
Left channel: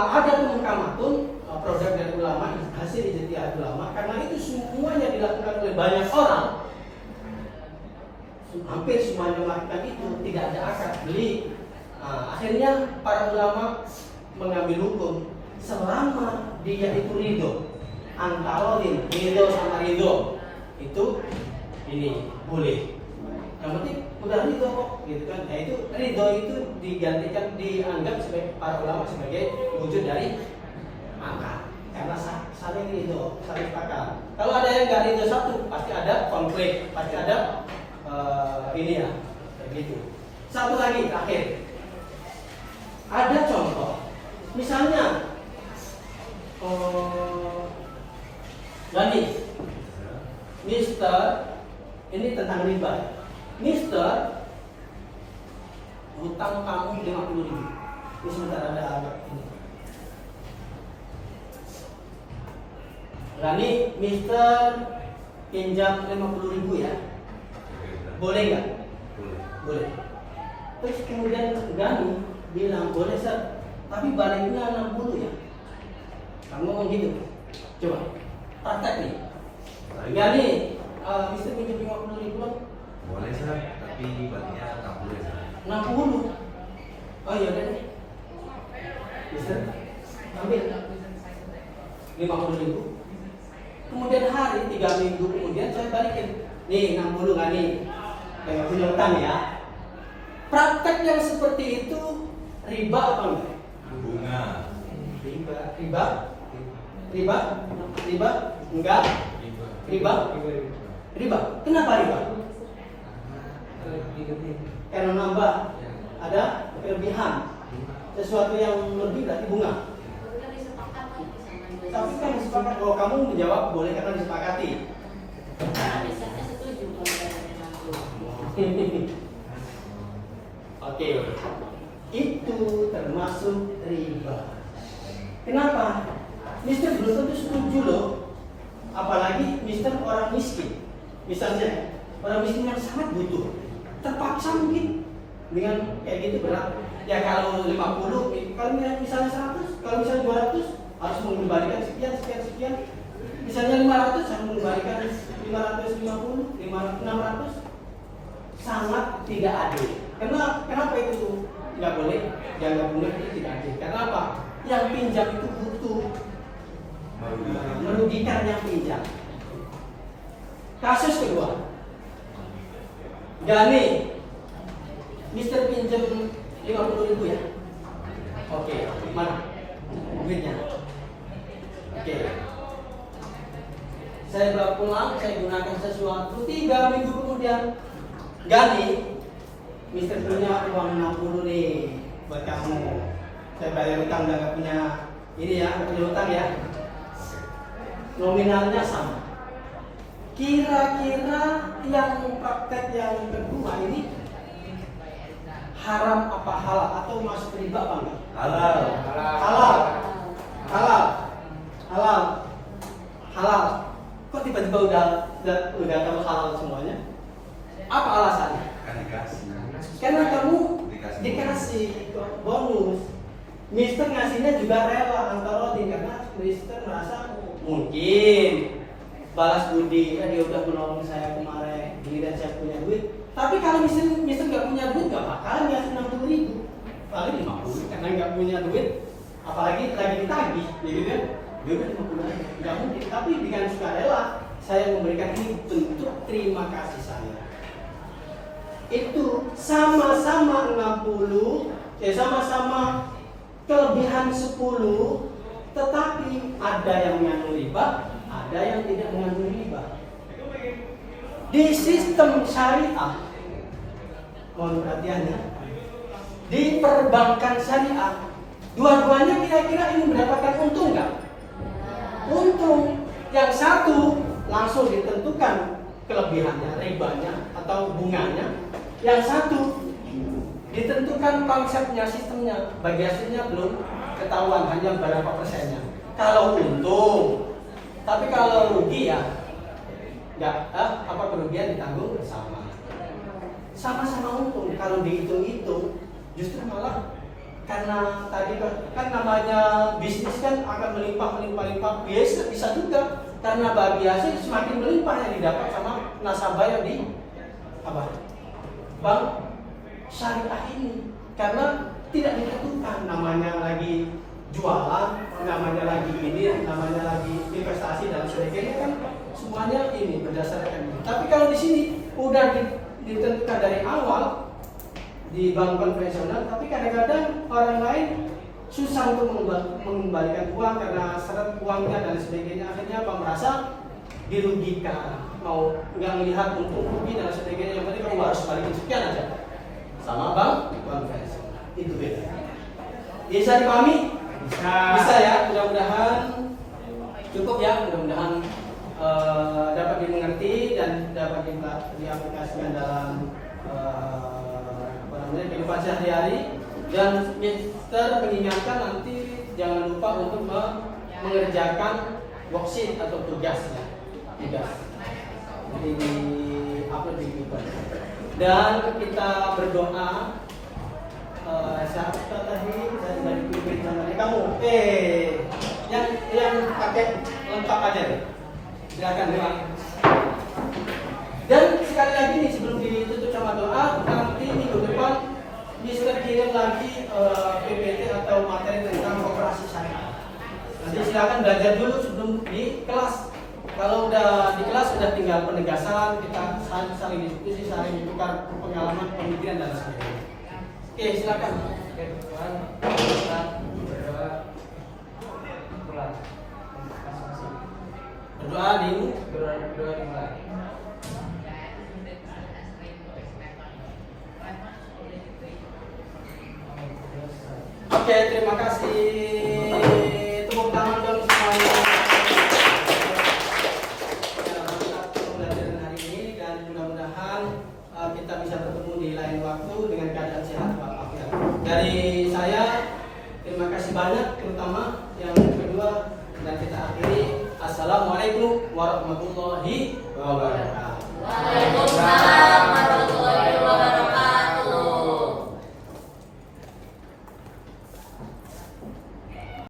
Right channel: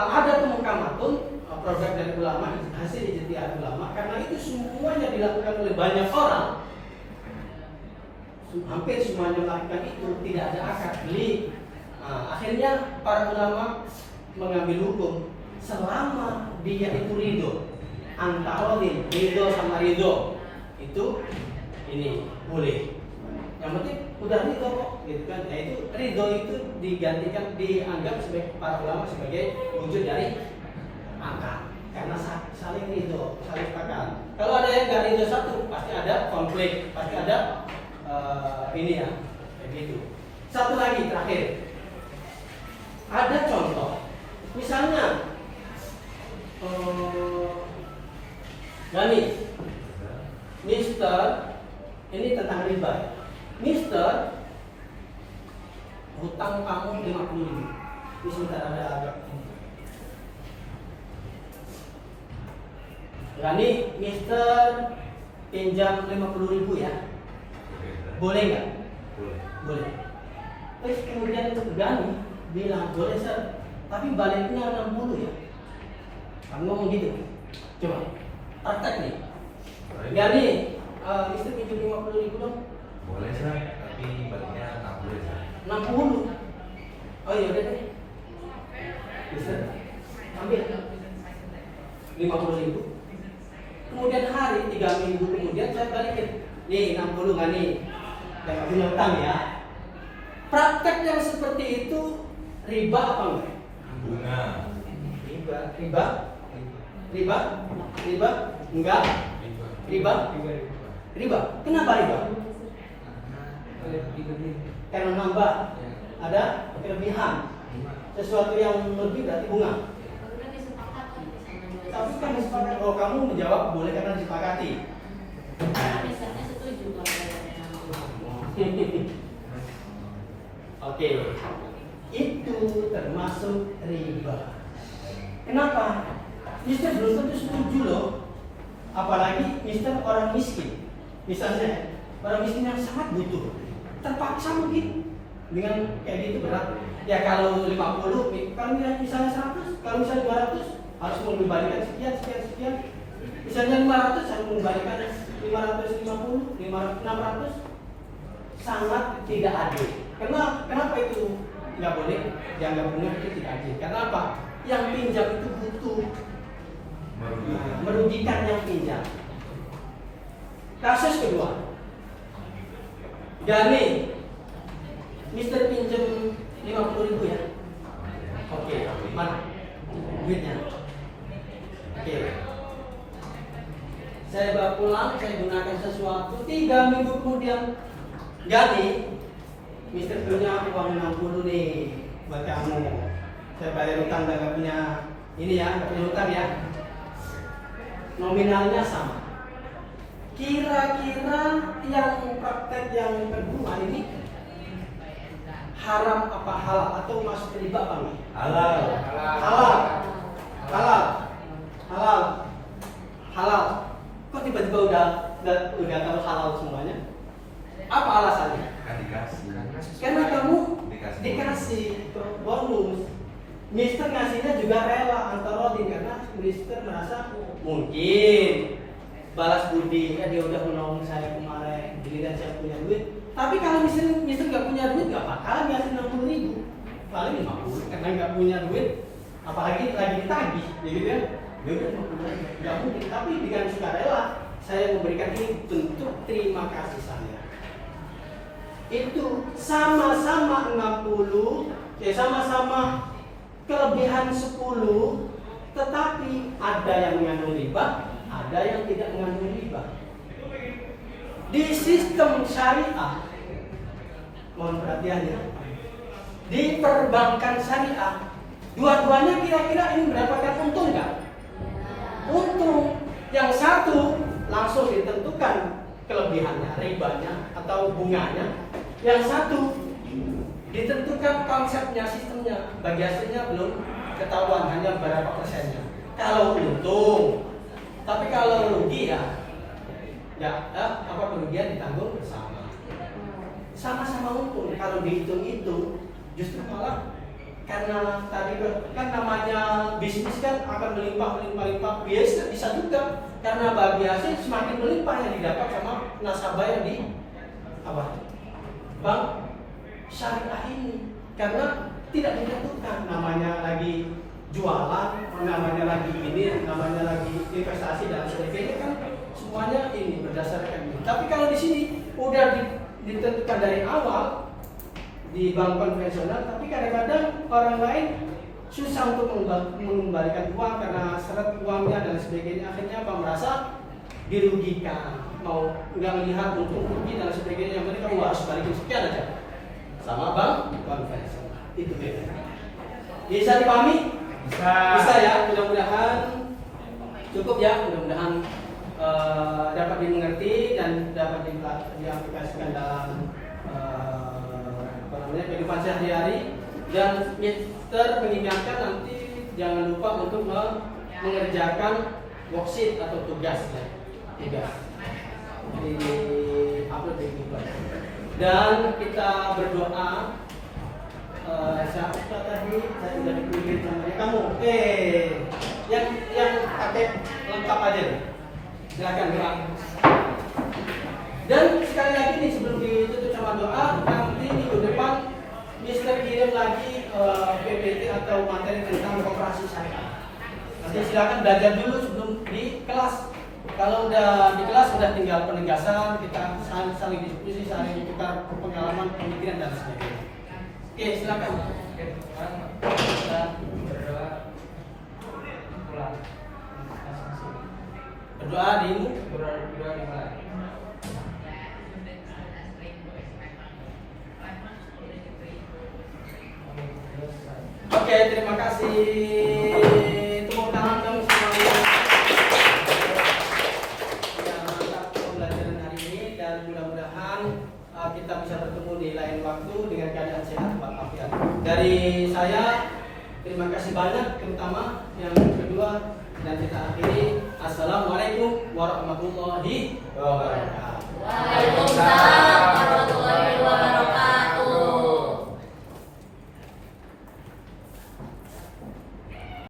ada mukamatun, produk dari ulama, hasil ijtihad ulama, karena itu semuanya dilakukan oleh banyak orang, hampir semuanya melakukan itu, tidak ada akad beli. Akhirnya para ulama mengambil hukum selama dia itu ridho, antara ridho sama ridho itu ini boleh. Yang penting udah ridho kok, gitu kan? Nah itu ridho itu dianggap sebagai para ulama sebagai wujud dari akad, karena saling ridho, saling sepakat. Kalau ada yang nggak ridho satu, pasti ada konflik, pasti ada ini ya, kayak gitu. Satu lagi terakhir, ada contoh, misalnya Mister, ini tentang riba. Mister, hutang kamu 50.000. Ini sebentar ada agak. Gani, Mister pinjam 50.000 ya. Boleh nggak? Boleh. Terus kemudian Gani bilang boleh Sir, tapi baliknya 60 ya. Kamu ngomong gitu. Coba praktek nih. Gani, Mister pinjam 50.000 dong. Boleh Sir, tapi baliknya 60 ya Sir. 60. Oh iya udah deh. Mister, ambil 50.000. Kemudian hari 3 minggu kemudian saya balikin. Nih 60 nggak nih? Nggak punya utang ya. Praktek yang seperti itu riba apa enggak? Bunga. Riba? Enggak. Riba. Kenapa riba? Karena nambah ada kelebihan. Sesuatu yang lebih berarti bunga. Tapi kan disepakati. Oh kamu menjawab boleh karena disepakati. Karena misalnya setuju kalau Oke, itu termasuk riba. Kenapa? Mister belum tentu setuju loh. Apalagi Mister orang miskin. Misalnya orang miskin yang sangat butuh, terpaksa mungkin dengan kayak gitu berat. Ya kalau 50, kalau misalnya 100, kalau misalnya 200 harus mengembalikan sekian. Misalnya 500 harus mengembalikan 550, 600, sangat tidak adil. Kenapa itu nggak boleh? Yang nggak boleh itu tidak adil. Karena apa? Yang pinjam itu butuh, merugikan yang pinjam. Kasus kedua, Gani, Mister pinjam 50.000 ya. Oke, mana duitnya? Oke. Saya bawa pulang, saya gunakan sesuatu. 3 minggu kemudian, Gani, Mister punya uang 60 nih buat kamu. Saya bayar utang dan nggak punya ini ya, nggak punya utang ya. Nominalnya sama. Kira-kira yang praktek yang kedua ini haram apa halal atau masuk riba apa enggak? Halal. Kok tiba-tiba udah tahu halal semuanya? Apa alasannya? Kan dikasih. Karena kamu dikasih bonus. Mister ngasihnya juga rela antara karena Mister merasa mungkin balas budi, dia udah menolong saya kemarin, giliran saya punya duit. Tapi kalau Mister nggak punya duit, nggak bakalan ngasih 60.000, paling 50 karena nggak punya duit, apalagi lagi ditagih, gitu kan? Dia udah 50 aja, nggak mungkin. Tapi dengan sukarela saya memberikan ini bentuk terima kasih saya. Itu sama-sama 60, sama-sama kelebihan 10, tetapi ada yang mengandung riba, ada yang tidak mengandung riba. Di sistem syariah, mohon perhatiannya, di perbankan syariah, dua-duanya kira-kira ini mendapatkan untung nggak? Untung. Yang satu langsung ditentukan kelebihannya, ribanya atau bunganya. Yang satu ditentukan konsepnya, sistemnya. Bagi hasilnya belum ketahuan, hanya berapa persennya. Kalau untung, tapi kalau rugi ya nggak, kerugian ditanggung bersama. Sama-sama untung. Kalau dihitung-hitung, justru malah karena tadi kan namanya bisnis kan akan melimpah. Yes, bisa juga karena bagi hasil semakin melimpah yang didapat sama nasabah yang di bank syariah ini, karena tidak ditentukan namanya lagi jualan, namanya lagi ini, namanya lagi investasi dan sebagainya, kan semuanya ini berdasarkan ini. Tapi kalau di sini udah ditentukan dari awal di bank konvensional, tapi kadang-kadang orang lain susah untuk mengembalikan uang karena seret uangnya dan sebagainya, akhirnya merasa dirugikan, mau nggak melihat untung rugi dan sebagainya, yang penting kamu harus balikin sekian aja sama bank konvensional. Itu beda. Bisa dipahami? Bisa ya, mudah-mudahan cukup ya, mudah-mudahan dapat dimengerti dan dapat diaplikasikan dalam kehidupan sehari-hari. Dan Mister mengingatkan nanti jangan lupa untuk mengerjakan worksheet atau tugas ya, di upload di Twitter. Dan kita berdoa. Saat tadi saya sudah dipilih sama kamu. Yang pakai lengkap aja deh. Silakan doa. Dan sekali lagi nih sebelum ditutup sama doa, nanti minggu depan Mister kirim lagi PPT atau materi tentang operasi syariah. Nanti silakan belajar dulu sebelum di kelas. Kalau udah di kelas sudah tinggal penegasan, kita saling diskusi, saling tukar pengalaman, pemikiran dan sebagainya. Oke, silakan. Berdoa dimulai. Oke, terima kasih. Tepuk tangan dong semuanya. Pembelajaran hari ini, dan mudah-mudahan kita bisa bertemu di lain waktu dengan keadaan sehat walafiat. Dari saya terima kasih banyak, terutama yang kedua, dan kita akhiri. Assalamualaikum warahmatullahi wabarakatuh. Waalaikumsalam.